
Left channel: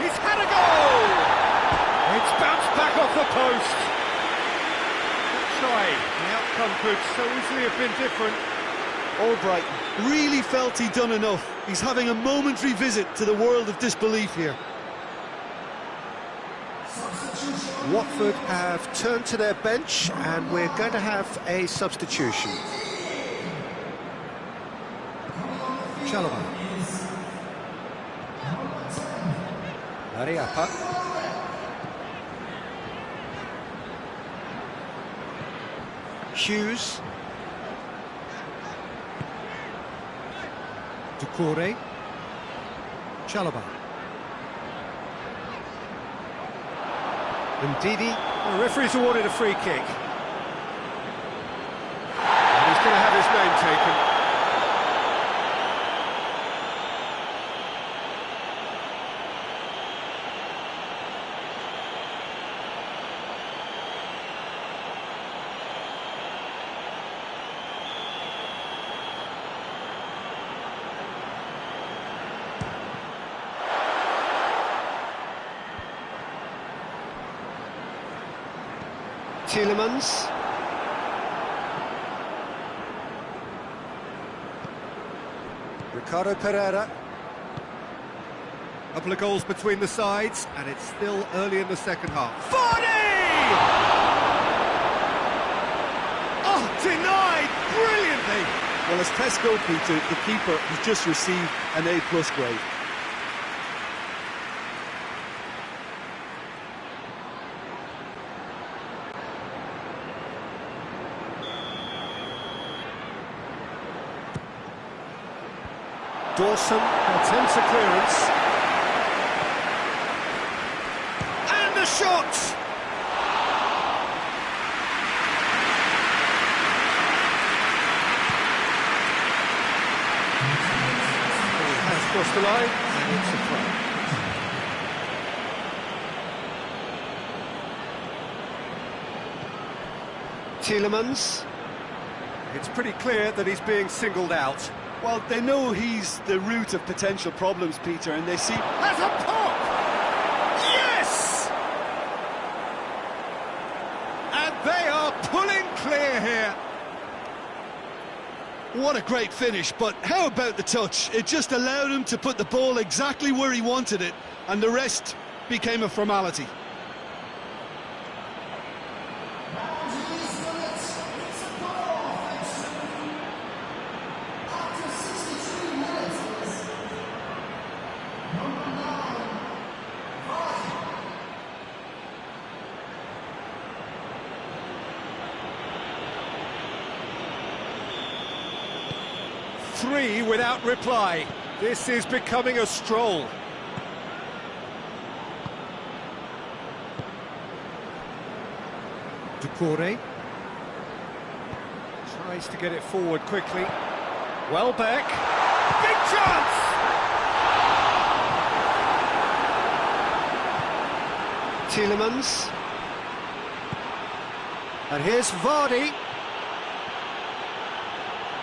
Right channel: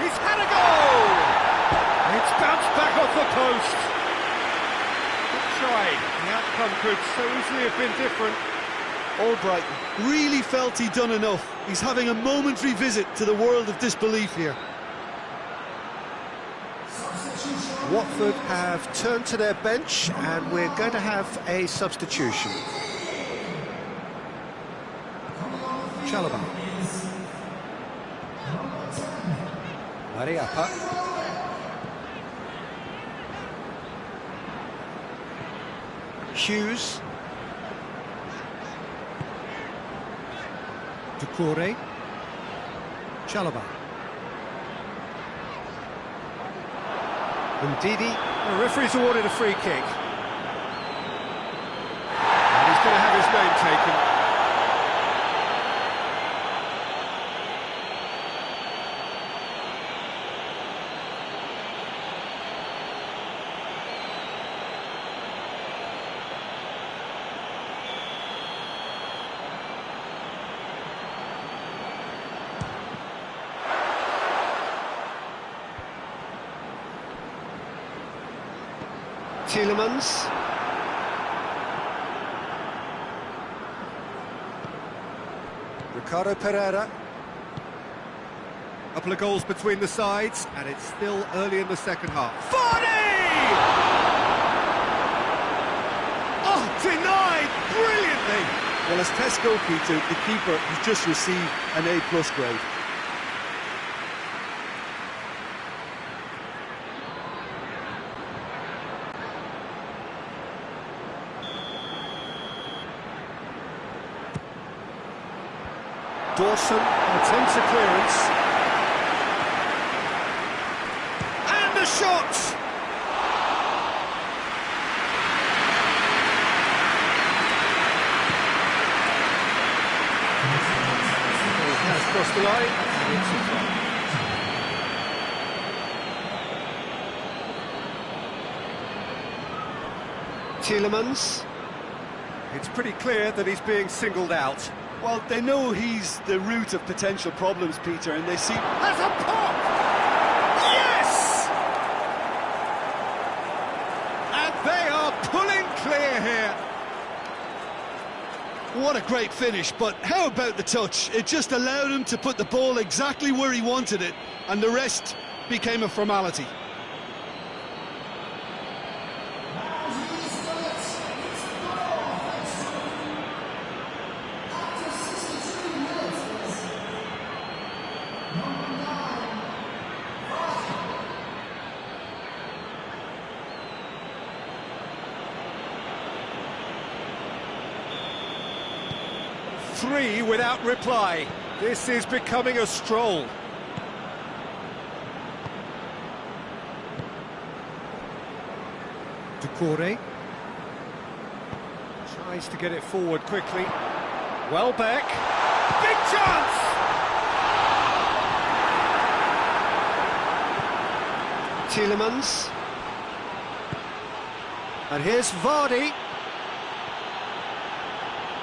He's had a goal! It's bounced back off the post. Good try. The outcome could so easily have been different. Albrighton really felt he'd done enough. He's having a momentary visit to the world of disbelief here. Watford have turned to their bench, and we're going to have a substitution. Chalobah. Mariappa. Hughes. Doucouré. Chalobah. And Didi. The referee's awarded a free kick. And he's going to have his name taken. Tielemans. Ricardo Pereira. Couple of goals between the sides, and it's still early in the second half. Vardy! Oh, denied brilliantly! Well, as test goalkeeper, the keeper has just received an A+ grade. Dawson attempts a clearance. And a shot! Ball has crossed the line, and it's a throw. Tielemans. It's pretty clear that he's being singled out. Well, they know he's the root of potential problems, Peter, and they see... Has a pop! Yes! And they are pulling clear here. What a great finish, but how about the touch? It just allowed him to put the ball exactly where he wanted it, and the rest became a formality. Three without reply. This is becoming a stroll. Ducouré tries to get it forward quickly. Welbeck, big chance! Tielemans. And here's Vardy.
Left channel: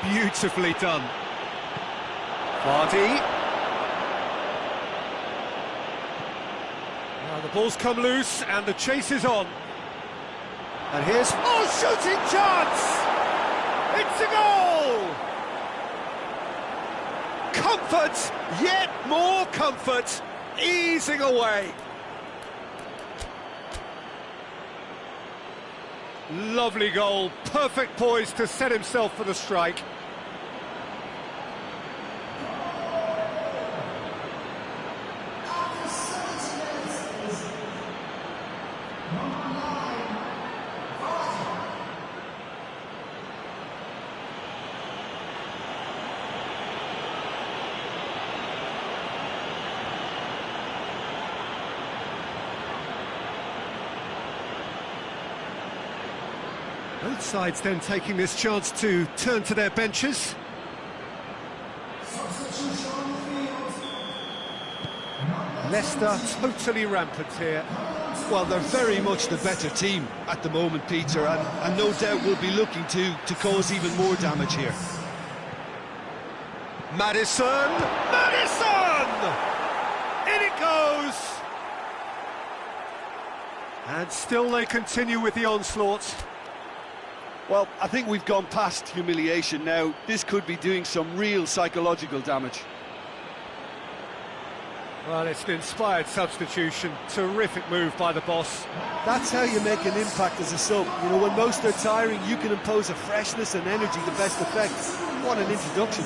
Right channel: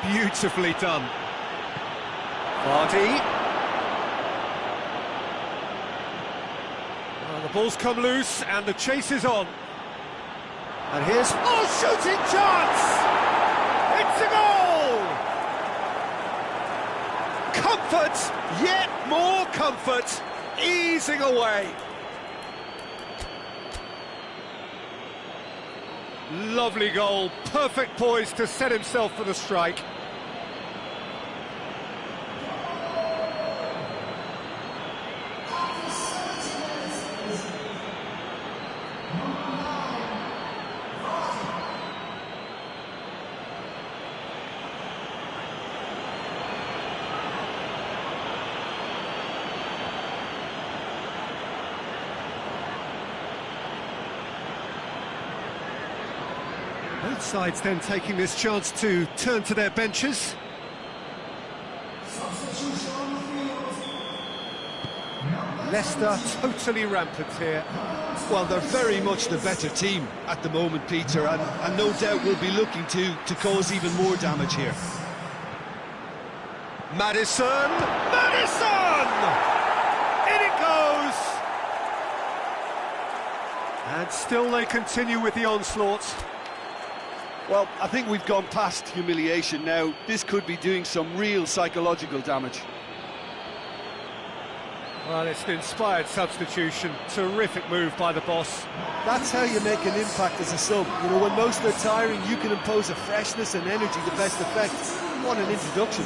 Beautifully done. Vardy. Well, the ball's come loose and the chase is on. And here's... Oh, shooting chance! It's a goal! Comfort, yet more comfort, easing away. Lovely goal, perfect poise to set himself for the strike. Both sides then taking this chance to turn to their benches. Leicester totally rampant here. Well, they're very much the better team at the moment, Peter, and no doubt will be looking to cause even more damage here. Maddison! Maddison! In it goes! And still they continue with the onslaught. Well, I think we've gone past humiliation now. This could be doing some real psychological damage. Well, it's an inspired substitution. Terrific move by the boss. That's how you make an impact as a sub. You know, when most are tiring, you can impose a freshness and energy to best effect. What an introduction.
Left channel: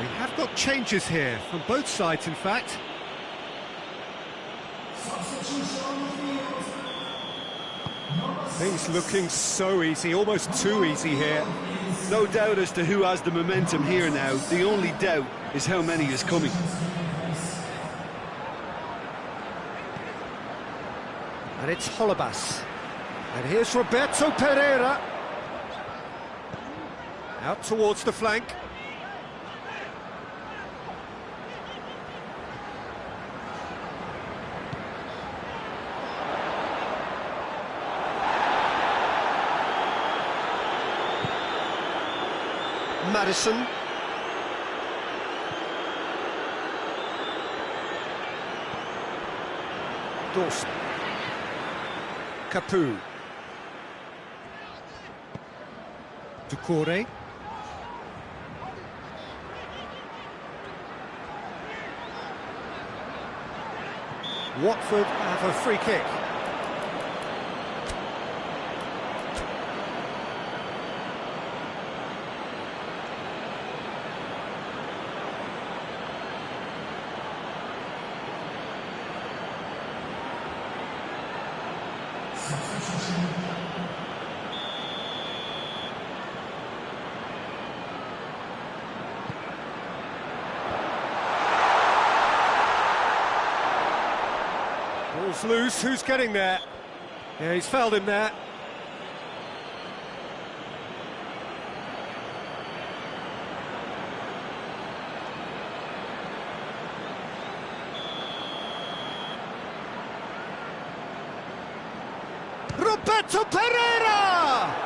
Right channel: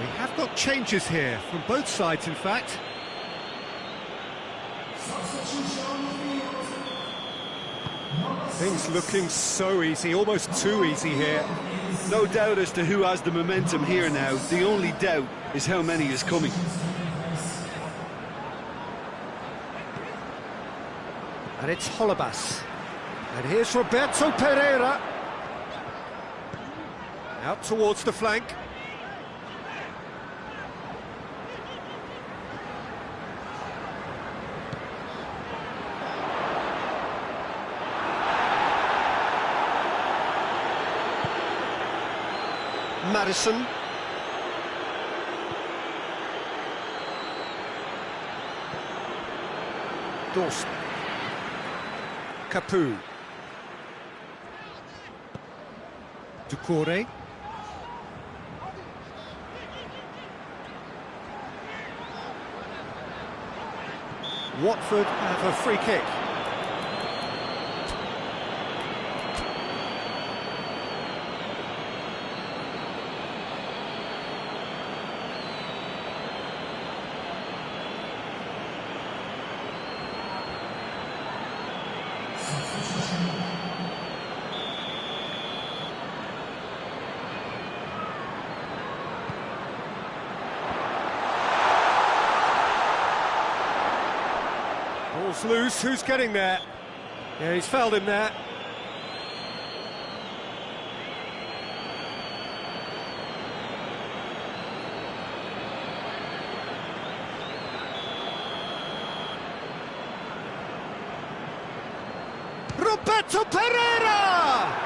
We have got changes here, from both sides in fact. Things looking so easy, almost too easy here. No doubt as to who has the momentum here now. The only doubt is how many is coming. And it's Holebas. And here's Roberto Pereira. Out towards the flank. Maddison. Dorst. Capu. Ducouré. Watford have a free kick. Ball's loose, who's getting there? Yeah, he's fouled him there. Roberto Pereira!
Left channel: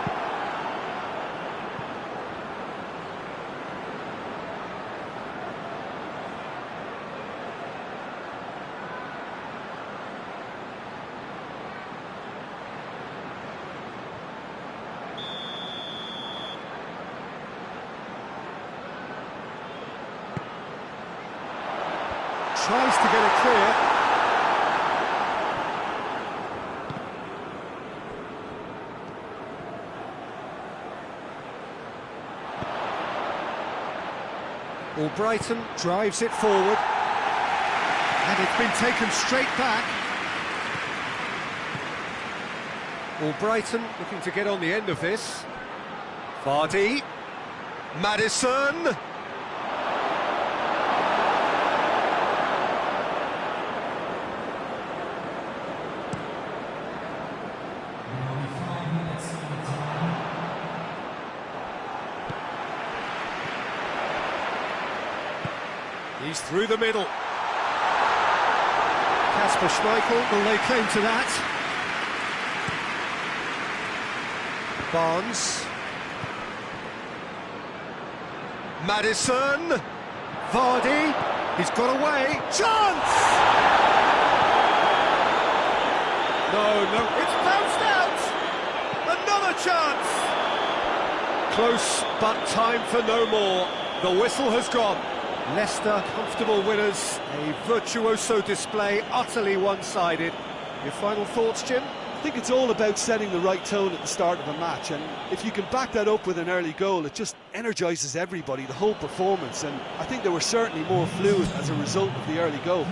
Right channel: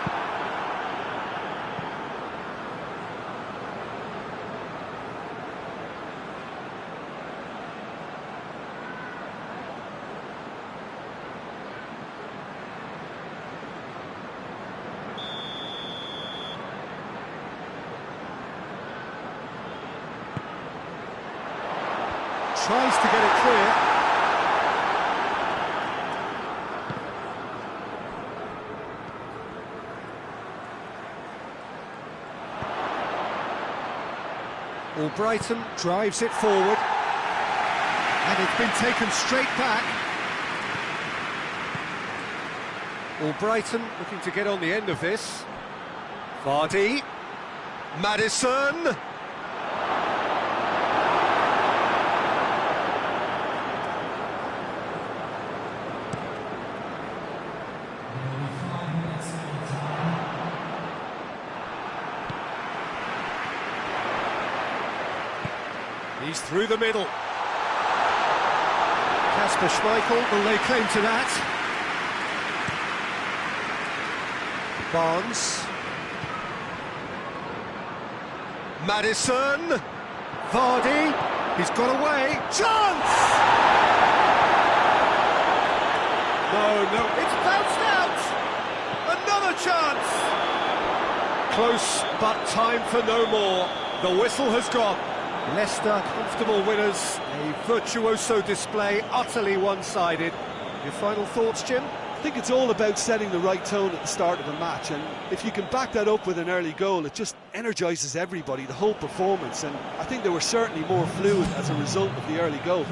Tries to get it clear. Brighton drives it forward. And it's been taken straight back. Brighton looking to get on the end of this. Vardy. Maddison. He's through the middle. Kasper Schmeichel will lay claim to that. Barnes. Maddison. Vardy. He's got away. Chance! No, it's bounced out! Another chance! Close, but time for no more. The whistle has gone. Leicester, comfortable winners, a virtuoso display, utterly one-sided. Your final thoughts, Jim? I think it's all about setting the right tone at the start of a match, and if you can back that up with an early goal, it just energises everybody, the whole performance, and I think they were certainly more fluid as a result of the early goal.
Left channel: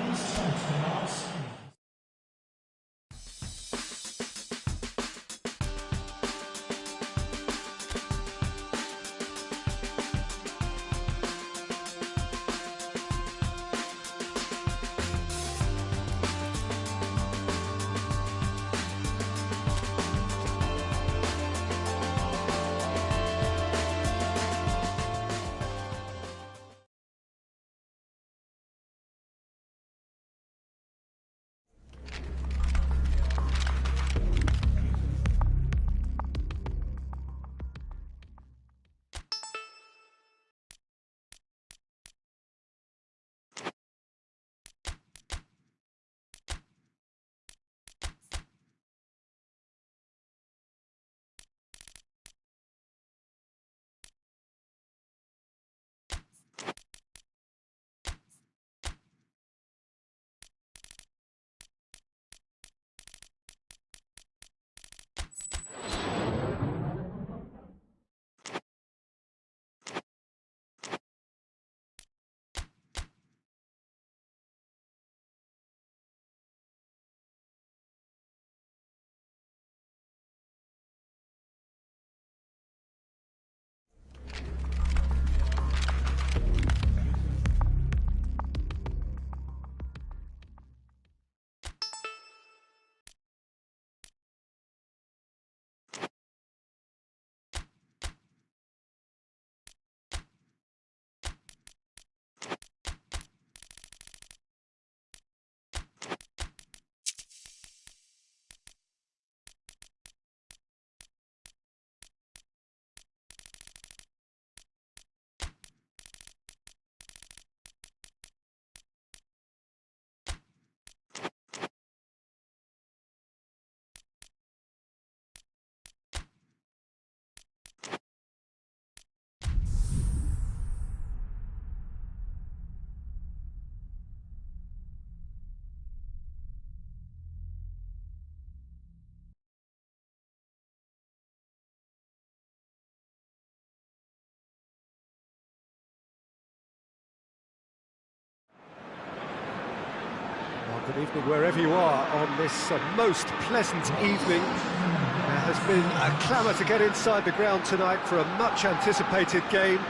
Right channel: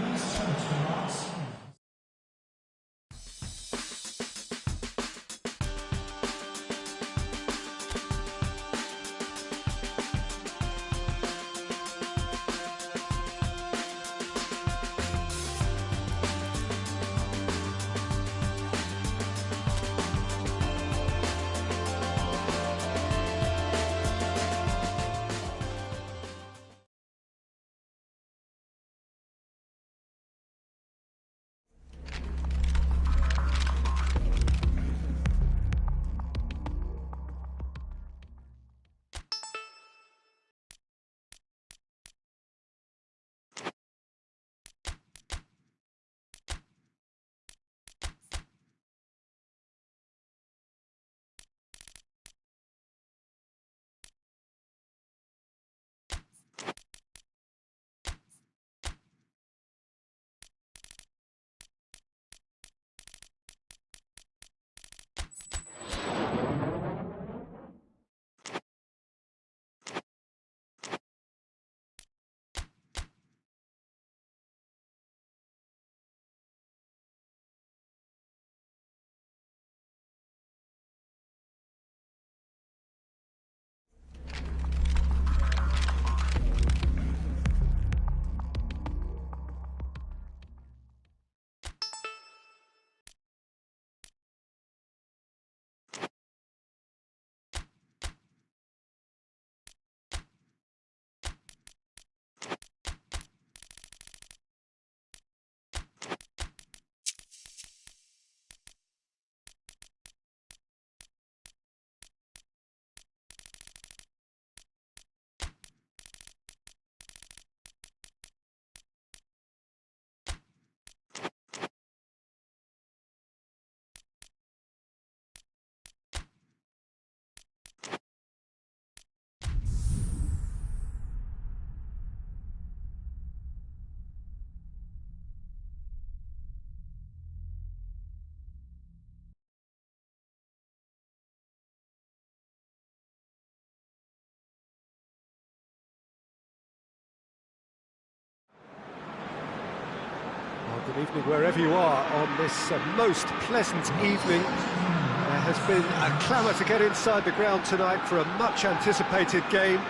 Well, good evening wherever you are on this most pleasant evening. There has been a clamour to get inside the ground tonight for a much-anticipated game.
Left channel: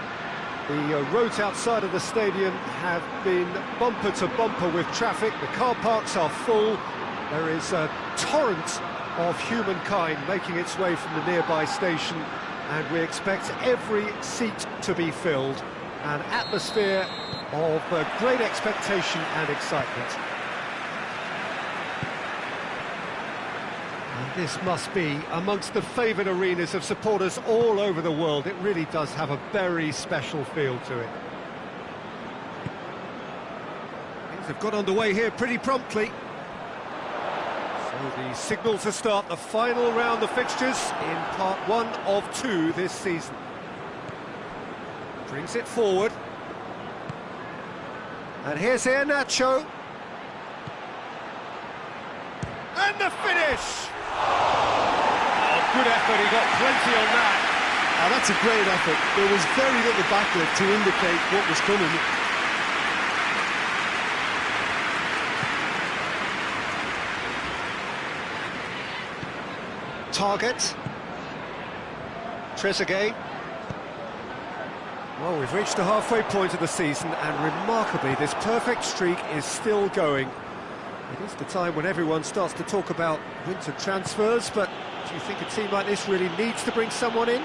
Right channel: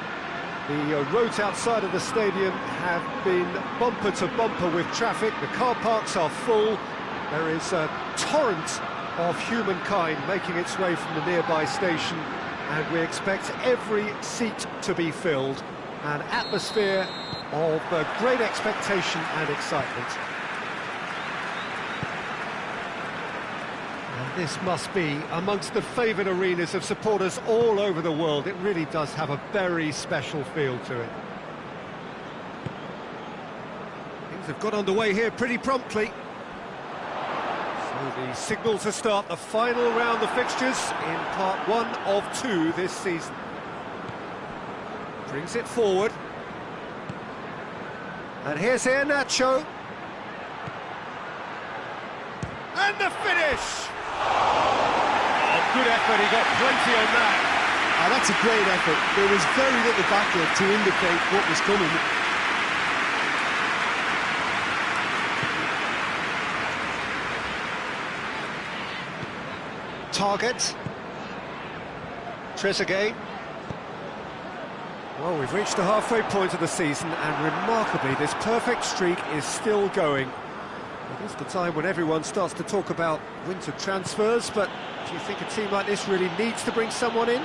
The roads outside of the stadium have been bumper to bumper with traffic. The car parks are full. There is a torrent of humankind making its way from the nearby station, and we expect every seat to be filled. An atmosphere of great expectation and excitement. And this must be amongst the favoured arenas of supporters all over the world. It really does have a very special feel to it. Things have got underway here pretty promptly. So the signal to start the final round of fixtures in part 1 of 2 this season. Brings it forward. And here's Nacho. And the finish! Oh, good effort, he got plenty on that. That's a great effort. There was very little backlift to indicate what was coming. Target. Trezeguet. Well, we've reached the halfway point of the season, and remarkably, this perfect streak is still going. It is the time when everyone starts to talk about winter transfers, but do you think a team like this really needs to bring someone in?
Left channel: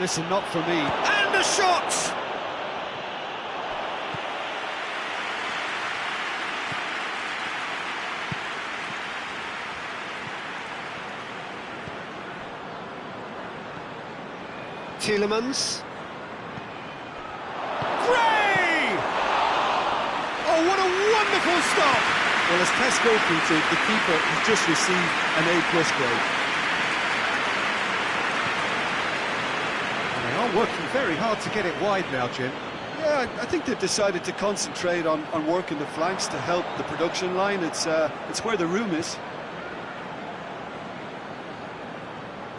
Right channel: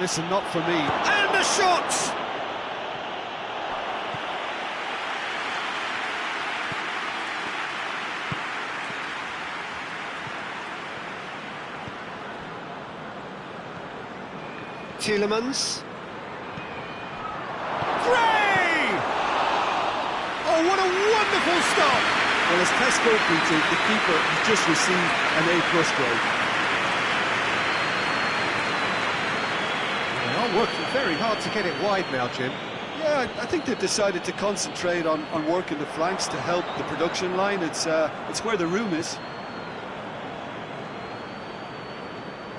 Listen, not for me. And the shot! Tielemans. Gray! Oh, what a wonderful stop! Well, as tests go, Peter, the keeper has just received an A+ grade. Well, they are working very hard to get it wide now, Jim. Yeah, I think they've decided to concentrate on working the flanks to help the production line. It's where the room is.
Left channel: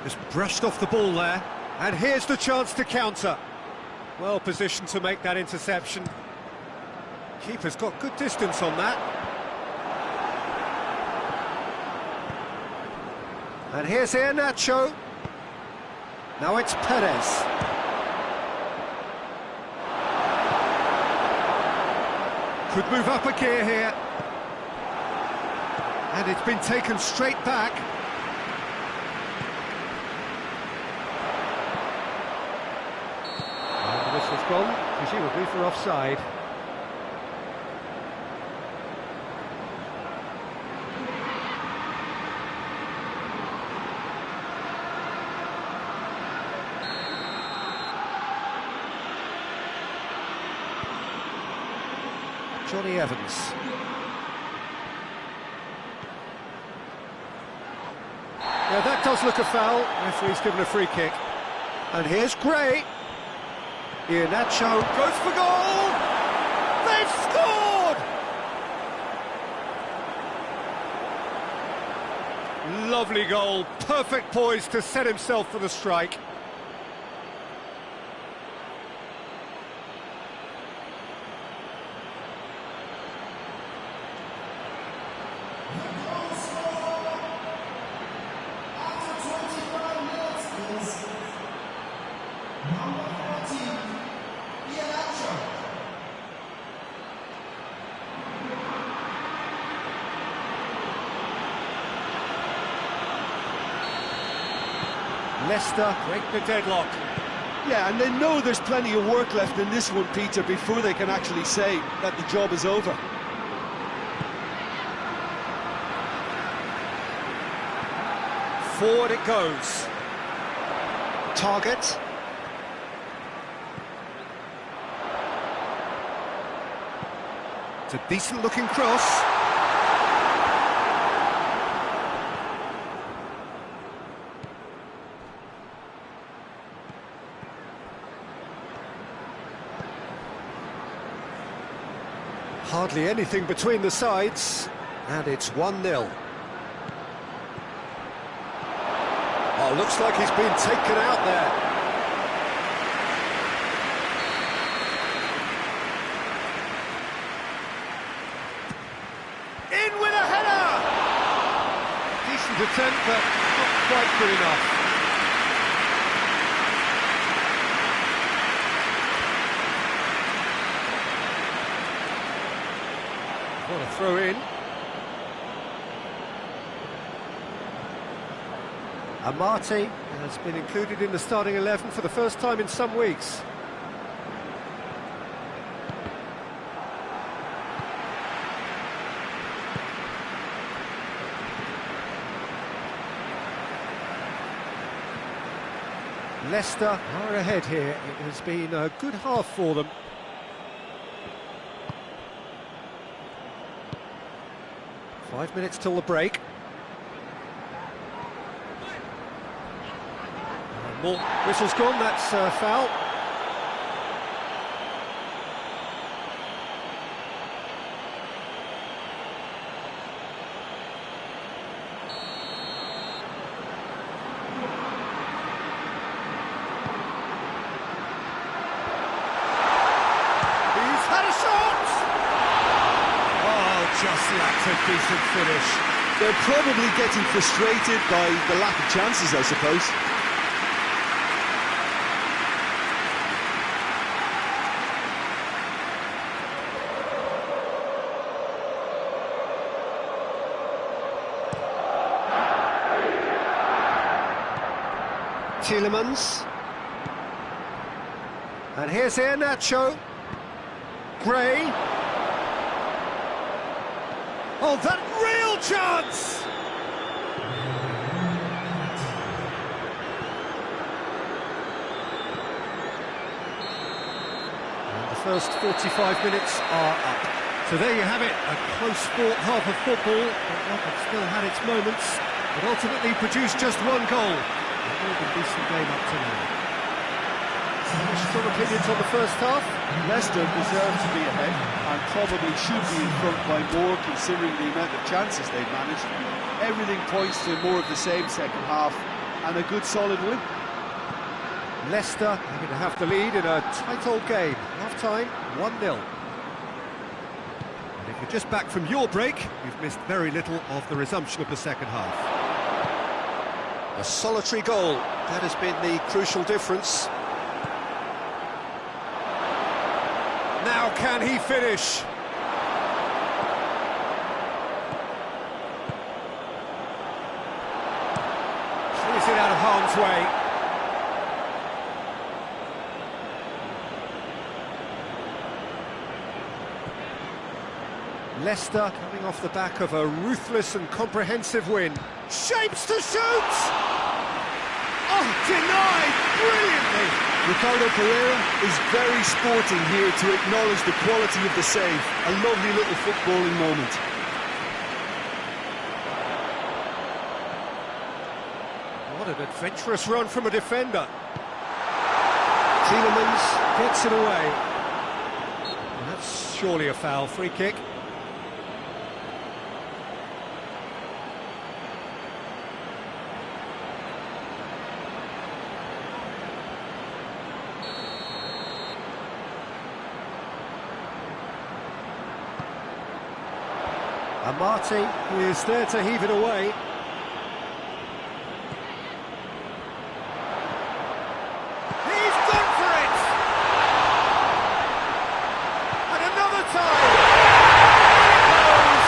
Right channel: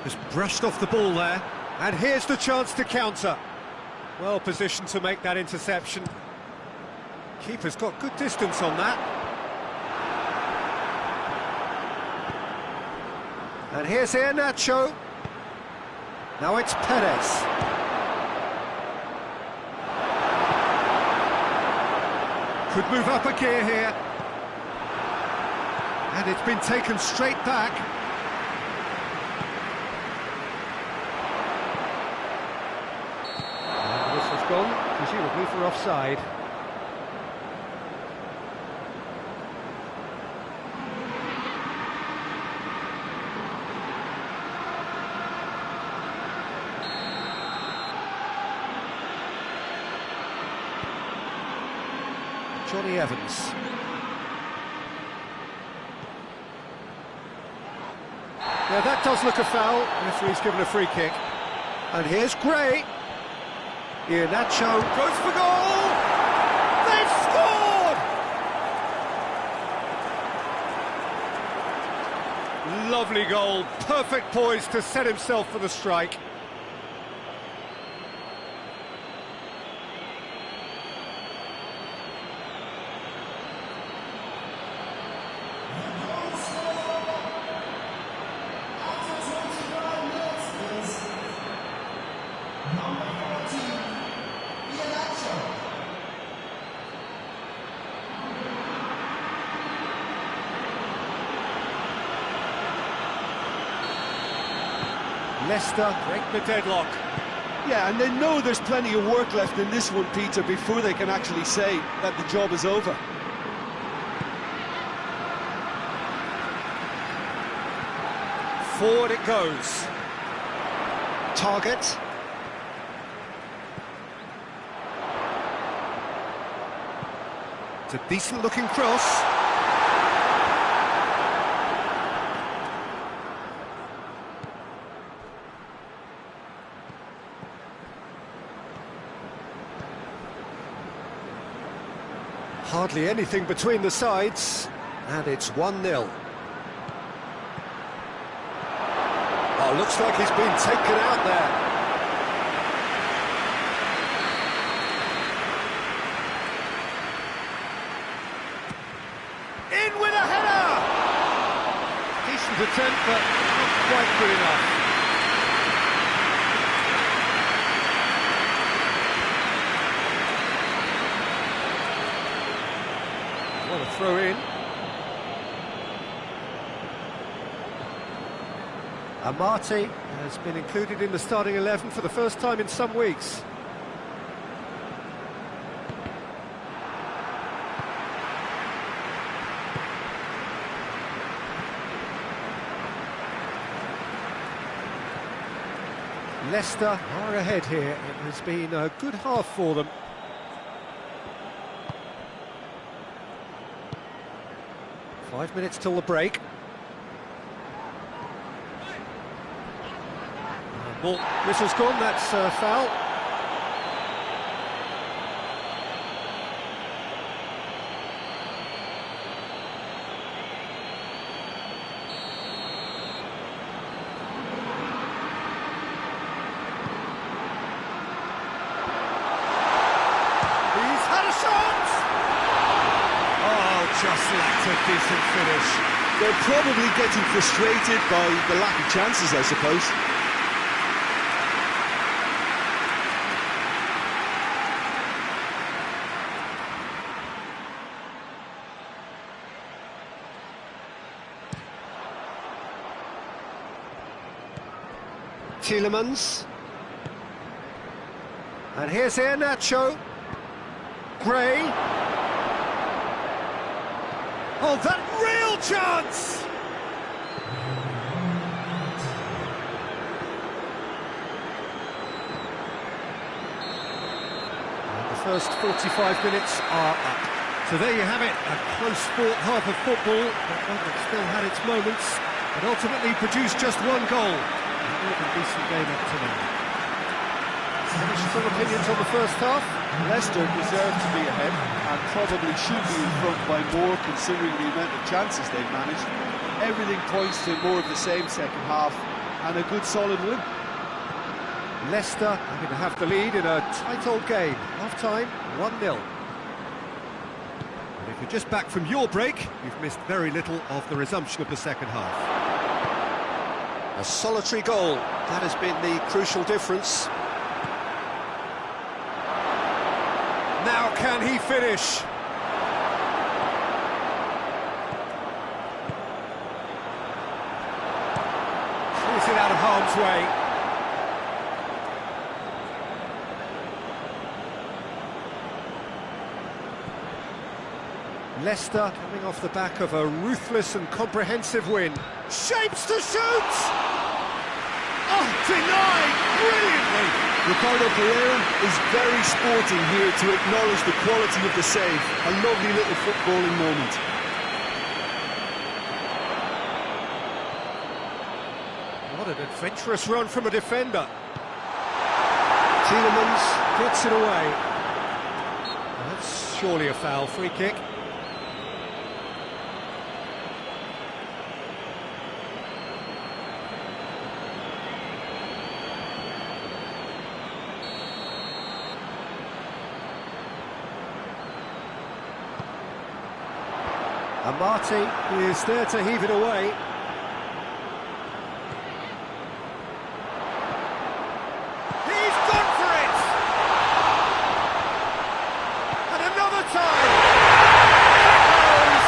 Just brushed off the ball there, and here's the chance to counter. Well positioned to make that interception. Keeper's got good distance on that. And here's Nacho. Now it's Perez. Could move up a gear here. And it's been taken straight back. And the whistle's gone, presumably for offside. Johnny Evans. Yeah, that does look a foul. Referee's given a free kick. And here's Gray. Nacho goes for goal! They've scored! Lovely goal, perfect poise to set himself for the strike. Leicester break the deadlock. Yeah, and they know there's plenty of work left in this one, Peter, before they can actually say that the job is over. Forward it goes. Target. It's a decent-looking cross. Hardly anything between the sides, and it's 1-0. Oh, looks like he's been taken out there. Decent attempt, but not quite good enough. What a throw in. Amati has been included in the starting 11 for the first time in some weeks. Leicester are ahead here. It has been a good half for them. Five minutes till the break. More whistle's gone, that's foul. He's had a shot! Oh, just lacked a decent finish. They're probably getting frustrated by the lack of chances, I suppose. Tielemans. And here's Nacho. Gray. Oh, that real chance! And the first 45 minutes are up. So there you have it, a close-fought half of football, but one that still had its moments, but ultimately produced just one goal. A more than decent game up to now. Any strong opinions on the first half? Leicester deserve to be ahead and probably should be in front by more considering the amount of chances they've managed. Everything points to more of the same second half and a good solid win. Leicester having to have the lead in a tight old game. Half-time, 1-0. And if you're just back from your break, you've missed very little of the resumption of the second half. A solitary goal, that has been the crucial difference. Now can he finish? Clears it out of harm's way. Leicester coming off the back of a ruthless and comprehensive win. Shapes to shoot! Oh, denied brilliantly! Ricardo Pereira is very sporting here to acknowledge the quality of the save. A lovely little footballing moment. What an adventurous run from a defender. Tielemans gets it away. That's surely a foul, free kick. Amati is there to heave it away. He's gone for it! And another time! In it goes!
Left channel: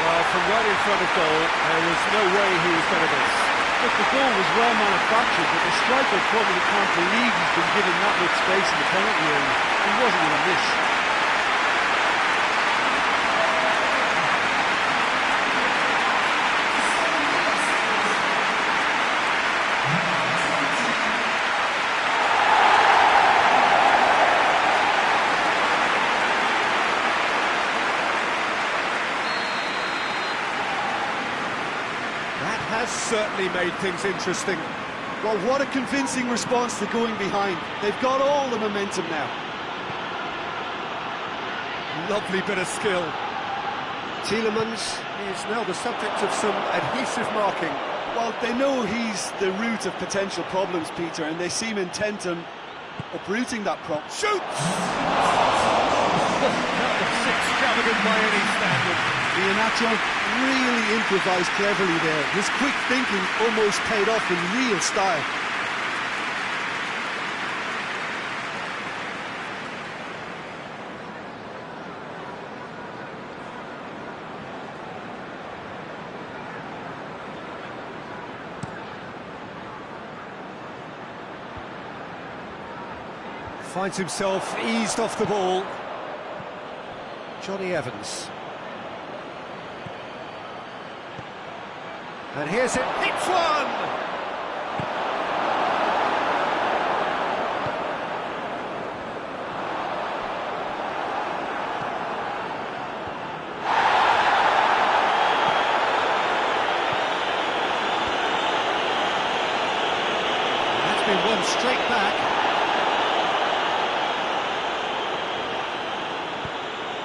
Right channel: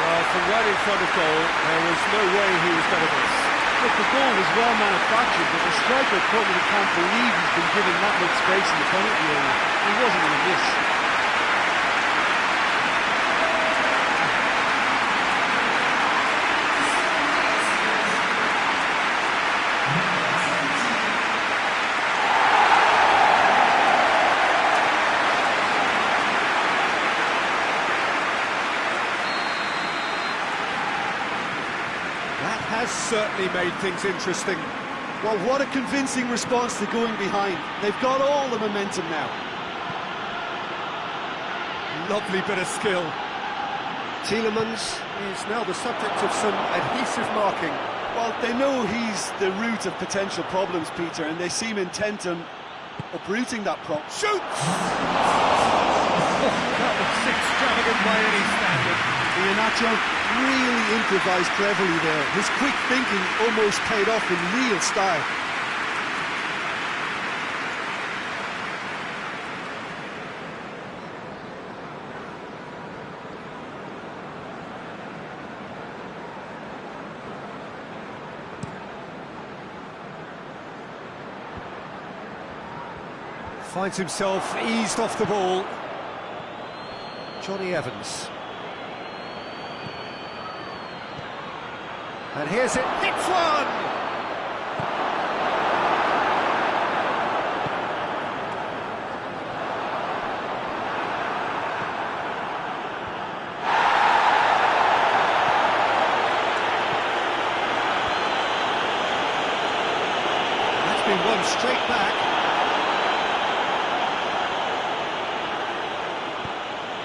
Well, from right in front of goal, there was no way he was going to miss. Look, the goal was well manufactured, but the striker probably can't believe he's been given that much space in the penalty area. He wasn't going to miss. That has certainly made things interesting. Well, what a convincing response to going behind. They've got all the momentum now. Lovely bit of skill. Tielemans is now the subject of some adhesive marking. Well, they know he's the root of potential problems, Peter, and they seem intent on uprooting that problem. Shoots! Oh, that that was extravagant by any standard. Iheanacho really improvised cleverly there. His quick thinking almost paid off in real style. Finds himself eased off the ball. Johnny Evans. And here's it, hits one! And that's been won straight back.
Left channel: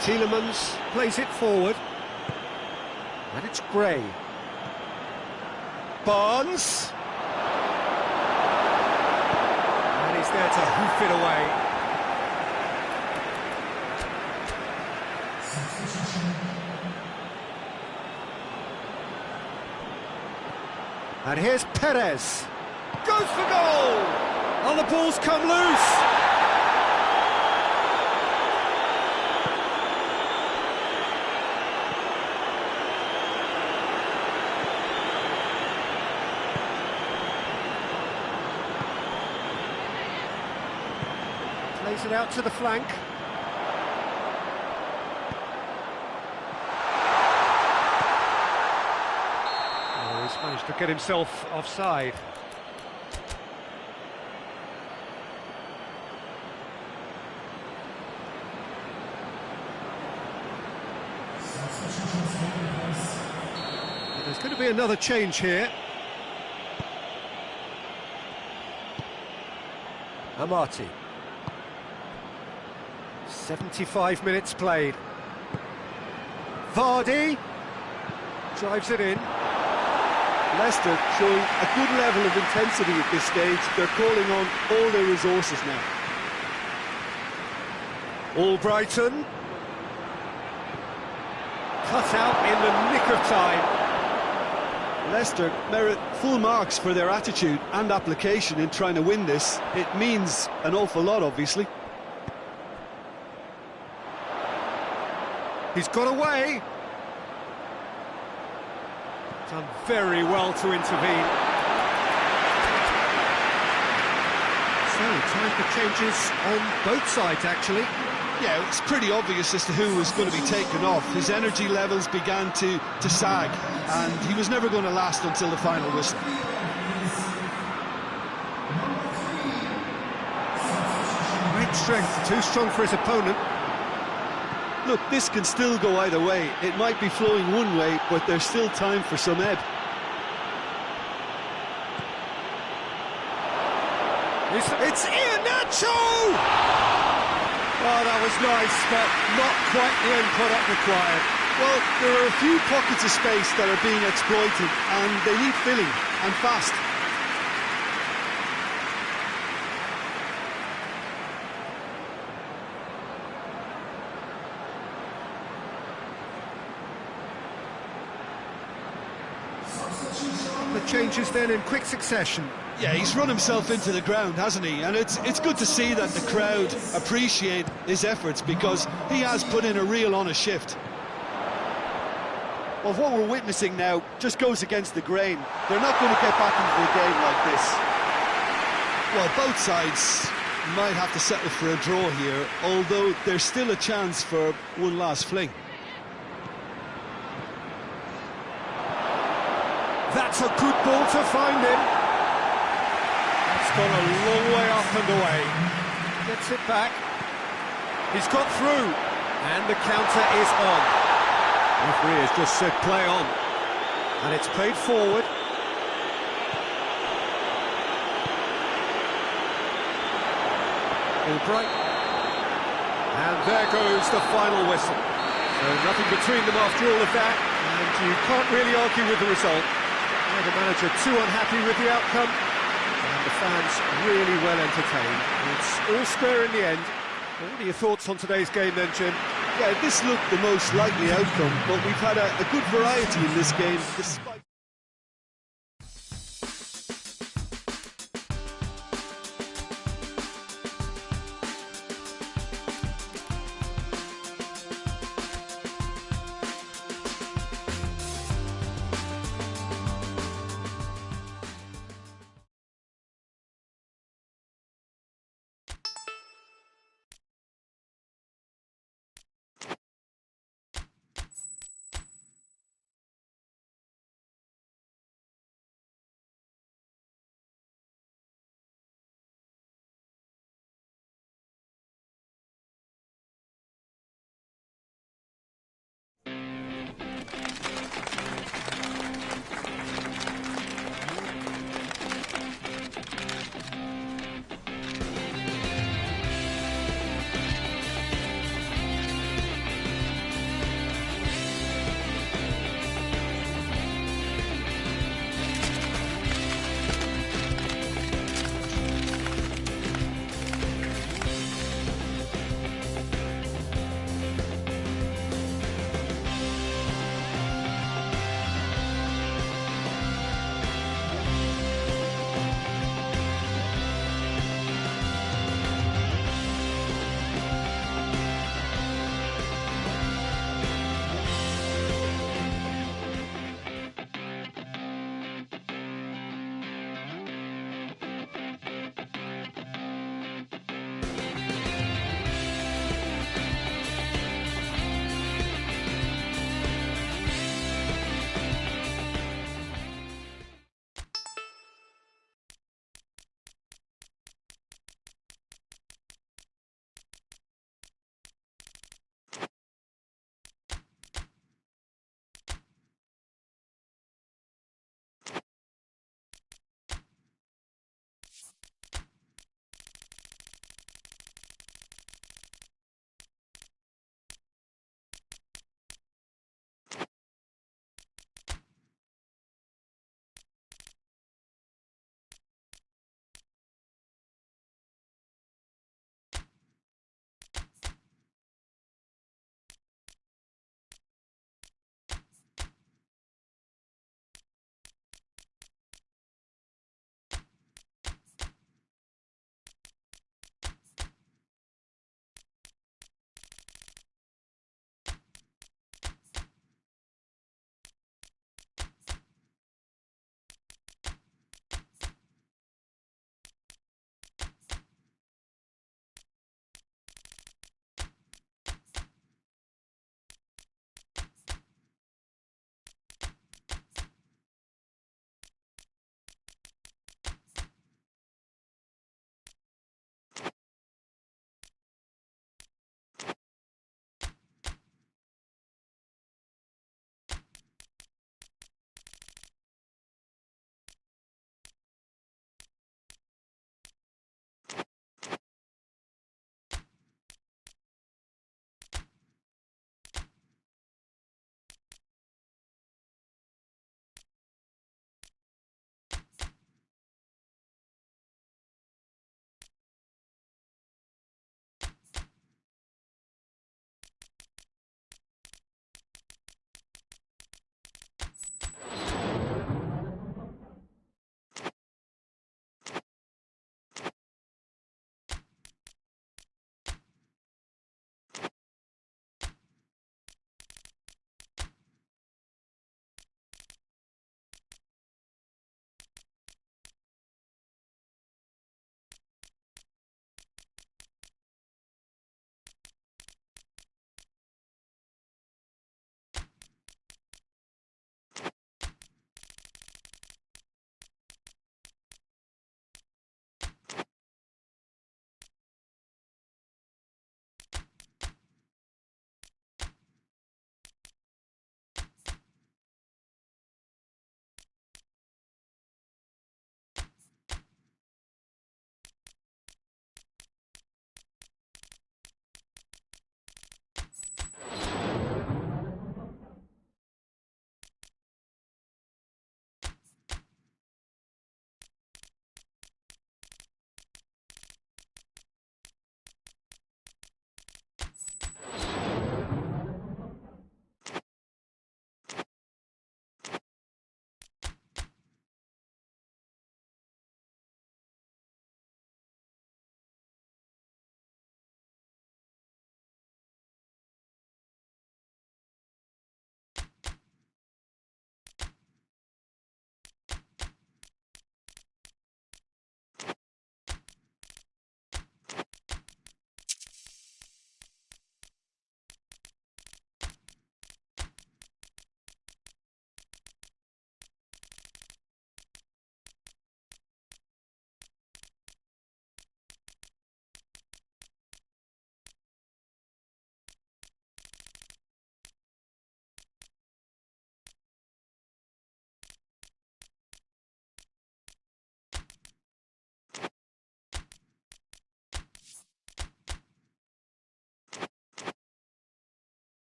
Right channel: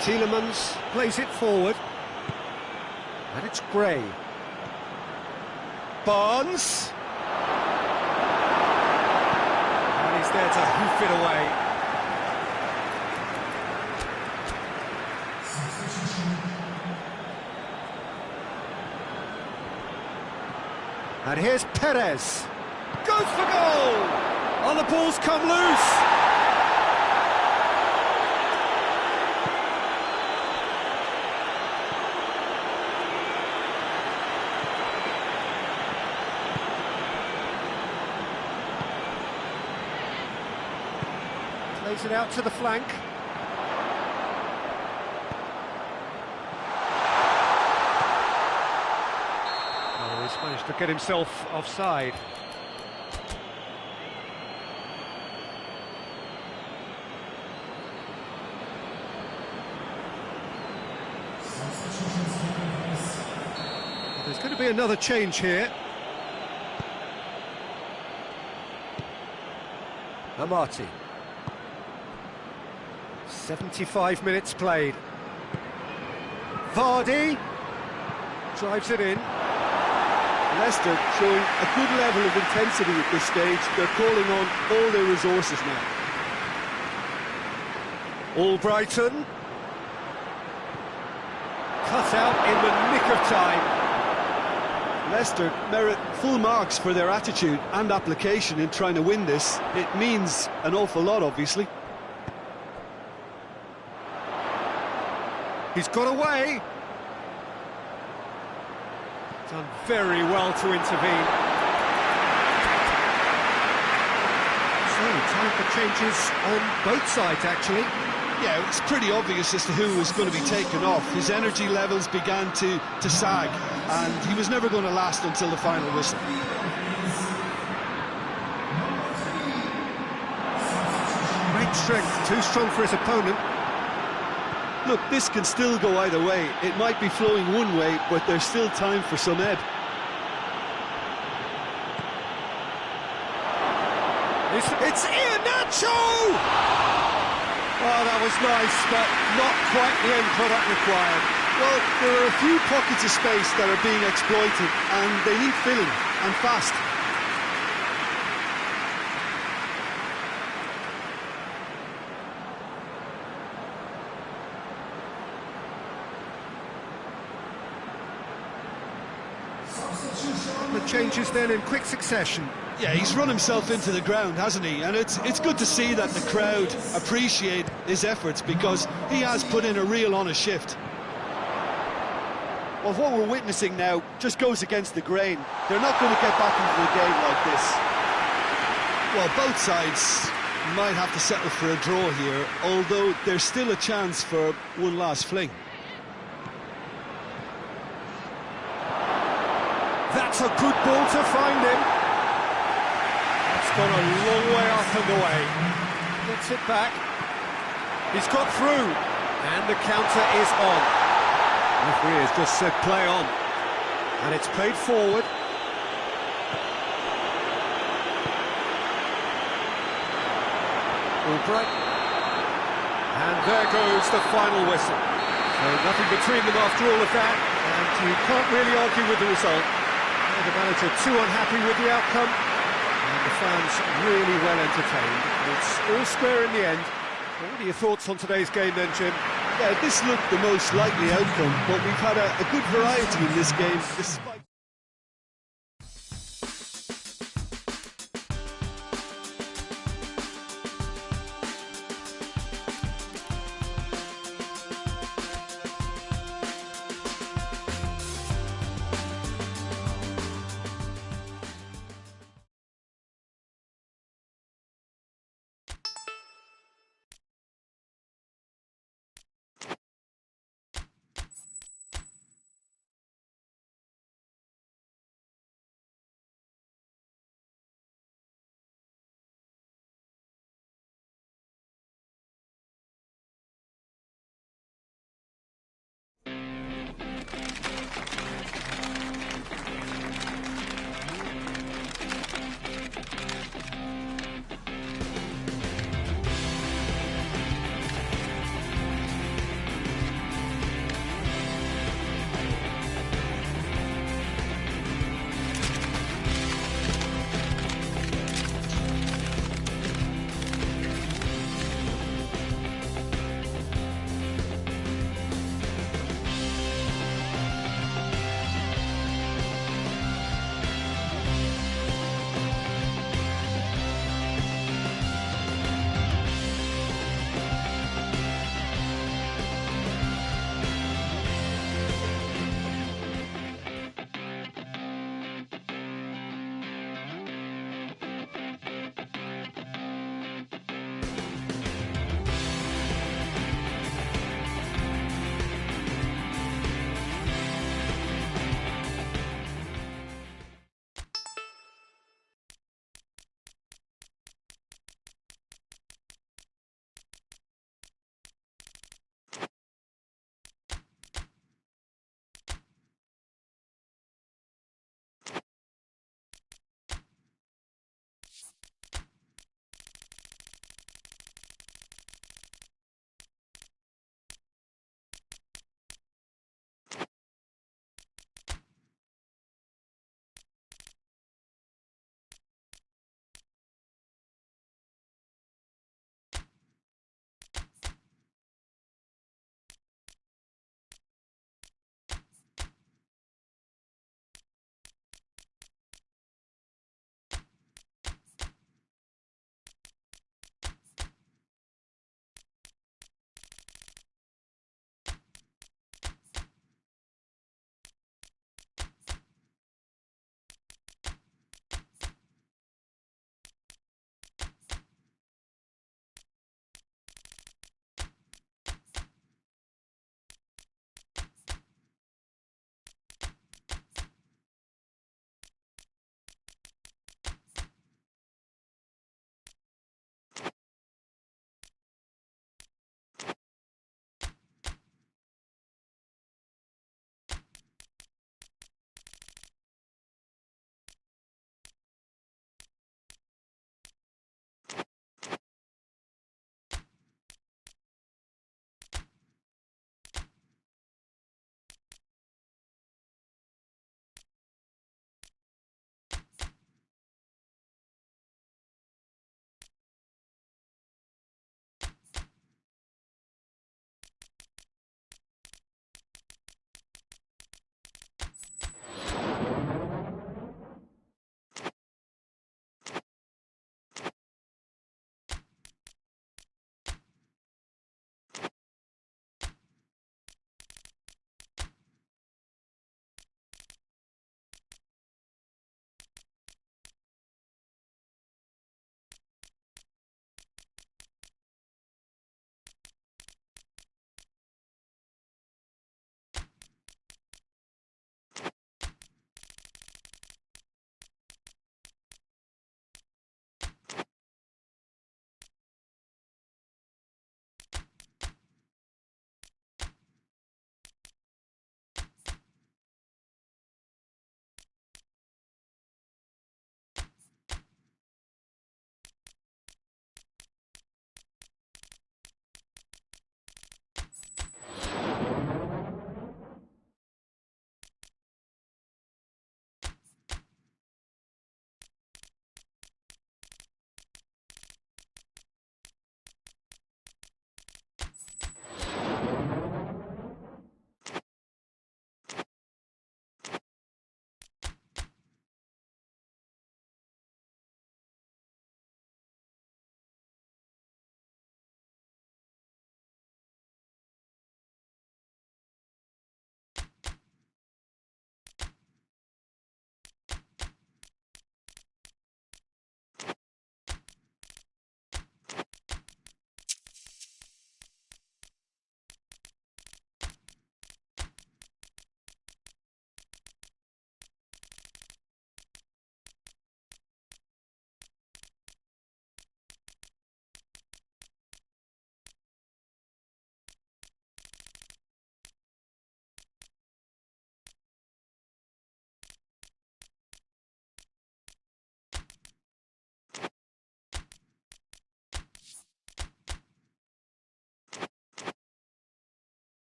Tielemans plays it forward. And it's Gray. Barnes. And he's there to hoof it away. And here's Perez. Goes for goal! Oh, the ball's come loose! Plays it out to the flank. Oh, he's managed to get himself offside. Well, there's going to be another change here. Amati. 75 minutes played. Vardy drives it in. Leicester showing a good level of intensity at this stage. They're calling on all their resources now. Albrighton. Cut out in the nick of time. Leicester merit full marks for their attitude and application in trying to win this. It means an awful lot, obviously. He's got away. Done very well to intervene. So, time for changes on both sides, actually. Yeah, it was pretty obvious as to who was going to be taken off. His energy levels began to sag, and he was never going to last until the final whistle. Great strength, too strong for his opponent. Look, this can still go either way. It might be flowing one way, but there's still time for some ebb. It's Iheanacho! Oh, that was nice, but not quite the end product required. Well, there are a few pockets of space that are being exploited, and they need filling, and fast. The changes then in quick succession. Yeah, he's run himself into the ground, hasn't he? And it's good to see that the crowd appreciate his efforts, because he has put in a real honest shift. Well, what we're witnessing now just goes against the grain. They're not going to get back into the game like this. Well, both sides might have to settle for a draw here, although there's still a chance for one last fling. That's a good ball to find him. That's gone a long way up and away. Gets it back. He's got through. And the counter is on. Referee has just said play on. And it's played forward. Albright. And there goes the final whistle. So nothing between them after all of that. And you can't really argue with the result. The manager too unhappy with the outcome, and the fans really well entertained. It's all square in the end. What are your thoughts on today's game then, Jim? Yeah, this looked the most likely outcome, but we've had a good variety in this game, despite...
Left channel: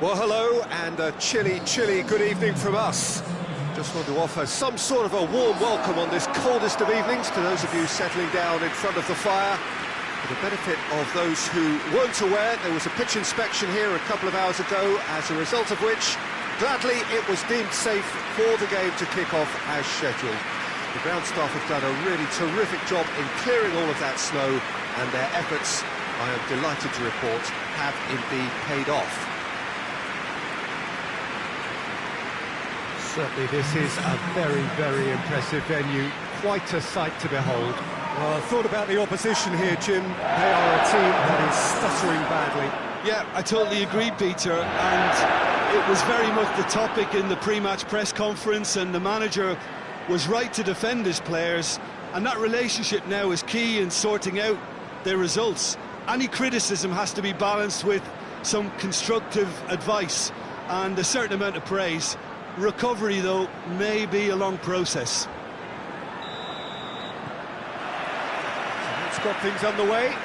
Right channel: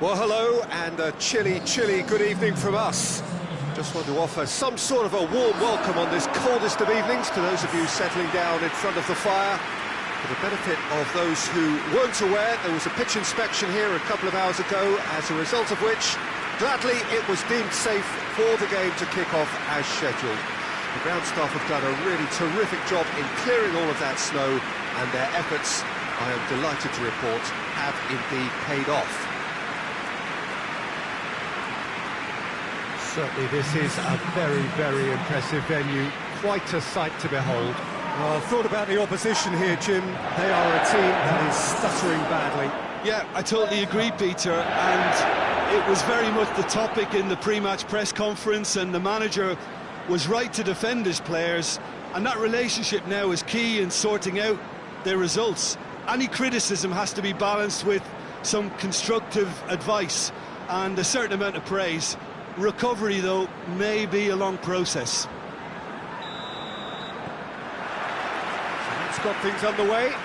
Well, hello, and a chilly good evening from us. Just want to offer some sort of a warm welcome on this coldest of evenings to those of you settling down in front of the fire. For the benefit of those who weren't aware, there was a pitch inspection here a couple of hours ago, as a result of which, gladly, it was deemed safe for the game to kick off as scheduled. The ground staff have done a really terrific job in clearing all of that snow, and their efforts, I am delighted to report, have indeed paid off. Certainly this is a very impressive venue, quite a sight to behold. Well, I thought about the opposition here, Jim. They are a team that is stuttering badly. Yeah, I totally agree, Peter, and it was very much the topic in the pre-match press conference, and the manager was right to defend his players, and that relationship now is key in sorting out their results. Any criticism has to be balanced with some constructive advice and a certain amount of praise. Recovery, though, may be a long process. So that's got things underway.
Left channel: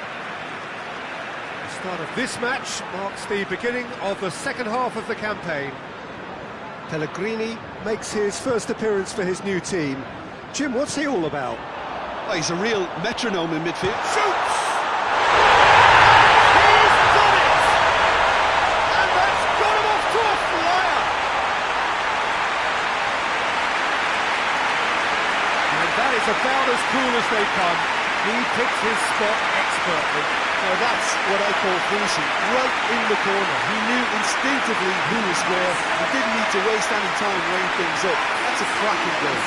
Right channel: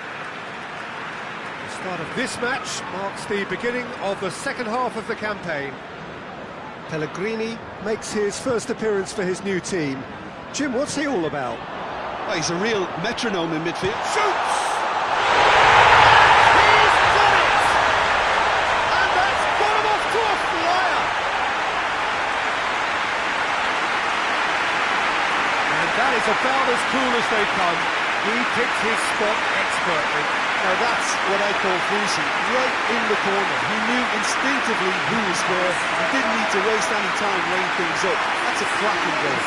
The start of this match marks the beginning of the second half of the campaign. Pellegrini makes his first appearance for his new team. Jim, what's he all about? Well, he's a real metronome in midfield. Shoots! He's done it! And that's got him off to a flyer! And that is about as cool as they come. He picked his spot expertly. Now that's what I call finishing, right in the corner. He knew instinctively who was where and didn't need to waste any time laying things up. That's a cracking goal.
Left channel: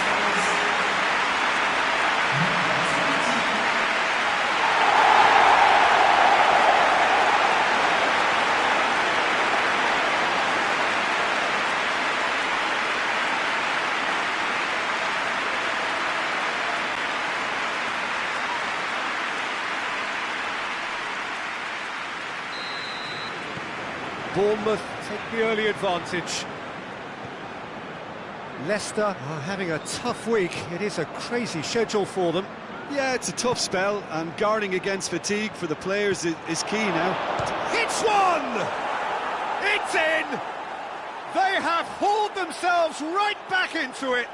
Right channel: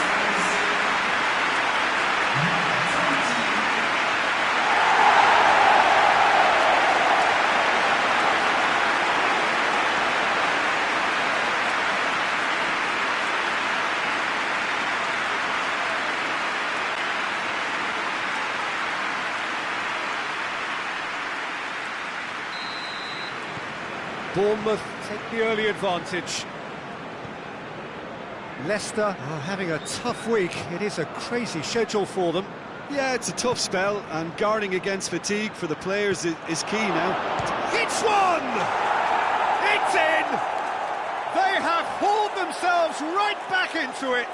Bournemouth take the early advantage. Leicester are having a tough week. It is a crazy schedule for them. Yeah, it's a tough spell, and guarding against fatigue for the players is key now. Hits one! It's in! They have hauled themselves right back into it.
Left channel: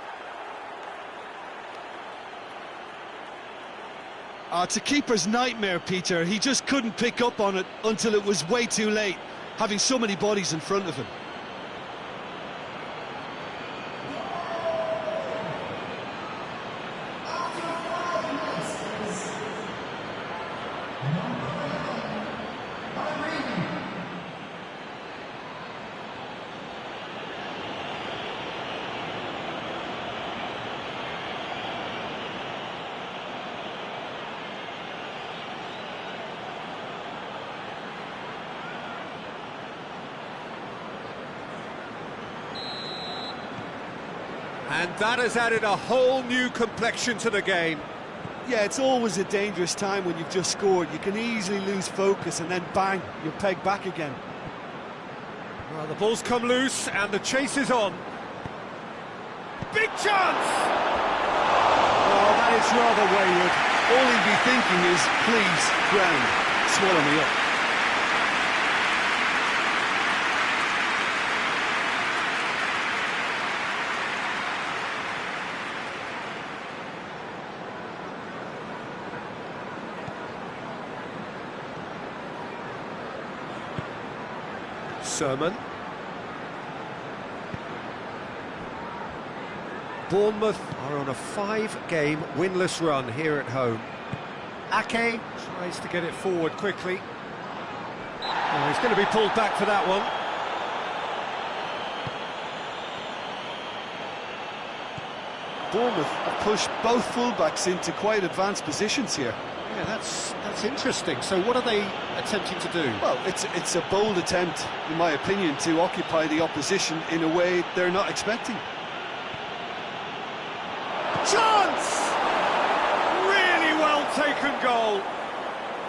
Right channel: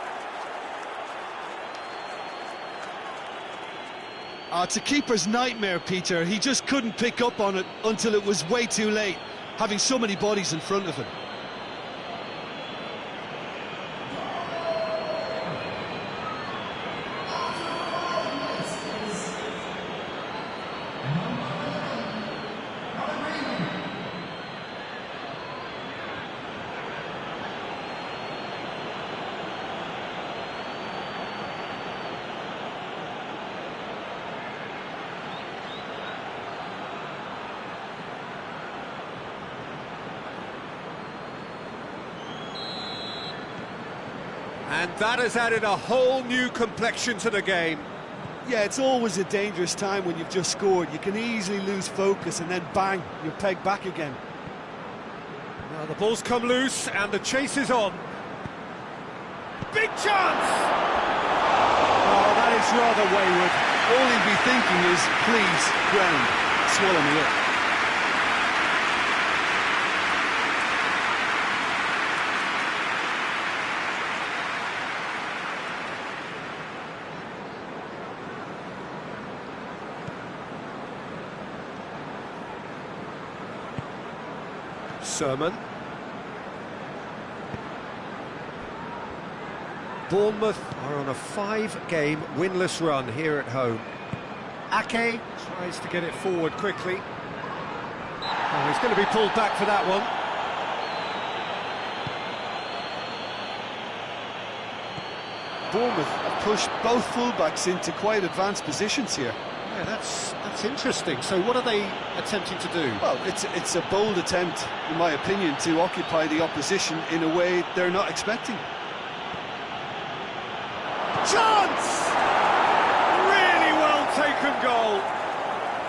It's a keeper's nightmare, Peter. He just couldn't pick up on it until it was way too late, having so many bodies in front of him. And that has added a whole new complexion to the game. Yeah, it's always a dangerous time when you've just scored. You can easily lose focus and then bang, you're pegged back again. Well, the ball's come loose and the chase is on. Big chance! Oh, that is rather wayward. All he'd be thinking is, please, ground, swallow me up. Sermon. Bournemouth are on a 5-game winless run here at home. Ake tries to get it forward quickly. Oh, he's going to be pulled back for that one. Bournemouth have pushed both fullbacks into quite advanced positions here. Yeah, that's interesting. So what are they attempting to do? Well, it's a bold attempt, in my opinion, to occupy the opposition in a way they're not expecting. Chance! Really well taken goal.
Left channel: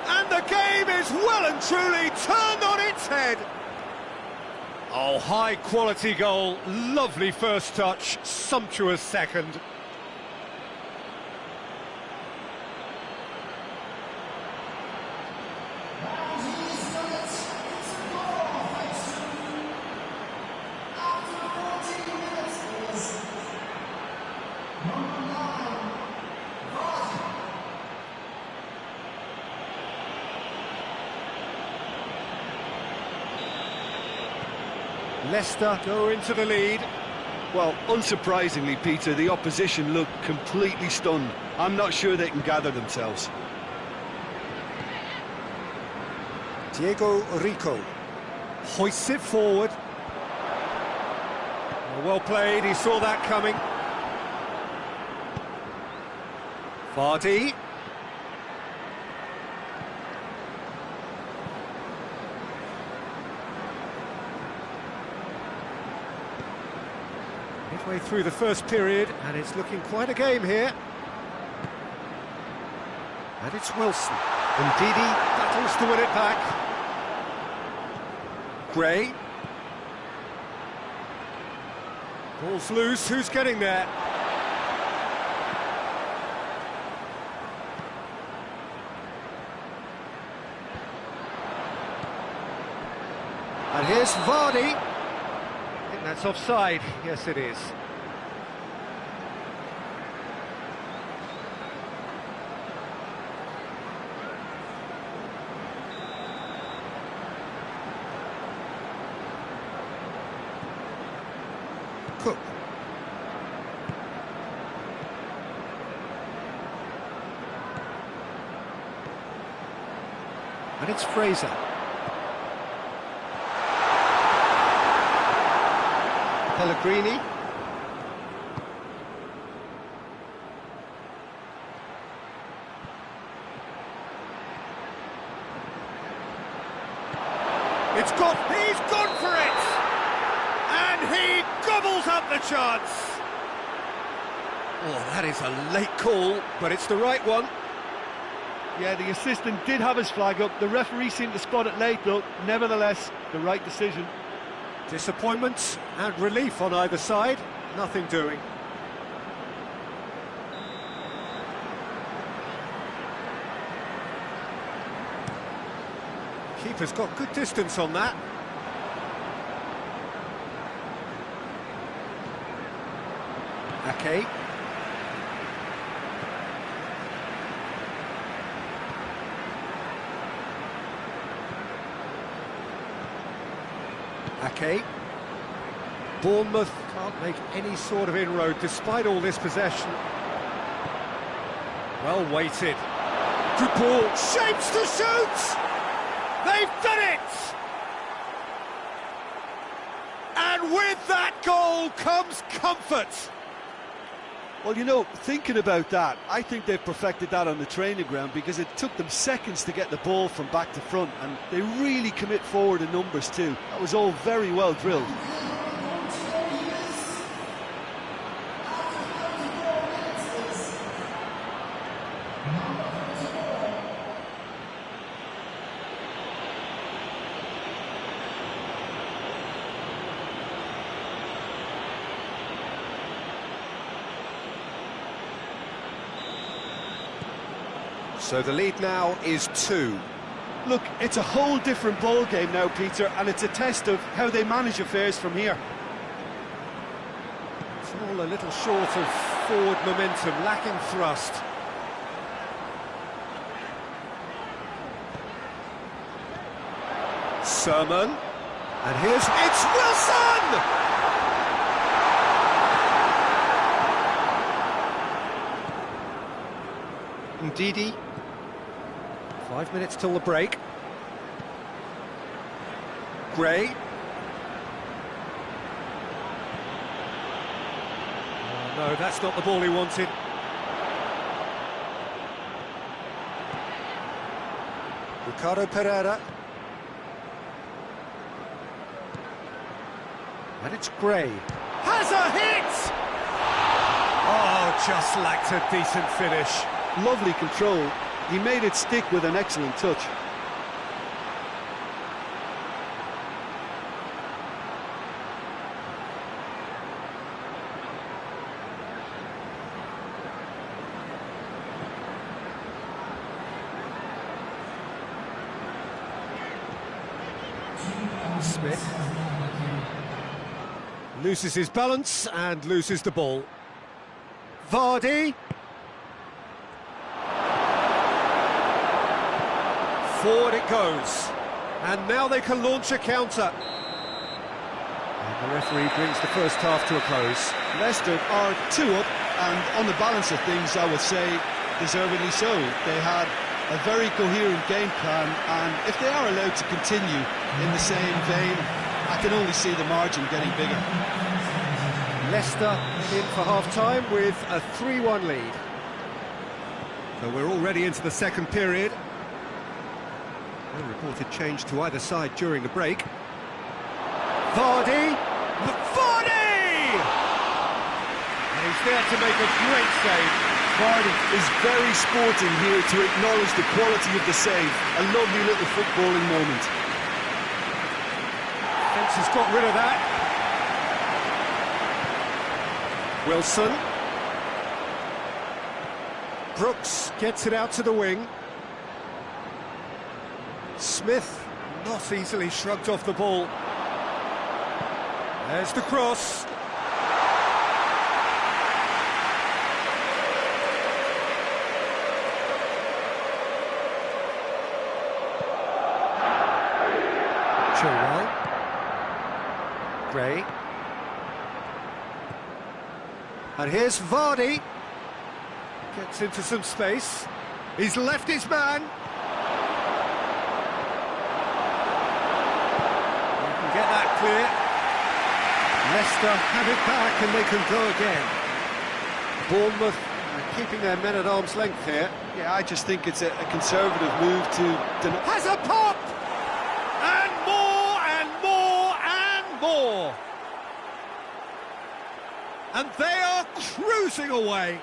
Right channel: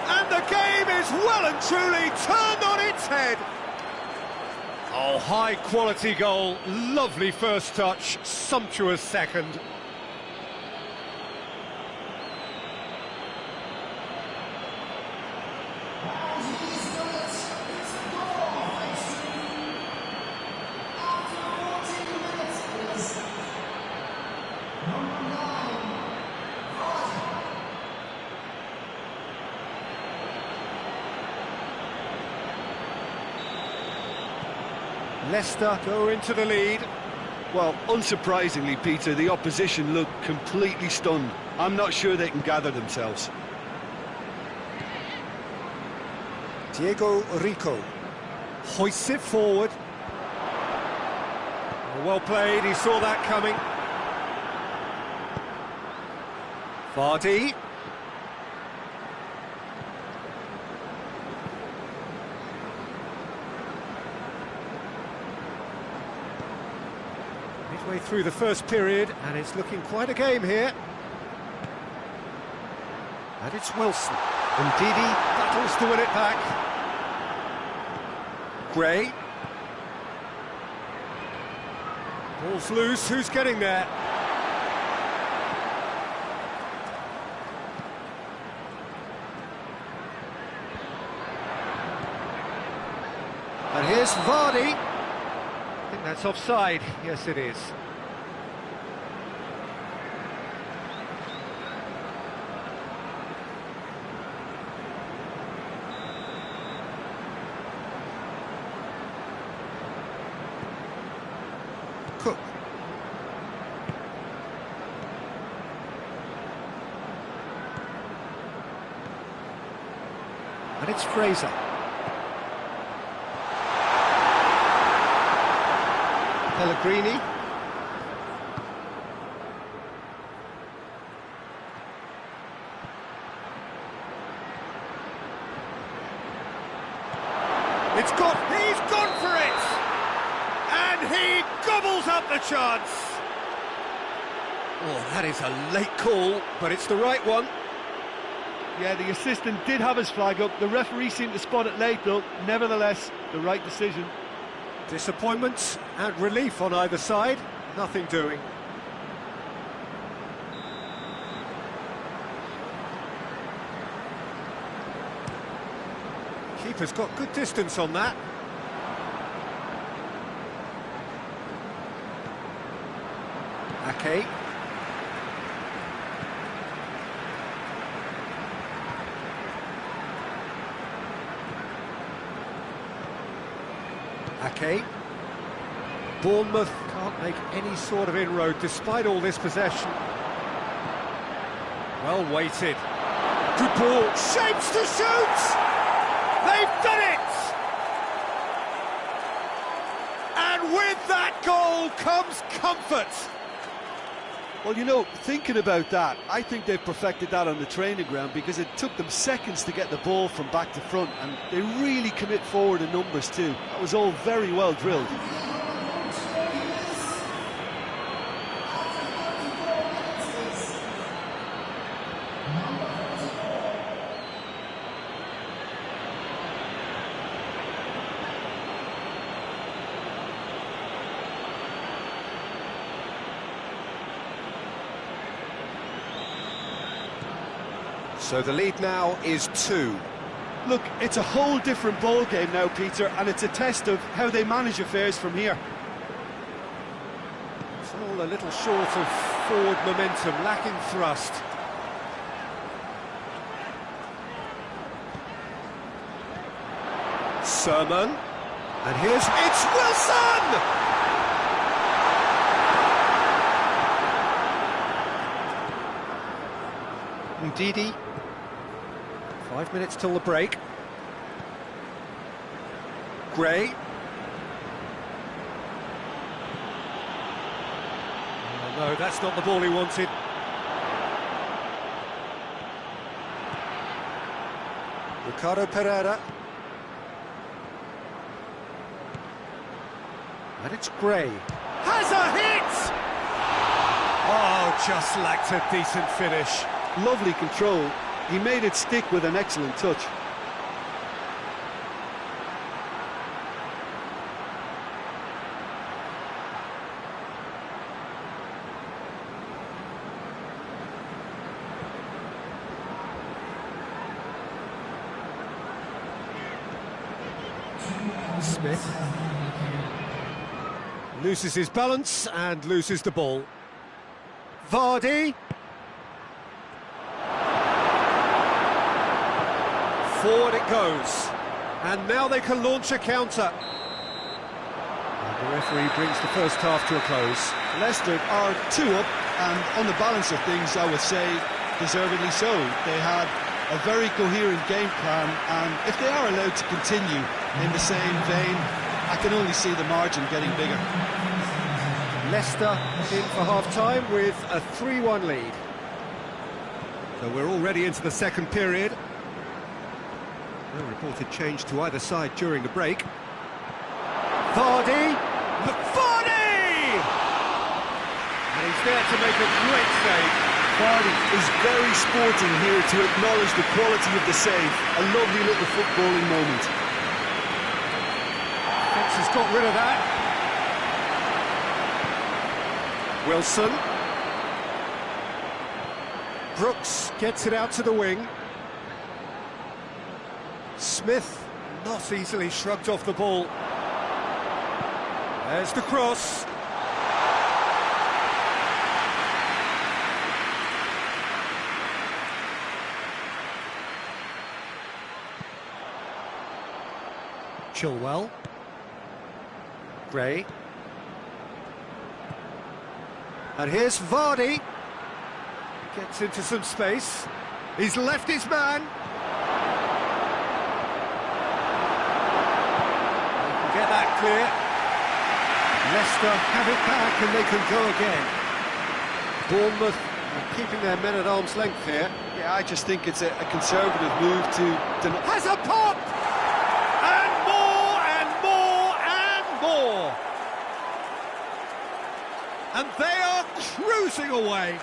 And the game is well and truly turned on its head. Oh, high quality goal. Lovely first touch, sumptuous second. Leicester go into the lead. Well, unsurprisingly, Peter, the opposition look completely stunned. I'm not sure they can gather themselves. Diego Rico hoists it forward. Well played, he saw that coming. Vardy. Midway through the first period, and it's looking quite a game here. And it's Wilson. And Didi battles to win it back. Gray. Ball's loose, who's getting there? And here's Vardy. I think that's offside. Yes, it is. Cook. And it's Fraser. Pellegrini. He's gone for it! And he gobbles up the chance! Oh, that is a late call, but it's the right one. Yeah, the assistant did have his flag up. The referee seemed to spot it late, though. Nevertheless, the right decision. Disappointment and relief on either side, nothing doing. Keeper's got good distance on that. Ake. Ake. Bournemouth can't make any sort of inroad despite all this possession. Well weighted. Good ball. Shapes to shoot! They've done it! And with that goal comes comfort. Well, you know, thinking about that, I think they've perfected that on the training ground because it took them seconds to get the ball from back to front, and they really commit forward in numbers too. That was all very well drilled. So the lead now is 2. Look, it's a whole different ball game now, Peter, and it's a test of how they manage affairs from here. It's all a little short of forward momentum, lacking thrust. Sermon. And it's Wilson! Ndidi. 5 minutes till the break. Gray. Oh no, that's not the ball he wanted. Ricardo Pereira. And it's Gray. Has a hit! Oh, just lacked a decent finish. Lovely control. He made it stick with an excellent touch. Smith loses his balance and loses the ball. Vardy. Forward it goes, and now they can launch a counter. And the referee brings the first half to a close. Leicester are 2 up, and on the balance of things, I would say deservedly so. They had a very coherent game plan, and if they are allowed to continue in the same vein, I can only see the margin getting bigger. Leicester head in for half-time with a 3-1 lead. So we're already into the second period. No reported change to either side during the break. Vardy! Look, Vardy! And he's there to make a great save. Vardy is very sporting here to acknowledge the quality of the save. A lovely little footballing moment. Fence has got rid of that. Wilson. Brooks gets it out to the wing. Smith not easily shrugged off the ball. There's the cross. Chilwell. Gray. And here's Vardy. Gets into some space. He's left his man. They can get that clear. Leicester have it back and they can go again. Bournemouth are keeping their men at arm's length here. Yeah, I just think it's a conservative move to deny. Has a pop! And more and more and more! And they are cruising away.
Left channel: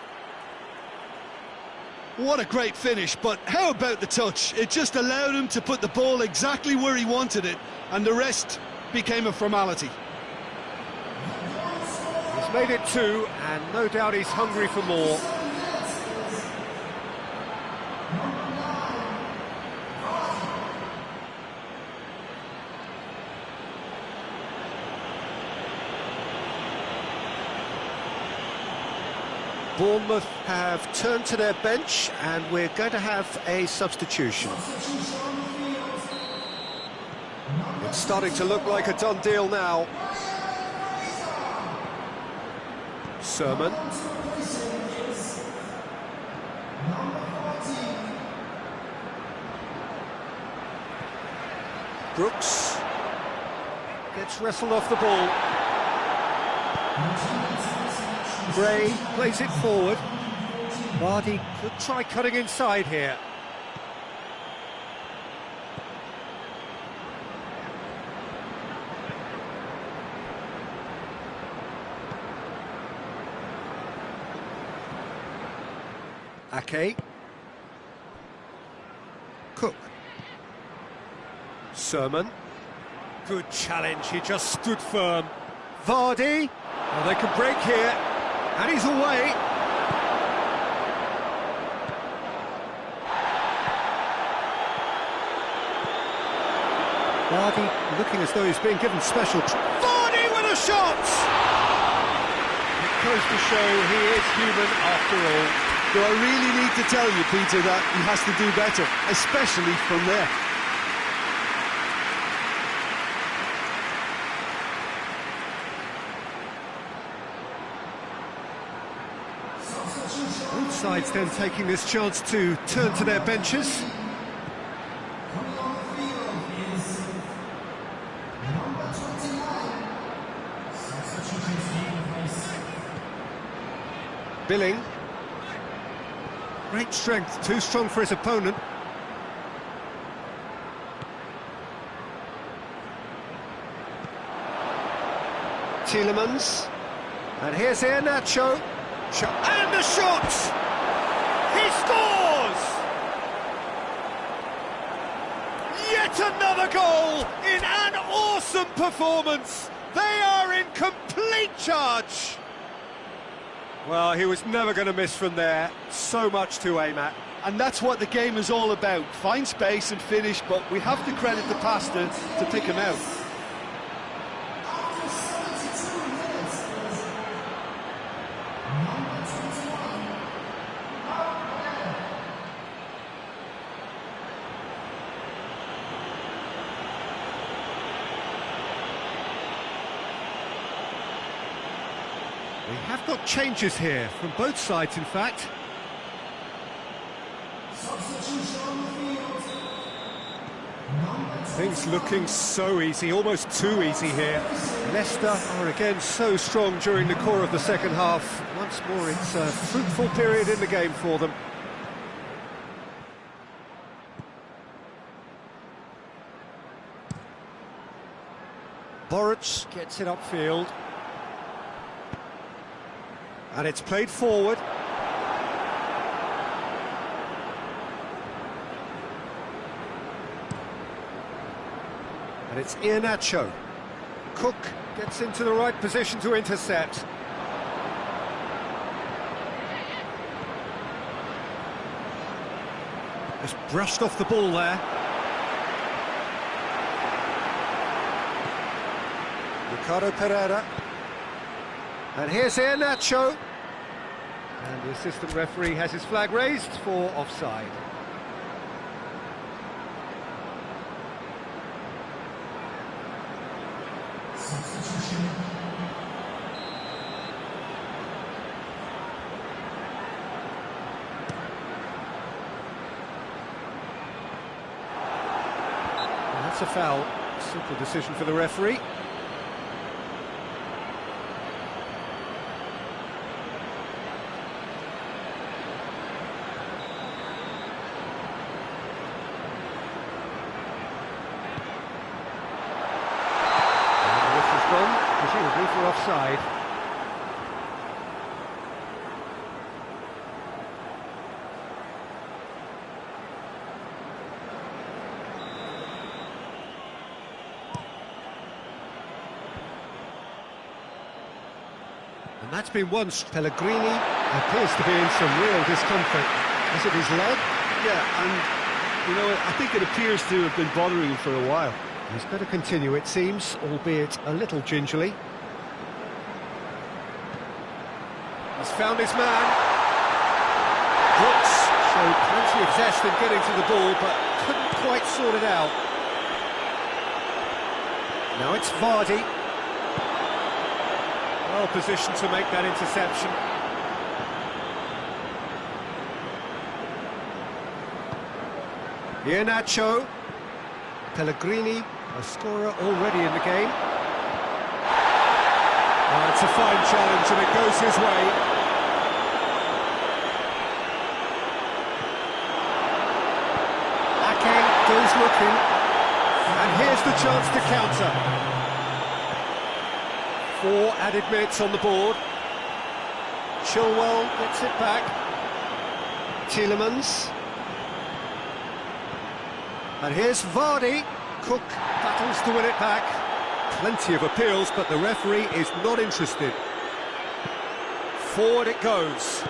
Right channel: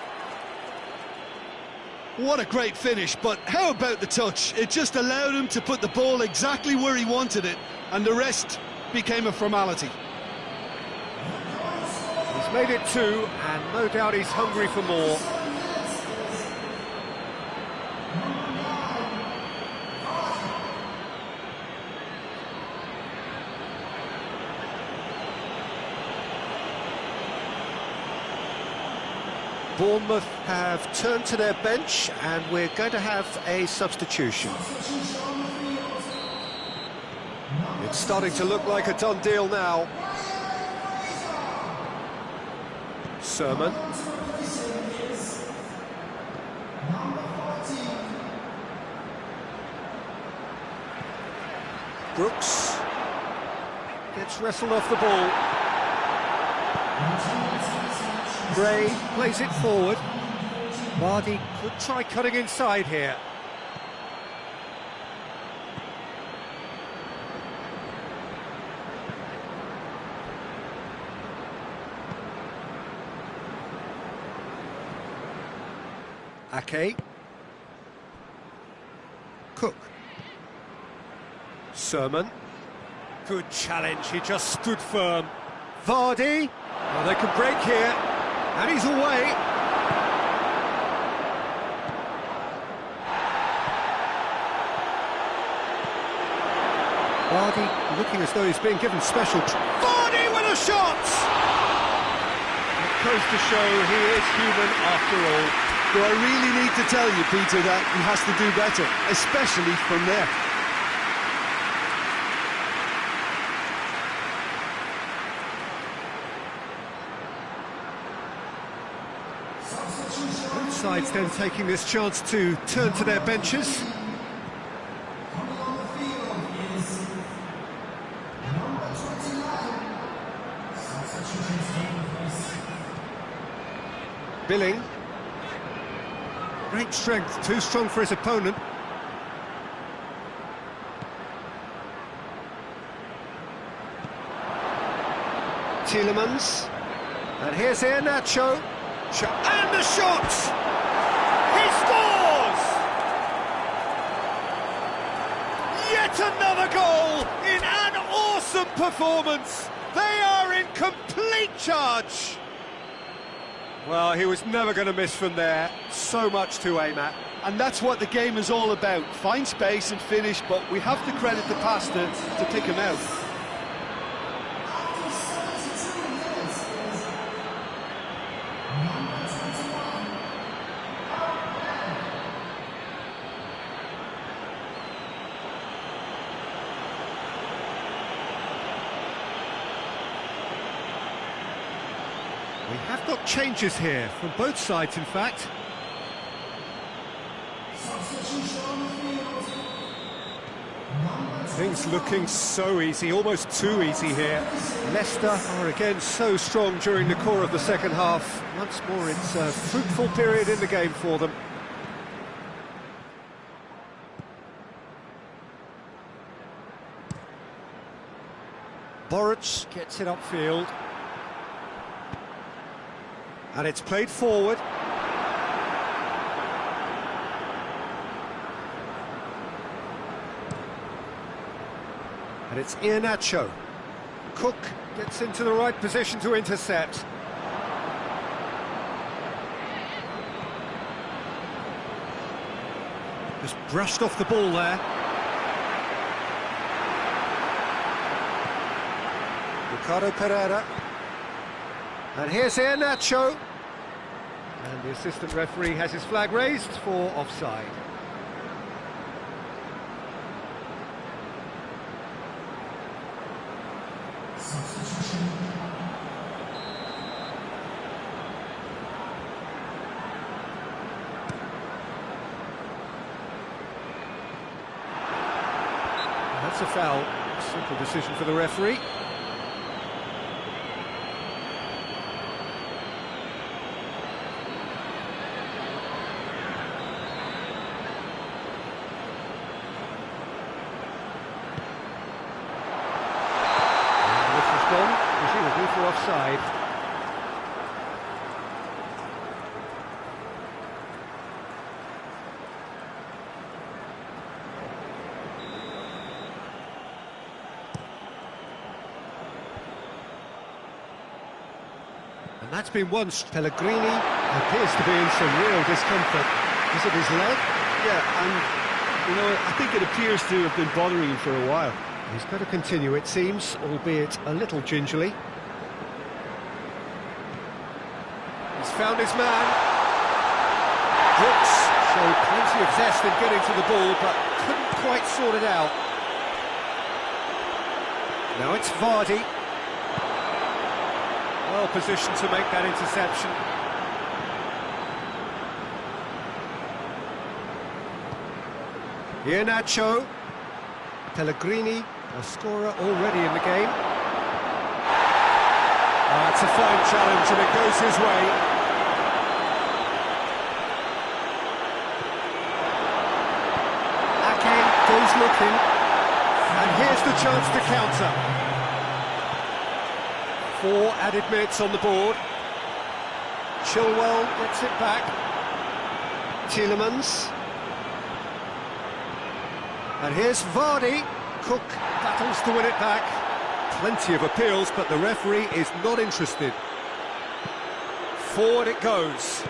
What a great finish, but how about the touch? It just allowed him to put the ball exactly where he wanted it, and the rest became a formality. He's made it 2, and no doubt he's hungry for more. Bournemouth have turned to their bench, and we're going to have a substitution. It's starting to look like a done deal now. Sermon. Brooks gets wrestled off the ball. Gray plays it forward. Vardy could try cutting inside here. Ake. Cook. Sermon. Good challenge, he just stood firm. Vardy. Well, they can break here. And he's away. Vardy looking as though he's being given special... Vardy with a shot! It goes to show he is human after all. Do I really need to tell you, Peter, that he has to do better, especially from there? Both sides then taking this chance to turn to their benches. Billing. Great strength, too strong for his opponent. Tielemans. And here's Iheanacho. And the shot! He scores! Yet another goal in an awesome performance. They are in complete charge. Well, he was never going to miss from there. So much to aim at. And that's what the game is all about. Find space and finish, but we have to credit the passer to pick him out. We have got changes here, from both sides in fact. Things looking so easy, almost too easy here. Leicester are again so strong during the core of the second half. Once more, it's a fruitful period in the game for them. Boruc gets it upfield. And it's played forward. And it's Iheanacho. Cook gets into the right position to intercept. Just brushed off the ball there. Ricardo Pereira. And here's Iheanacho. And the assistant referee has his flag raised for offside. That's a foul. Simple decision for the referee. And this has gone, presumably for offside. And that's been once. Pellegrini appears to be in some real discomfort. Is it his leg? Yeah, and, you know, I think it appears to have been bothering him for a while. He's got to continue, it seems, albeit a little gingerly. He's found his man. Brooks showed plenty of zest in getting to the ball, but couldn't quite sort it out. Now it's Vardy. Well positioned to make that interception. Iheanacho. Pellegrini, a scorer already in the game. It's a fine challenge and it goes his way. Ake goes looking. And here's the chance to counter. 4 added minutes on the board. Chilwell gets it back. Tielemans. And here's Vardy. Cook battles to win it back. Plenty of appeals, but the referee is not interested. Forward it goes.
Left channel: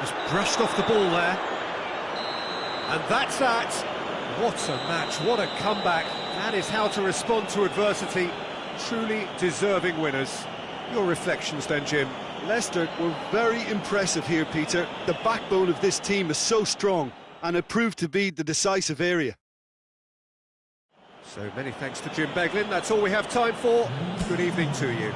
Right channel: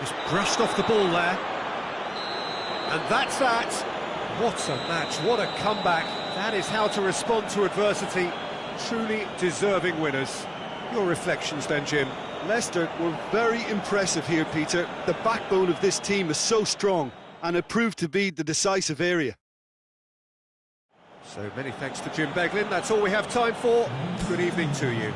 Just brushed off the ball there. And that's that. What a match, what a comeback. That is how to respond to adversity. Truly deserving winners. Your reflections then, Jim? Leicester were very impressive here, Peter. The backbone of this team is so strong, and it proved to be the decisive area. So many thanks to Jim Beglin. That's all we have time for. Good evening to you.